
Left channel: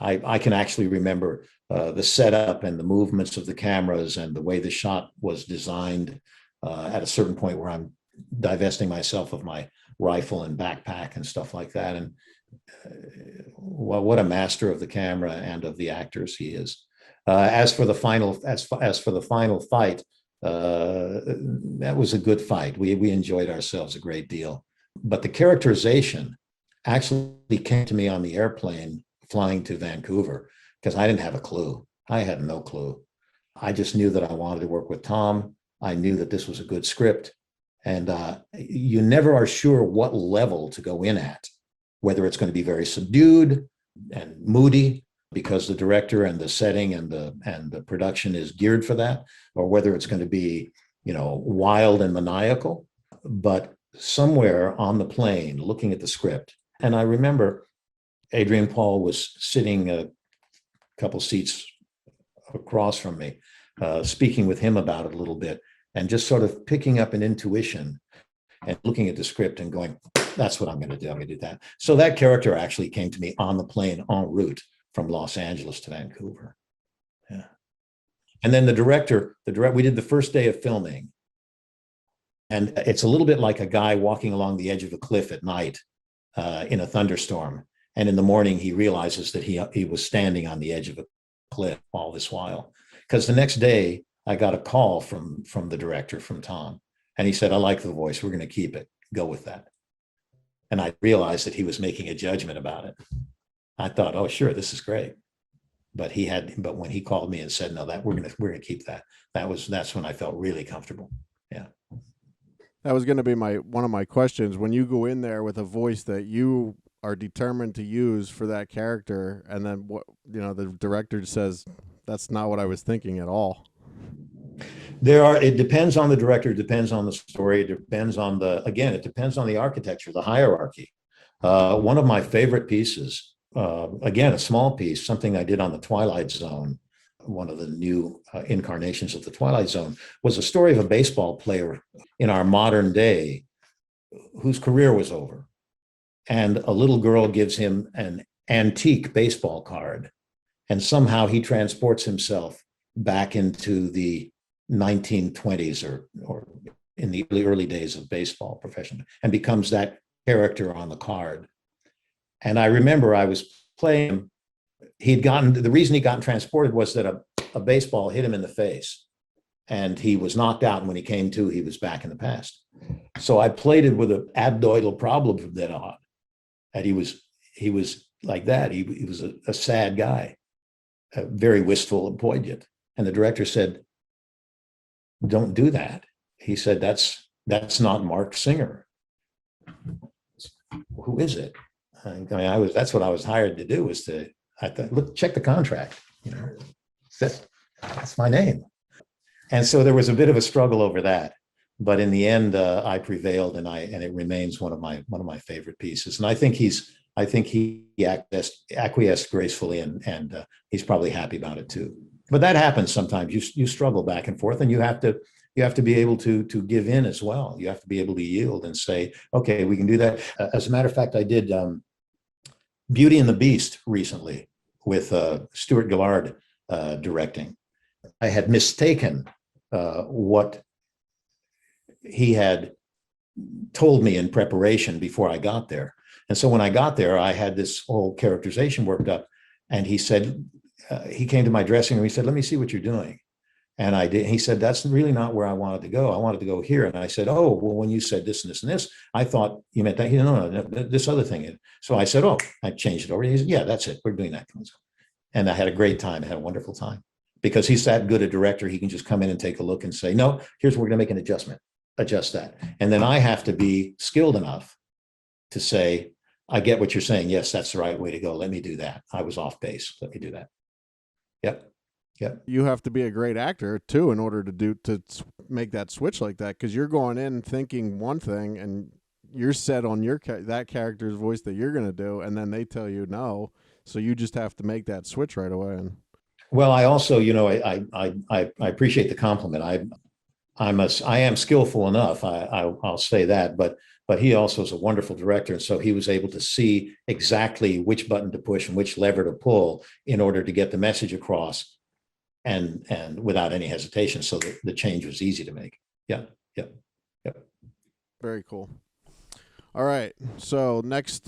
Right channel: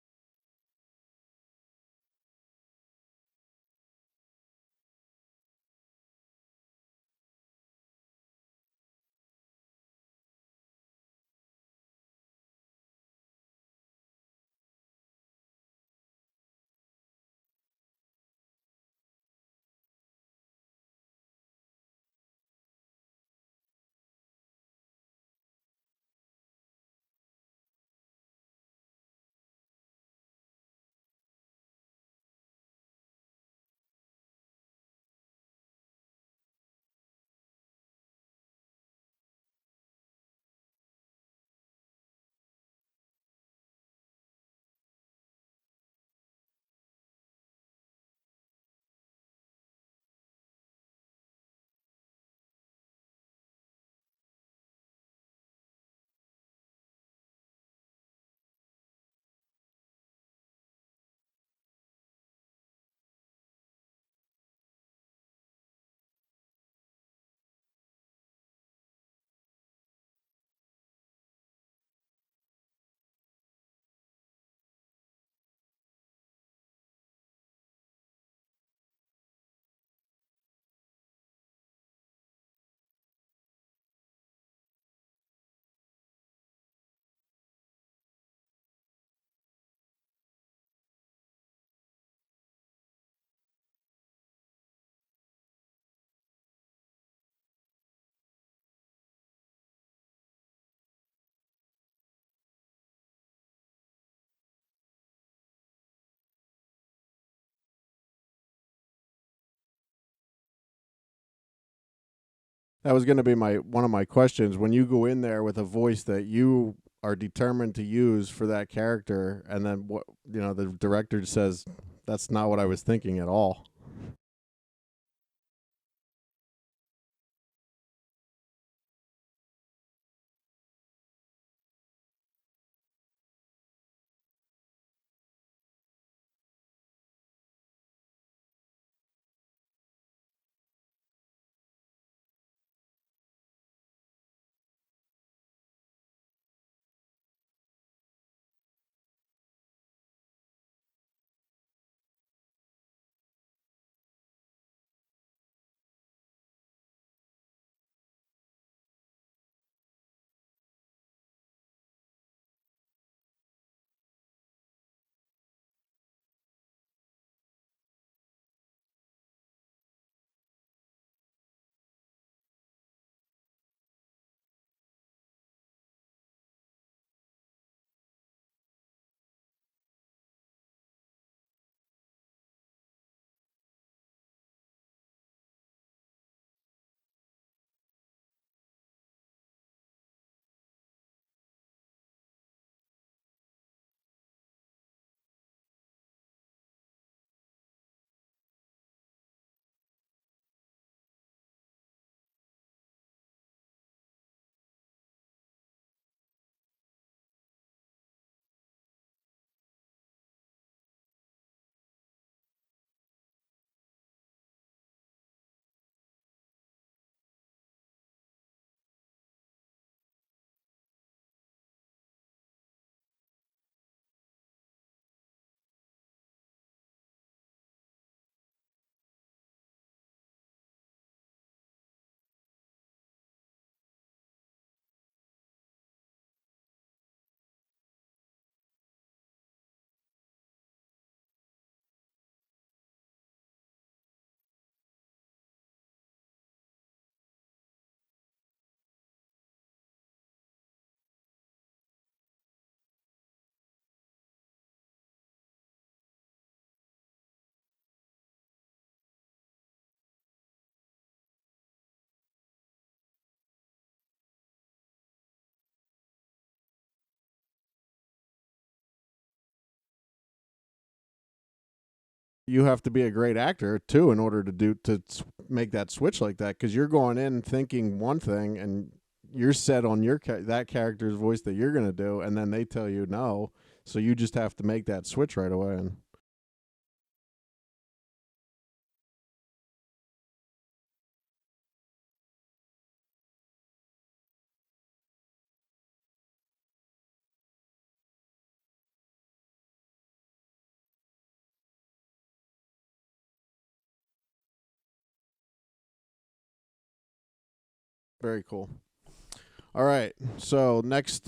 I can actually remember the setup and the movements of the cameras and the way the shot was designed at a certain point where I'm divesting myself of my rifle and backpack and stuff like that. And well, what a master of the camera and of the actors he is. As for the final fight, that was a good fight. We enjoyed ourselves a great deal. But the characterization actually came to me on the airplane flying to Vancouver, because I didn't have a clue. I had no clue. I just knew that I wanted to work with Tom. I knew that this was a good script. And you never are sure what level to go in at, whether it's going to be very subdued and moody because the director and the setting and the production is geared for that, or whether it's going to be, wild and maniacal. But somewhere on the plane, looking at the script, and I remember Adrian Paul was sitting a couple seats across from me, speaking with him about it a little bit, and just sort of picking up an intuition and looking at the script and going, that's what I'm going to do. I'm going to do that. So that character actually came to me on the plane en route from Los Angeles to Vancouver. Yeah. And then the director, we did the first day of filming. And it's a little bit like a guy walking along the edge of a cliff at night in a thunderstorm. And in the morning, he realizes that he was standing on the edge of a cliff all this while. Because the next day, I got a call from the director, from Tom. And he said, I like the voice. We're going to keep it. Go with that. And I realized that he was making a judgment about it. I thought, oh, sure, this is great. But when he called me and said, no, that we're gonna keep that. That's when I felt really comfortable. Yeah. That was going to be one of my questions. When you go in there with a voice that you are determined to use for that character, and then the director says, that's not what I was thinking at all. It depends on the director, it depends on the story, it depends on it depends on the architecture, the hierarchy. One of my favorite pieces, again, a small piece, something I did on the Twilight Zone, one of the new incarnations of the Twilight Zone, was a story of a baseball player in our modern day whose career was over. And a little girl gives him an antique baseball card And somehow he transports himself back into the 1920s or in the early days of baseball profession and becomes that character on the card. And I remember I was playing him. The reason he'd gotten transported was that a baseball hit him in the face and he was knocked out. And when he came to, he was back in the past. So I played it with an abdoidal problem from then on. And he was like that. He was a sad guy, very wistful and poignant. And the director said, "Don't do that." He said, that's not Marc Singer. Who is it? I mean, that's what I was hired to do, was I thought, look, check the contract. You know, that's my name. And so there was a bit of a struggle over that, but in the end, I prevailed, and it remains one of my favorite pieces. And I think he acquiesced gracefully, and he's probably happy about it too. But that happens sometimes. You struggle back and forth, and you have to be able to give in as well. You have to be able to yield and say, okay, we can do that. As a matter of fact, I did Beauty and the Beast recently with Stuart Gillard directing. I had mistaken what he had told me in preparation before I got there. And so when I got there, I had this whole characterization worked up, and he said, he came to my dressing room, he said, "Let me see what you're doing." And I did. He said, "That's really not where I wanted to go. I wanted to go here." And I said, "Oh, well, when you said this and this and this, I thought you meant that." He said, no, this other thing. So I said, "Oh," I changed it over. He said, "Yeah, that's it. We're doing that." And I had a great time. I had a wonderful time, because he's that good a director. He can just come in and take a look and say, "No, here's where we're going to make an adjustment, adjust that." And then I have to be skilled enough to say, "I get what you're saying. Yes, that's the right way to go. Let me do that. I was off base. Let me do that." Yep. Yep. You have to be a great actor too in order to make that switch like that, because you're going in thinking one thing and you're set on that character's voice that you're going to do, and then they tell you no, so you just have to make that switch right away. And well, I also, I appreciate the compliment. I am skillful enough. I'll say that, but he also is a wonderful director, and so he was able to see exactly which button to push and which lever to pull in order to get the message across, and without any hesitation, so that the change was easy to make. Yeah. very cool. All right, so next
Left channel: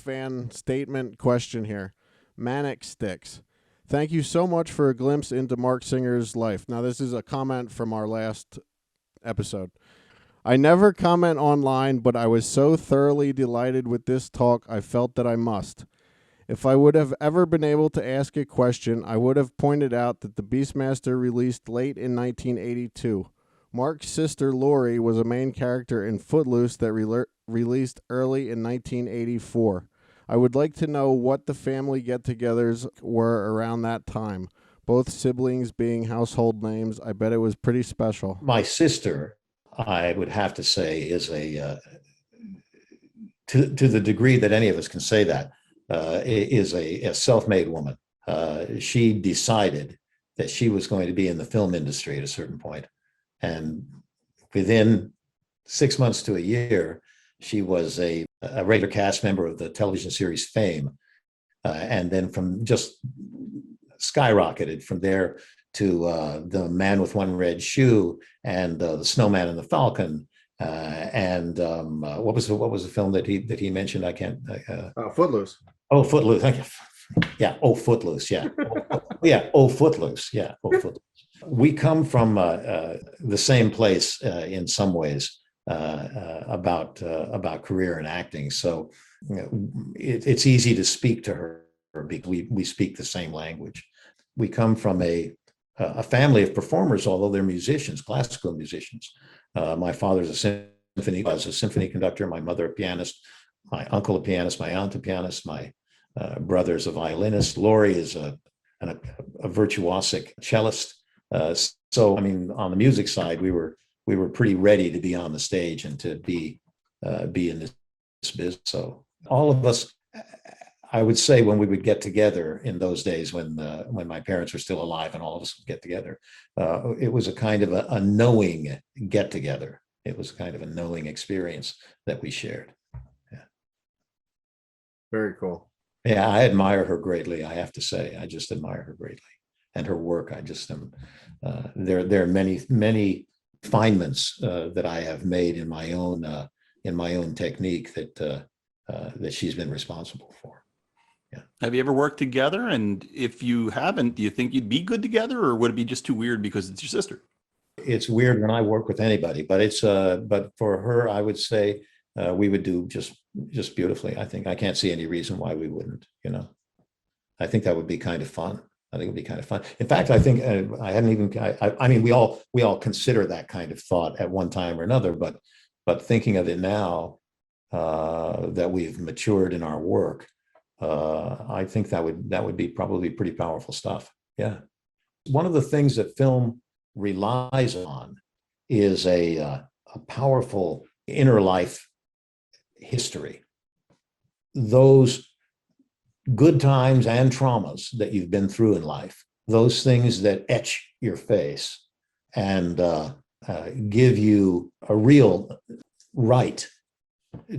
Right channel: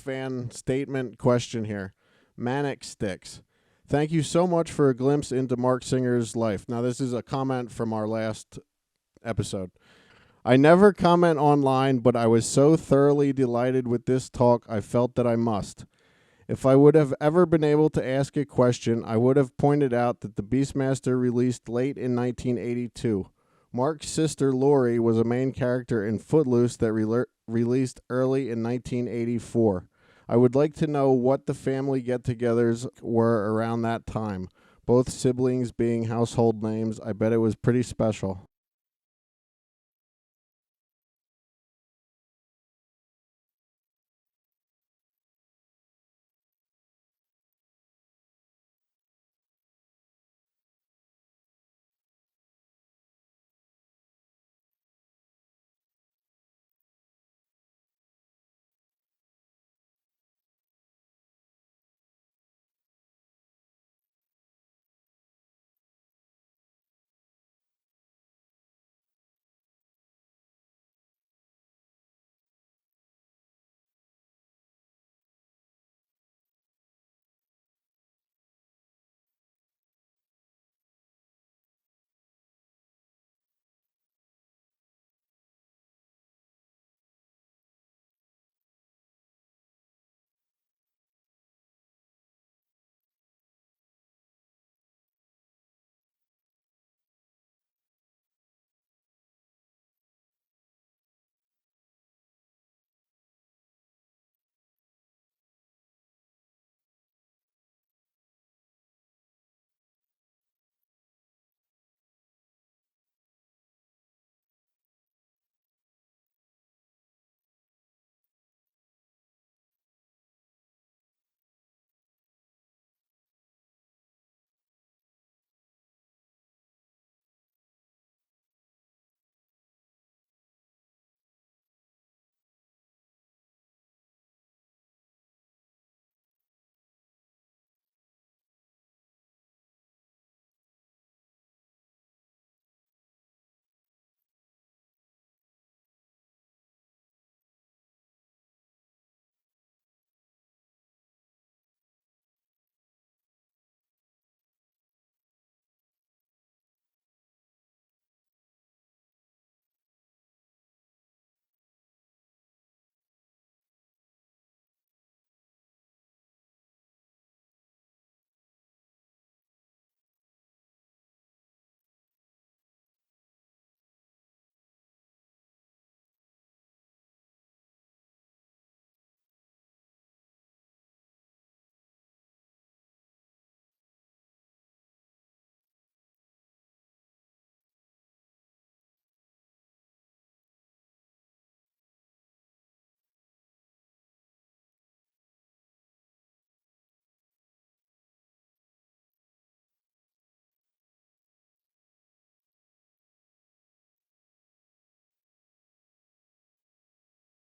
fan statement question here. Manic Sticks. Thank you so much for a glimpse into Marc Singer's life. Now, this is a comment from our last episode. I never comment online, but I was so thoroughly delighted with this talk, I felt that I must. If I would have ever been able to ask a question, I would have pointed out that the Beastmaster released late in 1982. Mark's sister Lori was a main character in Footloose that released early in 1984. I would like to know what the family get-togethers were around that time, both siblings being household names. I bet it was pretty special. My sister, I would have to say, is to the degree that any of us can say that, is a self-made woman. She decided that she was going to be in the film industry at a certain point. And within 6 months to a year, she was a regular cast member of the television series Fame. And then from just skyrocketed from there to The Man with One Red Shoe and The Snowman and the Falcon. And what was the film that he mentioned? I can't. Footloose. Oh, Footloose. Yeah. Oh, Footloose. Yeah. Yeah. Oh, Footloose. Yeah. Oh, Footloose. We come from the same place in some ways about career and acting. So it's easy to speak to her because we speak the same language. We come from a family of performers, although they're musicians, classical musicians. My father's was a symphony conductor, my mother a pianist, my uncle a pianist, my aunt a pianist, my brother's a violinist. Lori is a virtuosic cellist. So, I mean, on the music side, we were pretty ready to be on the stage and to be in this business. So all of us, I would say, when we would get together in those days when my parents were still alive and all of us would get together, it was a kind of a knowing get together. It was kind of a knowing experience that we shared. Yeah. Very cool. Yeah, I admire her greatly. I have to say, I just admire her greatly, and her work. I just am. There are many refinements that I have made in my own technique that she's been responsible for. Yeah. Have you ever worked together? And if you haven't, do you think you'd be good together, or would it be just too weird because it's your sister? It's weird when I work with anybody, but but for her, I would say we would do just beautifully. I think I can't see any reason why we wouldn't. I think that would be kind of fun. I think it'd be kind of fun. In fact, I think I hadn't even. I mean, we all consider that kind of thought at one time or another, but thinking of it now that we've matured in our work, I think that would be probably pretty powerful stuff. Yeah. One of the things that film relies on is a powerful inner life history. Those good times and traumas that you've been through in life, those things that etch your face and give you a real right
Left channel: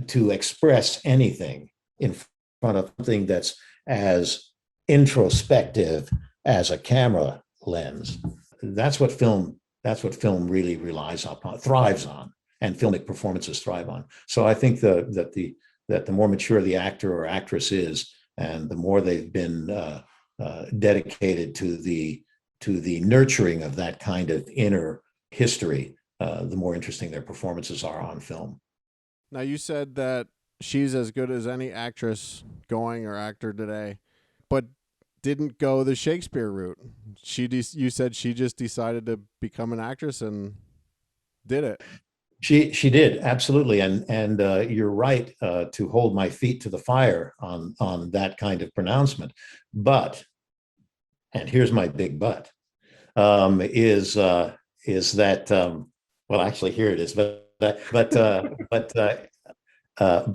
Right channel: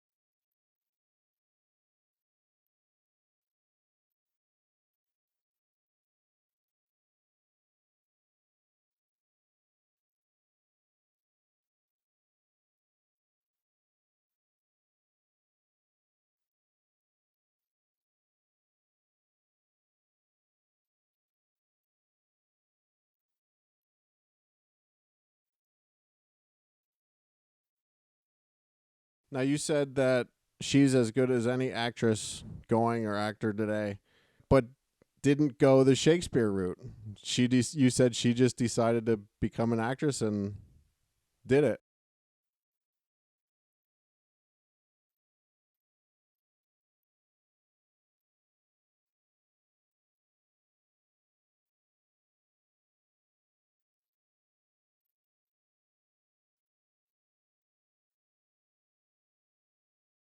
to express anything in front of something that's as introspective as a camera lens. That's what film really relies upon, thrives on, and filmic performances thrive on. So I think that the more mature the actor or actress is, and the more they've been dedicated to the nurturing of that kind of inner history, the more interesting their performances are on film. Now, you said that she's as good as any actress going or actor today, but didn't go the Shakespeare route. You said she just decided to become an actress and did it. She did, absolutely, and you're right to hold my feet to the fire on that kind of pronouncement. But, and here's my big but, is that well, actually, here it is, but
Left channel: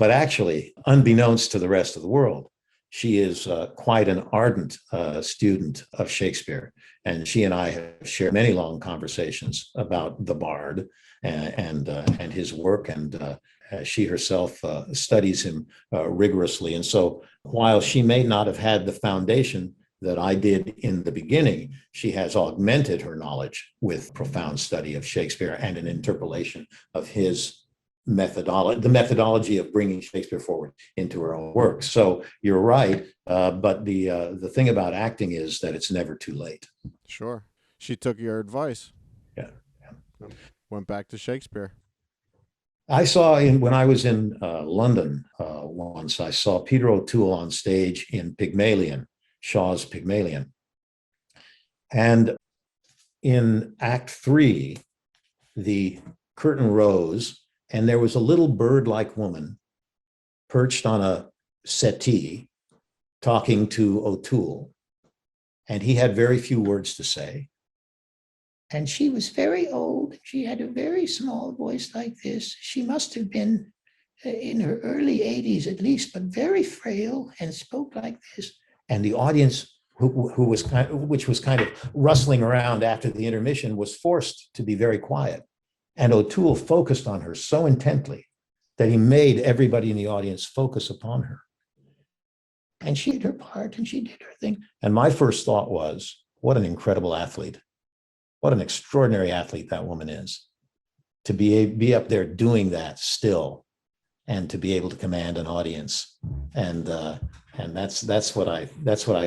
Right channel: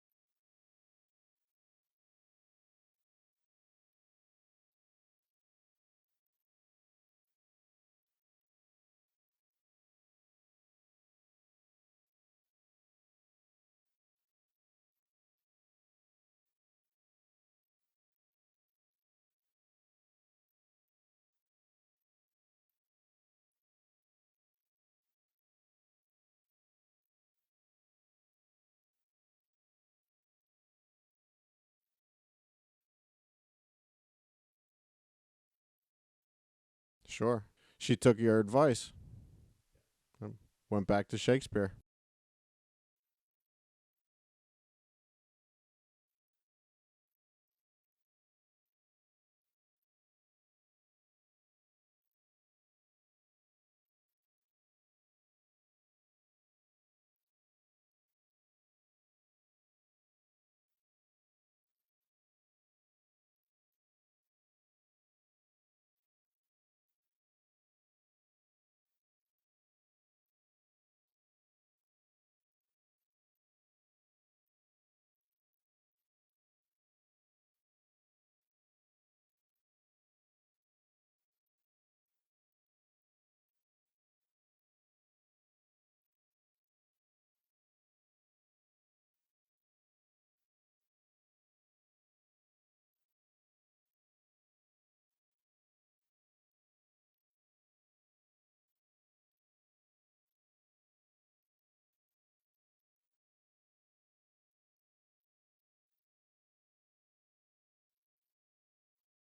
actually, unbeknownst to the rest of the world, she is quite an ardent student of Shakespeare, and she and I have shared many long conversations about the Bard and his work, and she herself studies him rigorously. And so, while she may not have had the foundation that I did in the beginning, she has augmented her knowledge with profound study of Shakespeare and an interpolation of his methodology, the methodology of bringing Shakespeare forward into her own work. So you're right, but the thing about acting is that it's never too late. Sure. She took your advice. Yeah. Went back to Shakespeare. I saw when I was in London once, I saw Peter O'Toole on stage in Pygmalion, Shaw's Pygmalion. And in Act 3, the curtain rose, and there was a little bird-like woman perched on a settee talking to O'Toole. And he had very few words to say. And she was very old. She had a very small voice like this. She must have been in her early 80s at least, but very frail, and spoke like this. And the audience, which was kind of rustling around after the intermission, was forced to be very quiet. And O'Toole focused on her so intently that he made everybody in the audience focus upon her. And she did her part and she did her thing. And my first thought was, what an incredible athlete. What an extraordinary athlete that woman is. To be up there doing that still, and to be able to command an audience. And that's what I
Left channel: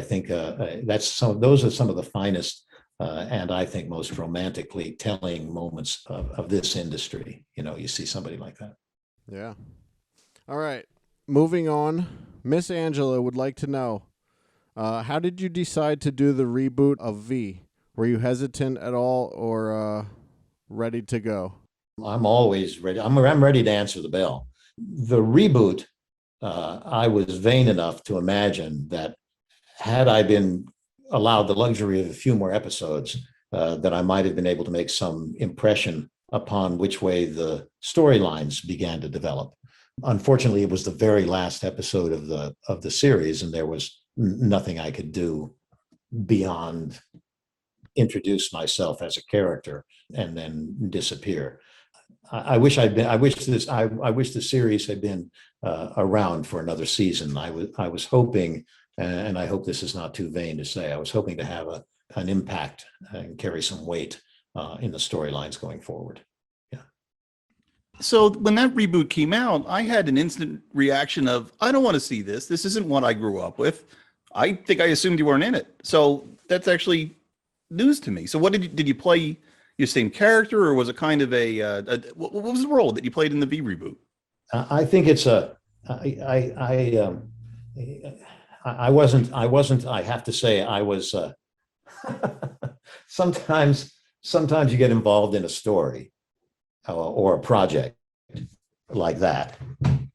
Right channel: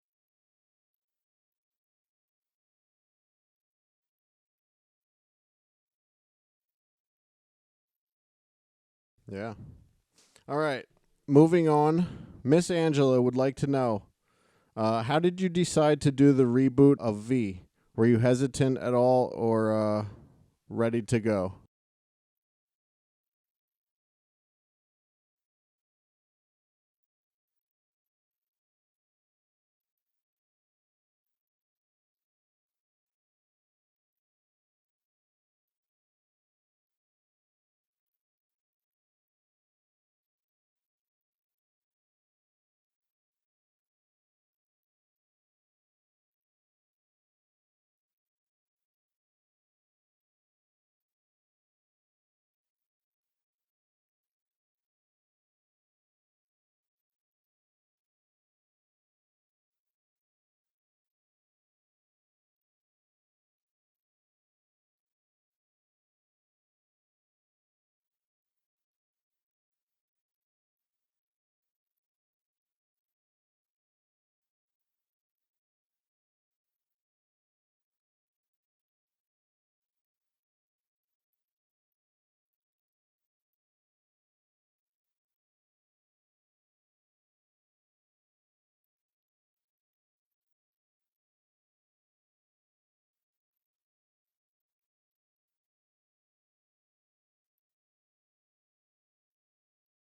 think, those are some of the finest and I think most romantically telling moments of this industry. You see somebody like that. Yeah. All right. Moving on. Miss Angela would like to know, how did you decide to do the reboot of V? Were you hesitant at all, or ready to go? I'm always ready. I'm ready to answer the bell. The reboot, I was vain enough to imagine that had I been allowed the luxury of a few more episodes, that I might have been able to make some impression upon which way the storylines began to develop. Unfortunately, it was the very last episode of the series, and there was nothing I could do beyond introduce myself as a character and then disappear. I wish I'd been. I wish the series had been around for another season. I was hoping, and I hope this is not too vain to say, I was hoping to have an impact and carry some weight in the storylines going forward. Yeah. So when that reboot came out, I had an instant reaction of, I don't want to see this. This isn't what I grew up with. I think I assumed you weren't in it. So that's actually news to me. So what did you play your same character, or was it kind of what was the role that you played in the V reboot? I think it's I wasn't, I have to say, I was, sometimes you get involved in a story or a project like that,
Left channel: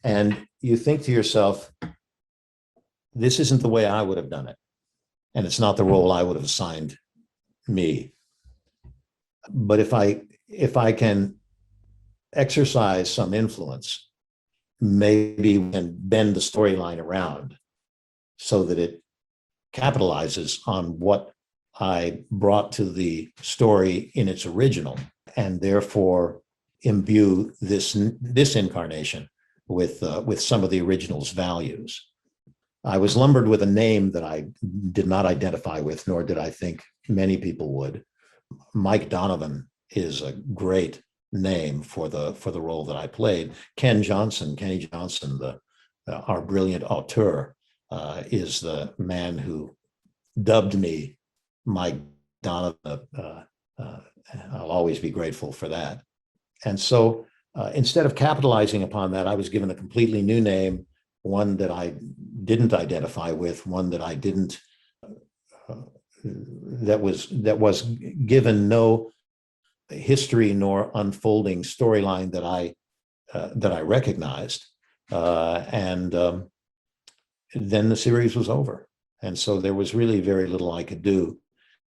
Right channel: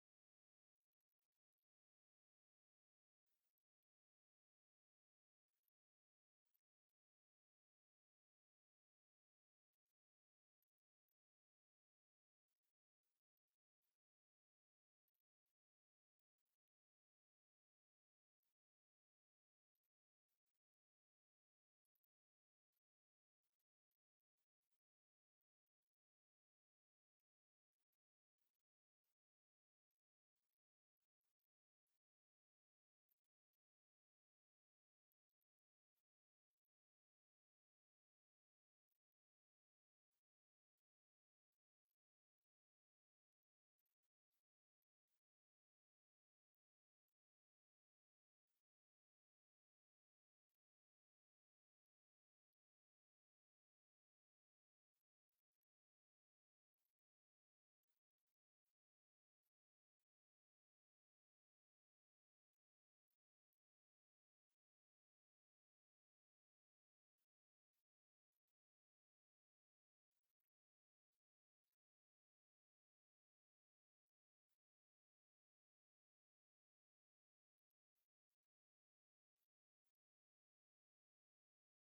and you think to yourself, this isn't the way I would have done it, and it's not the role I would have assigned me. But if I can exercise some influence, maybe we can bend the storyline around so that it capitalizes on what I brought to the story in its original, and therefore imbue this incarnation with some of the original's values. I was lumbered with a name that I did not identify with, nor did I think many people would. Mike Donovan is a great name for the role that I played. Kenny Johnson, our brilliant auteur, is the man who dubbed me Mike Donovan. I'll always be grateful for that. And so instead of capitalizing upon that, I was given a completely new name, one that I didn't identify with, one that I didn't, that was given no history nor unfolding storyline that I recognized. And then the series was over. And so there was really very little I could do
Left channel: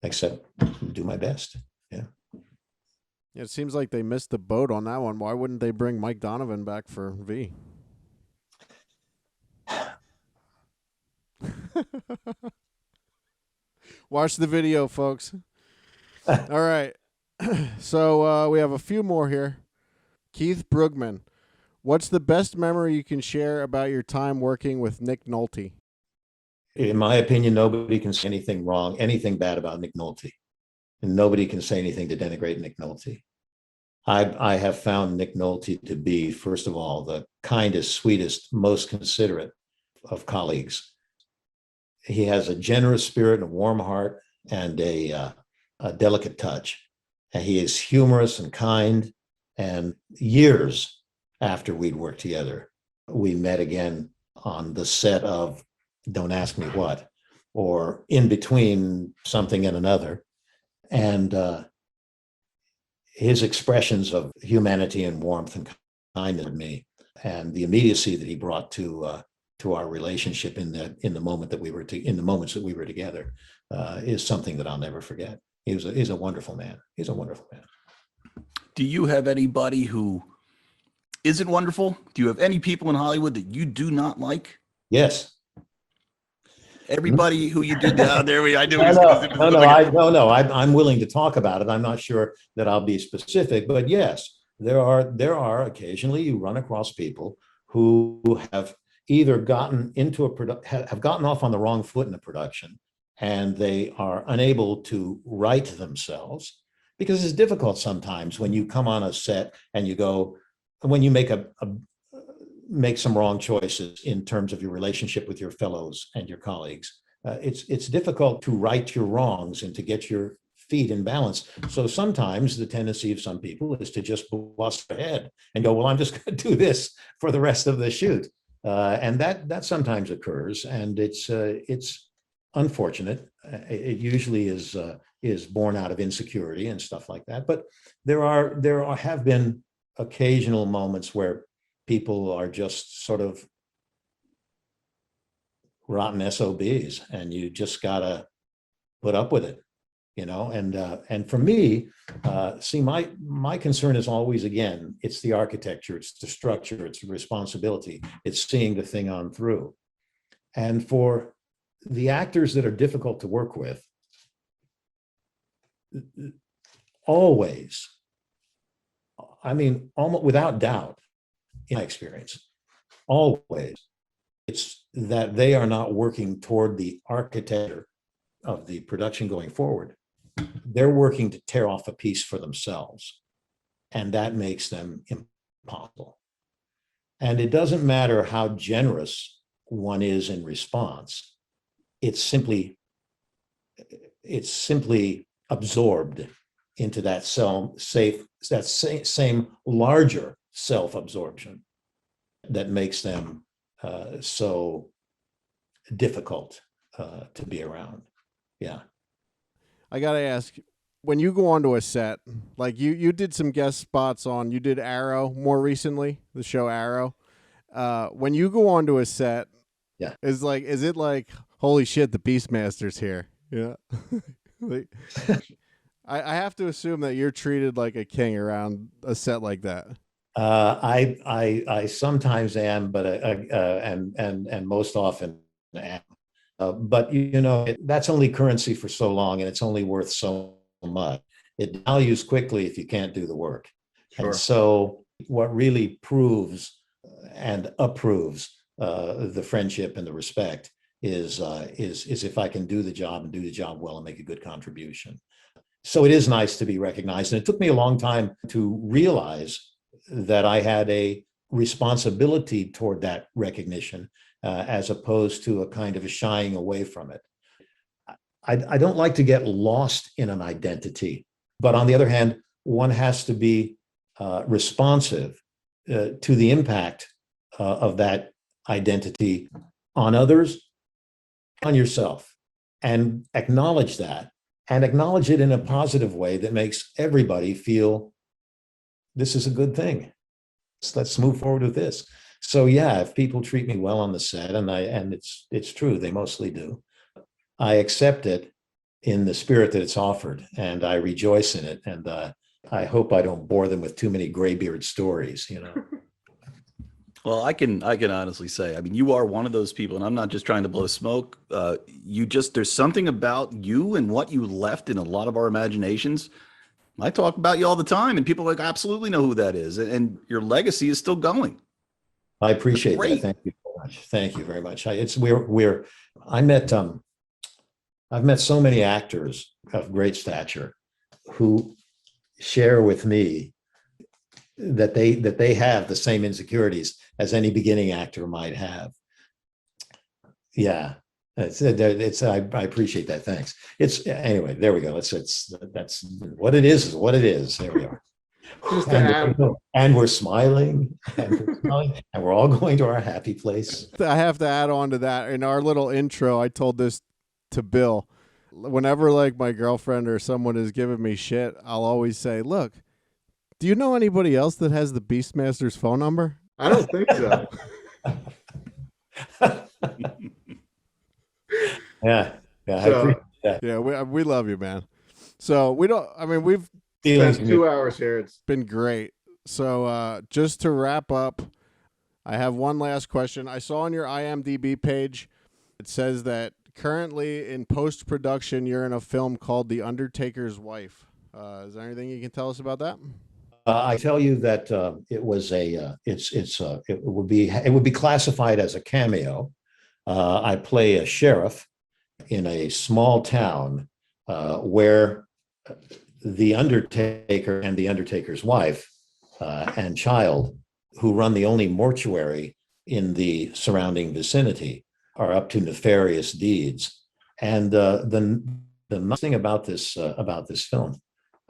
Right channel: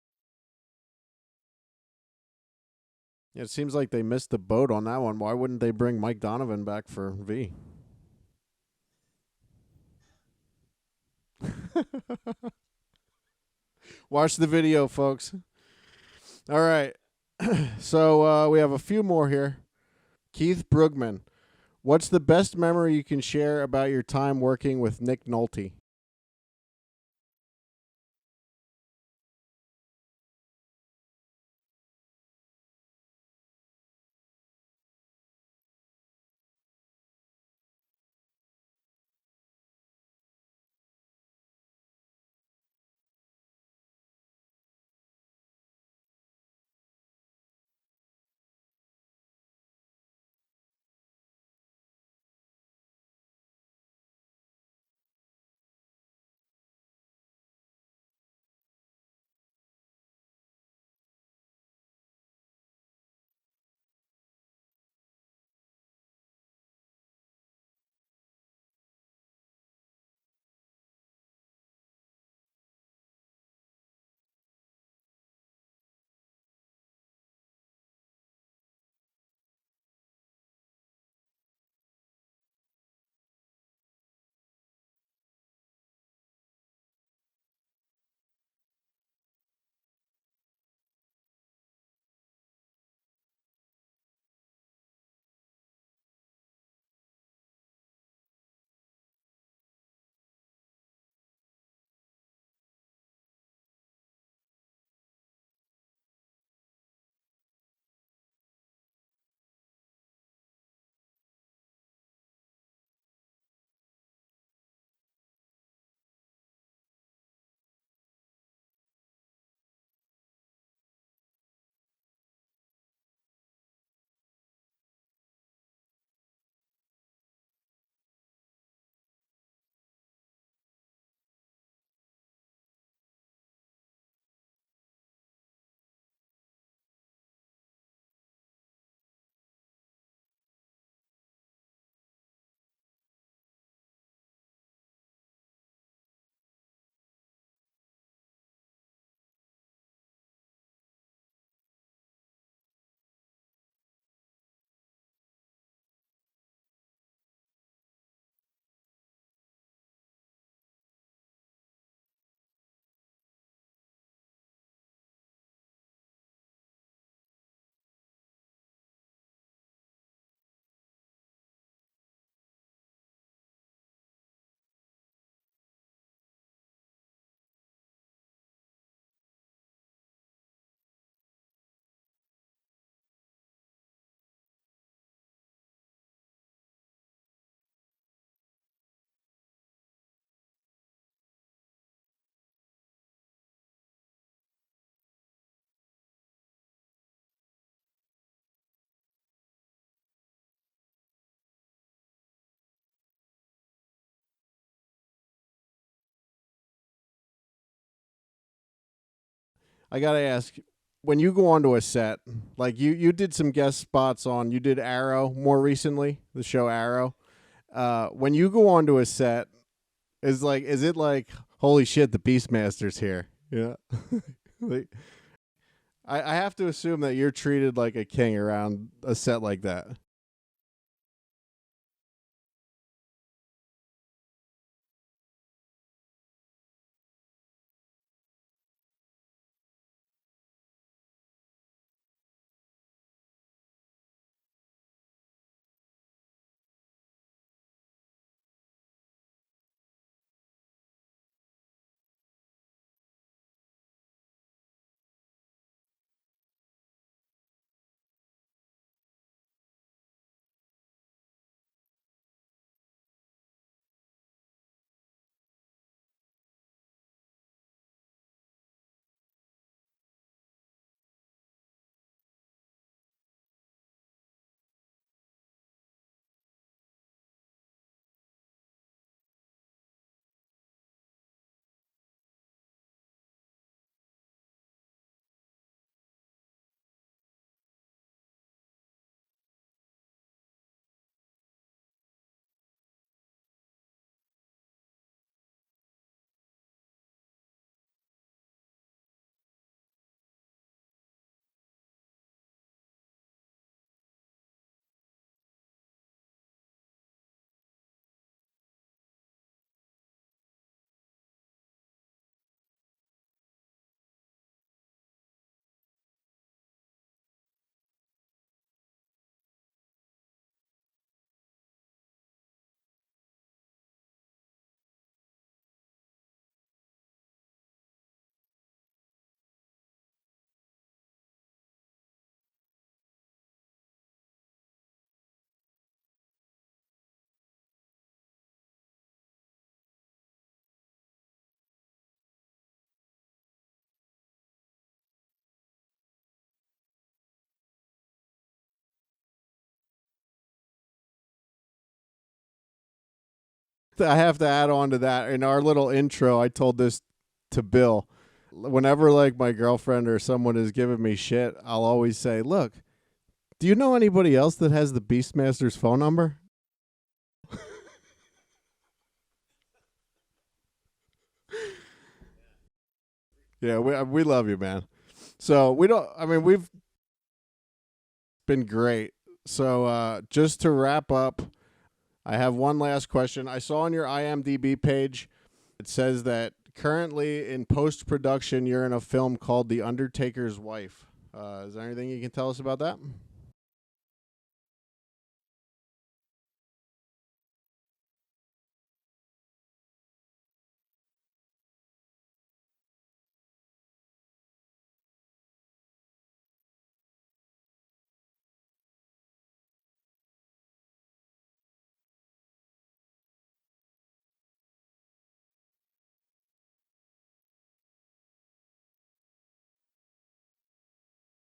except do my best. Yeah. It seems like they missed the boat on that one. Why wouldn't they bring Mike Donovan back for V? Watch the video, folks. All right. So we have a few more here. Keith Brugman. What's the best memory you can share about your time working with Nick Nolte? In my opinion, nobody can say anything wrong, anything bad about Nick Nolte. And nobody can say anything to denigrate Nick Nolte. I have found Nick Nolte to be, first of all, the kindest, sweetest, most considerate of colleagues. He has a generous spirit, a warm heart, and a delicate touch. And he is humorous and kind. And years after we'd worked together, we met again on the set of Don't Ask Me What, or in between something and another. And his expressions of humanity and warmth and kindness to me, and the immediacy that he brought to our relationship in the moments that we were together, is something that I'll never forget. He's a wonderful man. He's a wonderful man. Do you have anybody who isn't wonderful? Do you have any people in Hollywood that you do not like? Yes. Everybody who you did there, I knew. I'm willing to talk about it. I'm not sure that I'll be specific, but yes, there are occasionally you run across people who have either gotten have gotten off on the wrong foot in a production, and they are unable to right themselves, because it's difficult sometimes when you come on a set and you go, when you make some wrong choices in terms of your relationship with your fellows and your colleagues. It's difficult to right your wrongs and to get your feet in balance. So sometimes the tendency of some people is to just bust ahead and go, well, I'm just going to do this for the rest of the shoot. And that sometimes occurs, and it's unfortunate. It usually is born out of insecurity and stuff like that. But there have been occasional moments where people are just sort of rotten SOBs, and you just gotta put up with it, and for me, see, my concern is always, again, it's the architecture, it's the structure, it's the responsibility, it's seeing the thing on through. And for the actors that are difficult to work with, I mean, almost without doubt, in my experience, always, it's that they are not working toward the architecture of the production going forward. They're working to tear off a piece for themselves, and that makes them impossible. And it doesn't matter how generous one is in response. It's simply absorbed into that same larger self-absorption that makes them so difficult to be around. Yeah. I gotta ask, when you go onto a set, like you did some guest spots on, you did Arrow more recently, the show Arrow. When you go onto a set, yeah, is it like, holy shit, the Beastmaster's here? Yeah. Like, I have to assume that you're treated like a king around a set like that. I sometimes am, but and most often am. But that's only currency for so long, and it's only worth so much. It values quickly if you can't do the work. Sure. And so, what really proves and approves the friendship and the respect is if I can do the job and do the job well and make a good contribution. So it is nice to be recognized, and it took me a long time to realize that I had a responsibility toward that recognition, as opposed to a kind of a shying away from it. I don't like to get lost in an identity, but on the other hand, one has to be responsive to the impact of that identity on others, on yourself, and acknowledge that, and acknowledge it in a positive way that makes everybody feel this is a good thing. Let's move forward with this. So yeah, if people treat me well on the set, and it's true, they mostly do, I accept it in the spirit that it's offered, and I rejoice in it. And I hope I don't bore them with too many graybeard stories, Well, I can honestly say, I mean, you are one of those people, and I'm not just trying to blow smoke. There's something about you and what you left in a lot of our imaginations. I talk about you all the time, and people absolutely know who that is, and your legacy is still going. I appreciate that. Thank you very much. Thank you very much. I've met so many actors of great stature who share with me that they have the same insecurities as any beginning actor might have. Yeah, I appreciate that. Thanks. Anyway, there we go. That's what it is what it is. There we are. And we're smiling, and we're all going to our happy place. I have to add on to that. In our little intro, I told this to Bill. Whenever my girlfriend or someone is giving me shit, I'll always say, look, do you know anybody else that has the Beastmaster's phone number? I don't think so. Yeah. I appreciate that. Yeah, we love you, man. So we've spent 2 hours here. It's been great. So just to wrap up, I have one last question. I saw on your IMDb page, it says that currently in post-production, you're in a film called The Undertaker's Wife. Is there anything you can tell us about that? I tell you that it would be classified as a cameo. I play a sheriff in a small town where the Undertaker and the Undertaker's wife and child, who run the only mortuary in the surrounding vicinity, are up to nefarious deeds. And the nice thing about this film,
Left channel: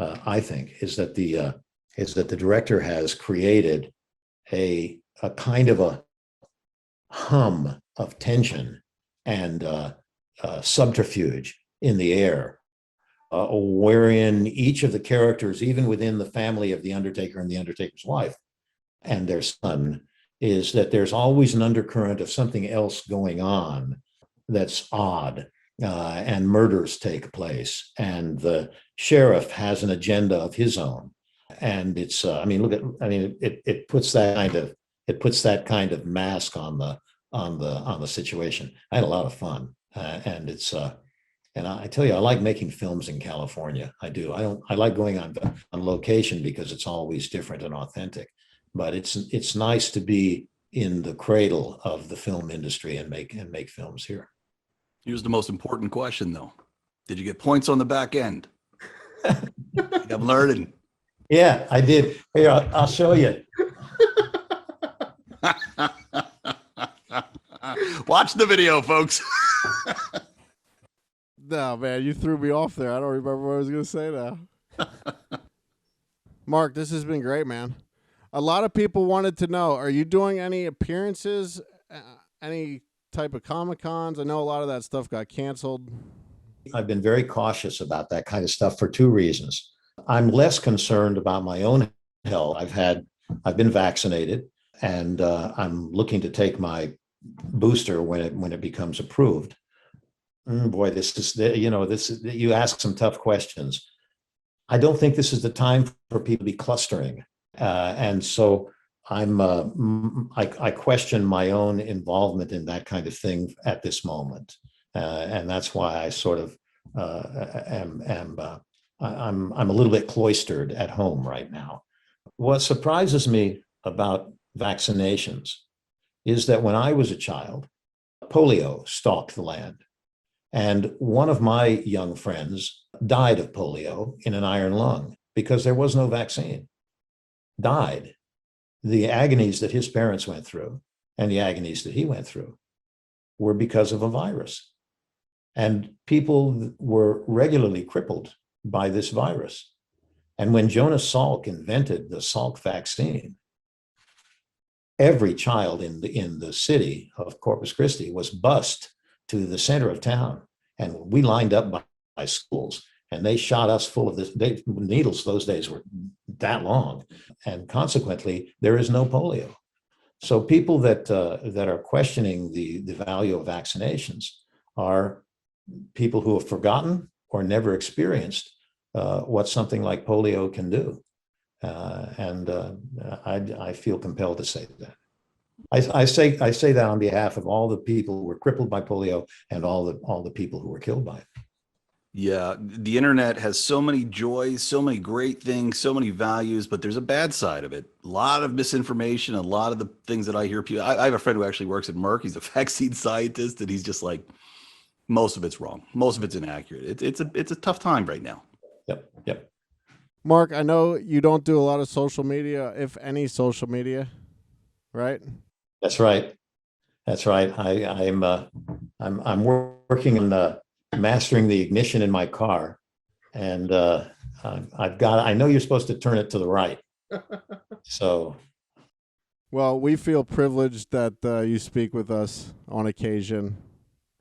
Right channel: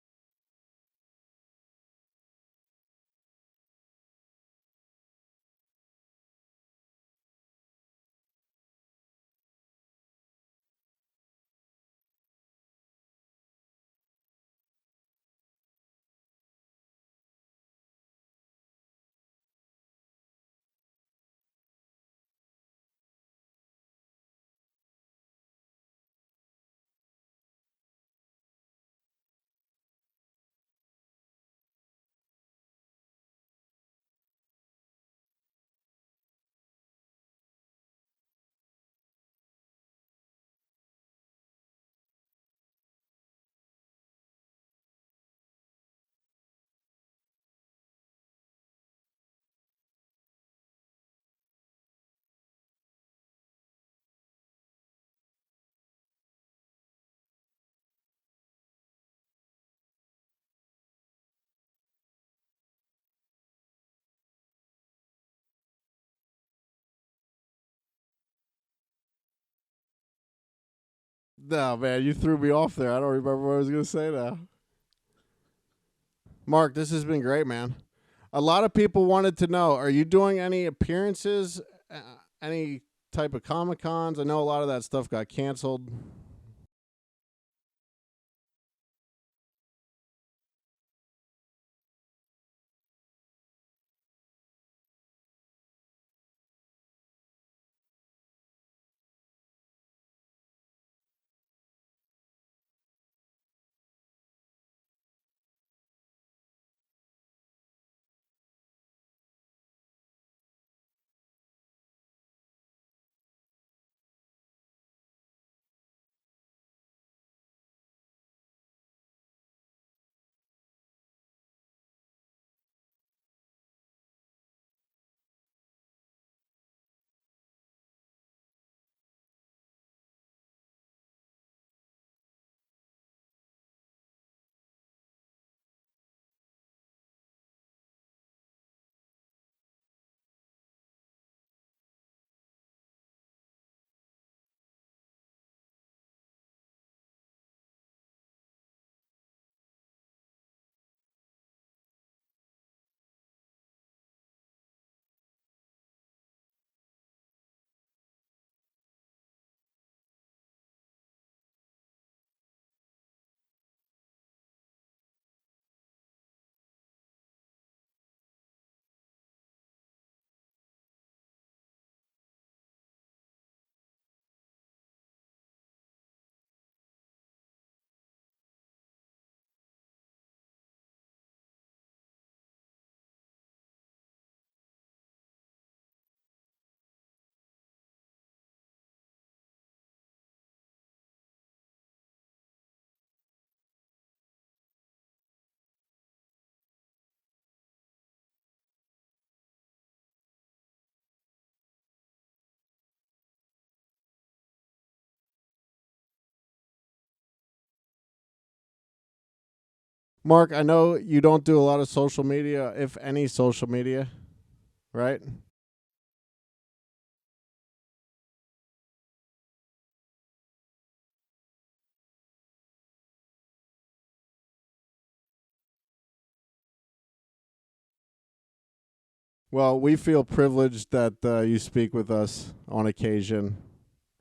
I think, is that the director has created a kind of a hum of tension and subterfuge in the air, wherein each of the characters, even within the family of the Undertaker and the Undertaker's wife and their son, is that there's always an undercurrent of something else going on that's odd, and murders take place, and the sheriff has an agenda of his own. And it's it puts that kind of mask on the situation. I had a lot of fun, and And I tell you, I like making films in California. I do. I like going on location because it's always different and authentic. But it's nice to be in the cradle of the film industry and make films here. Here's the most important question, though. Did you get points on the back end? I'm learning. Yeah, I did. Here, I'll show you. Watch the video, folks. No, man, you threw me off there. I don't remember what I was going to say now. Mark, this has been great, man. A lot of people wanted to know, are you doing any appearances, any type of Comic-Cons? I know a lot of that stuff got canceled. I've been very cautious about that kind of stuff for two reasons. I'm less concerned about my own health. I've been vaccinated, and I'm looking to take my booster when it becomes approved. Boy, you ask some tough questions. I don't think this is the time for people to be clustering, and so I question my own involvement in that kind of thing at this moment, and that's why I sort of I'm a little bit cloistered at home right now. What surprises me about vaccinations is that when I was a child, polio stalked the land. And one of my young friends died of polio in an iron lung because there was no vaccine. Died. The agonies that his parents went through and the agonies that he went through were because of a virus. And people were regularly crippled by this virus. And when Jonas Salk invented the Salk vaccine, every child in the city of Corpus Christi was bused to the center of town. And we lined up by schools, and they shot us full of this. Needles those days were that long. And consequently, there is no polio. So people that are questioning the value of vaccinations are people who have forgotten or never experienced what something like polio can do. I feel compelled to say that. I say that on behalf of all the people who were crippled by polio and all the people who were killed by it. Yeah, the internet has so many joys, so many great things, so many values, but there's a bad side of it. A lot of misinformation, a lot of the things that I hear people. I have a friend who actually works at Merck. He's a vaccine scientist, and he's just like, most of it's wrong, most of it's inaccurate. It's a tough time right now. Yep. Mark, I know you don't do a lot of social media, if any social media, right? That's right. I'm working on mastering the ignition in my car, and I know you're supposed to turn it to the right. So, well, we feel privileged that you speak with us on occasion.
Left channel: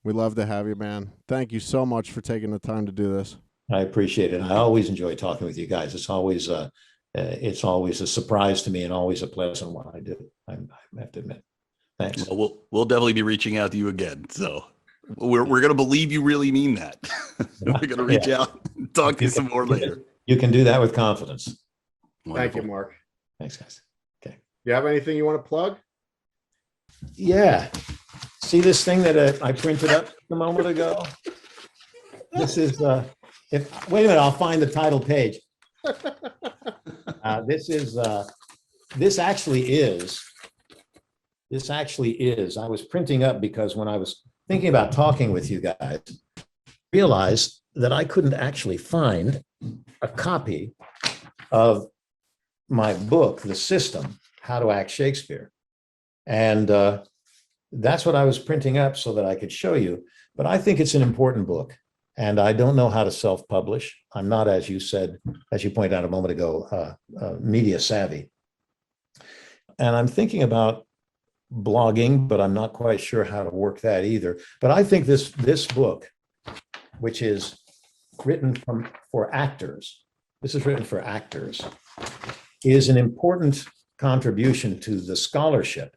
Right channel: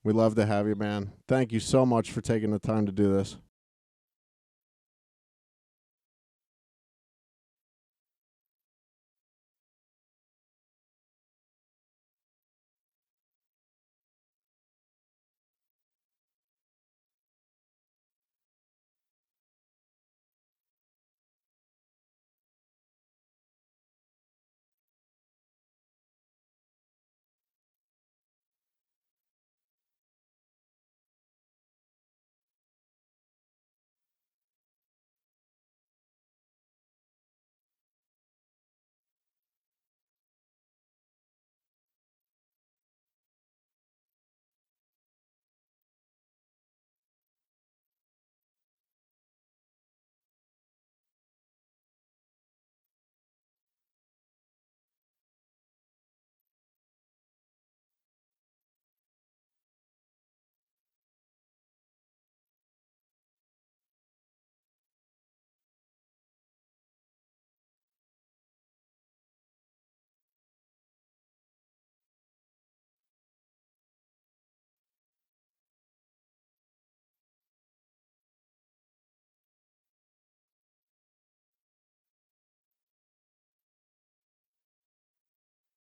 We love to have you, man. Thank you so much for taking the time to do this. I appreciate it. I always enjoy talking with you guys. It's always a surprise to me and always a pleasant one. I do. I have to admit. Thanks. Well, we'll definitely be reaching out to you again. So we're going to believe you really mean that. We're going to reach out and talk to you some more later. You can do that with confidence. Thank you, Mark. Thanks, guys. Okay. You have anything you want to plug? Yeah. See this thing that I printed up a moment ago? This is, wait a minute, I'll find the title page. This actually is, I was printing up because when I was thinking about talking with you guys, realized that I couldn't actually find a copy of my book, The System, How to Act Shakespeare. And that's what I was printing up so that I could show you. But I think it's an important book. And I don't know how to self-publish. I'm not, as you said, as you pointed out a moment ago, media savvy. And I'm thinking about blogging, but I'm not quite sure how to work that either. But I think this book, which is written for actors, this is written for actors, is an important contribution to the scholarship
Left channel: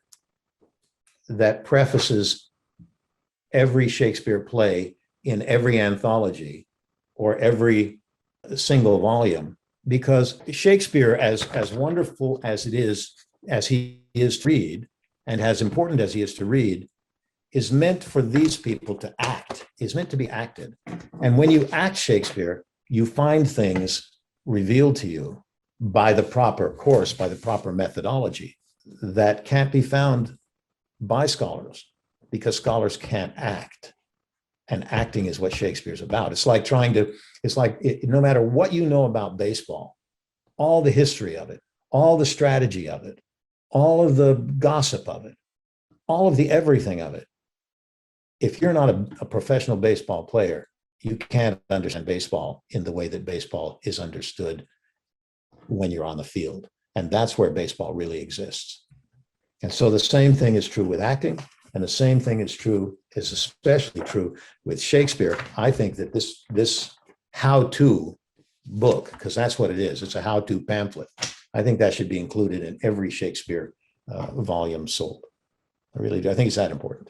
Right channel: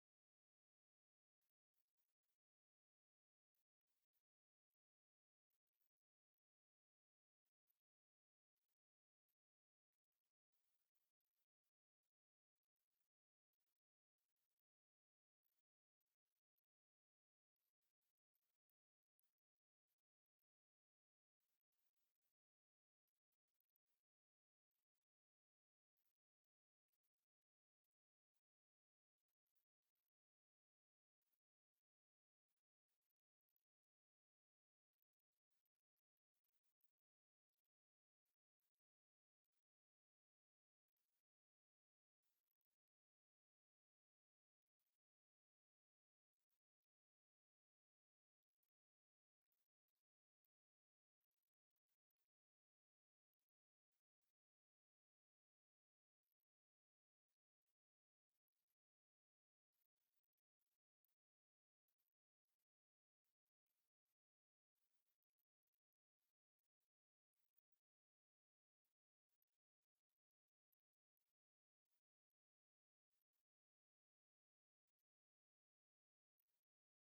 that prefaces every Shakespeare play in every anthology or every single volume, because Shakespeare, as wonderful as it is, as he is to read, and as important as he is to read, is meant for these people to act. act, is meant to be acted. And when you act Shakespeare, you find things revealed to you by the proper course, by the proper methodology that can't be found by scholars, because scholars can't act. And acting is what Shakespeare's about. It's like no matter what you know about baseball, all the history of it, all the strategy of it, all of the gossip of it, all of the everything of it, if you're not a professional baseball player, you can't understand baseball in the way that baseball is understood when you're on the field. And that's where baseball really exists. And so the same thing is true with acting, and the same thing is especially true with Shakespeare. I think that this how-to book, because that's what it is, it's a how-to pamphlet, I think that should be included in every Shakespeare volume sold. I really do. I think it's that important.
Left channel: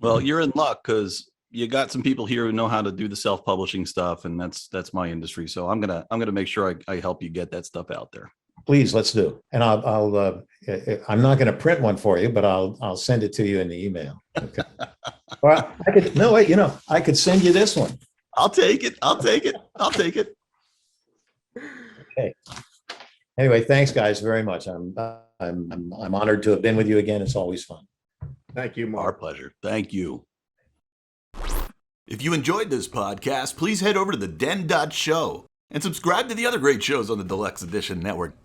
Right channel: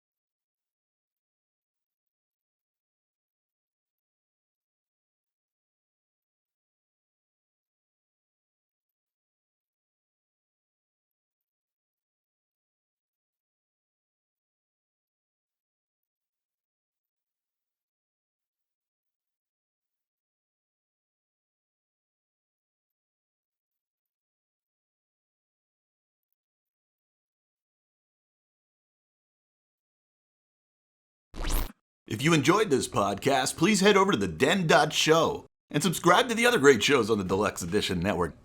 Well, you're in luck because you got some people here who know how to do the self-publishing stuff, and that's my industry. So I'm gonna make sure I help you get that stuff out there. Please, let's do. And I'm not going to print one for you, but I'll send it to you in the email. Okay. Or I could send you this one. I'll take it. Okay. Anyway, thanks guys very much. I'm honored to have been with you again. It's always fun. Thank you, Our Mark. pleasure. Thank you. If you enjoyed this podcast, please head over to the den.show and subscribe to the other great shows on the Deluxe Edition Network.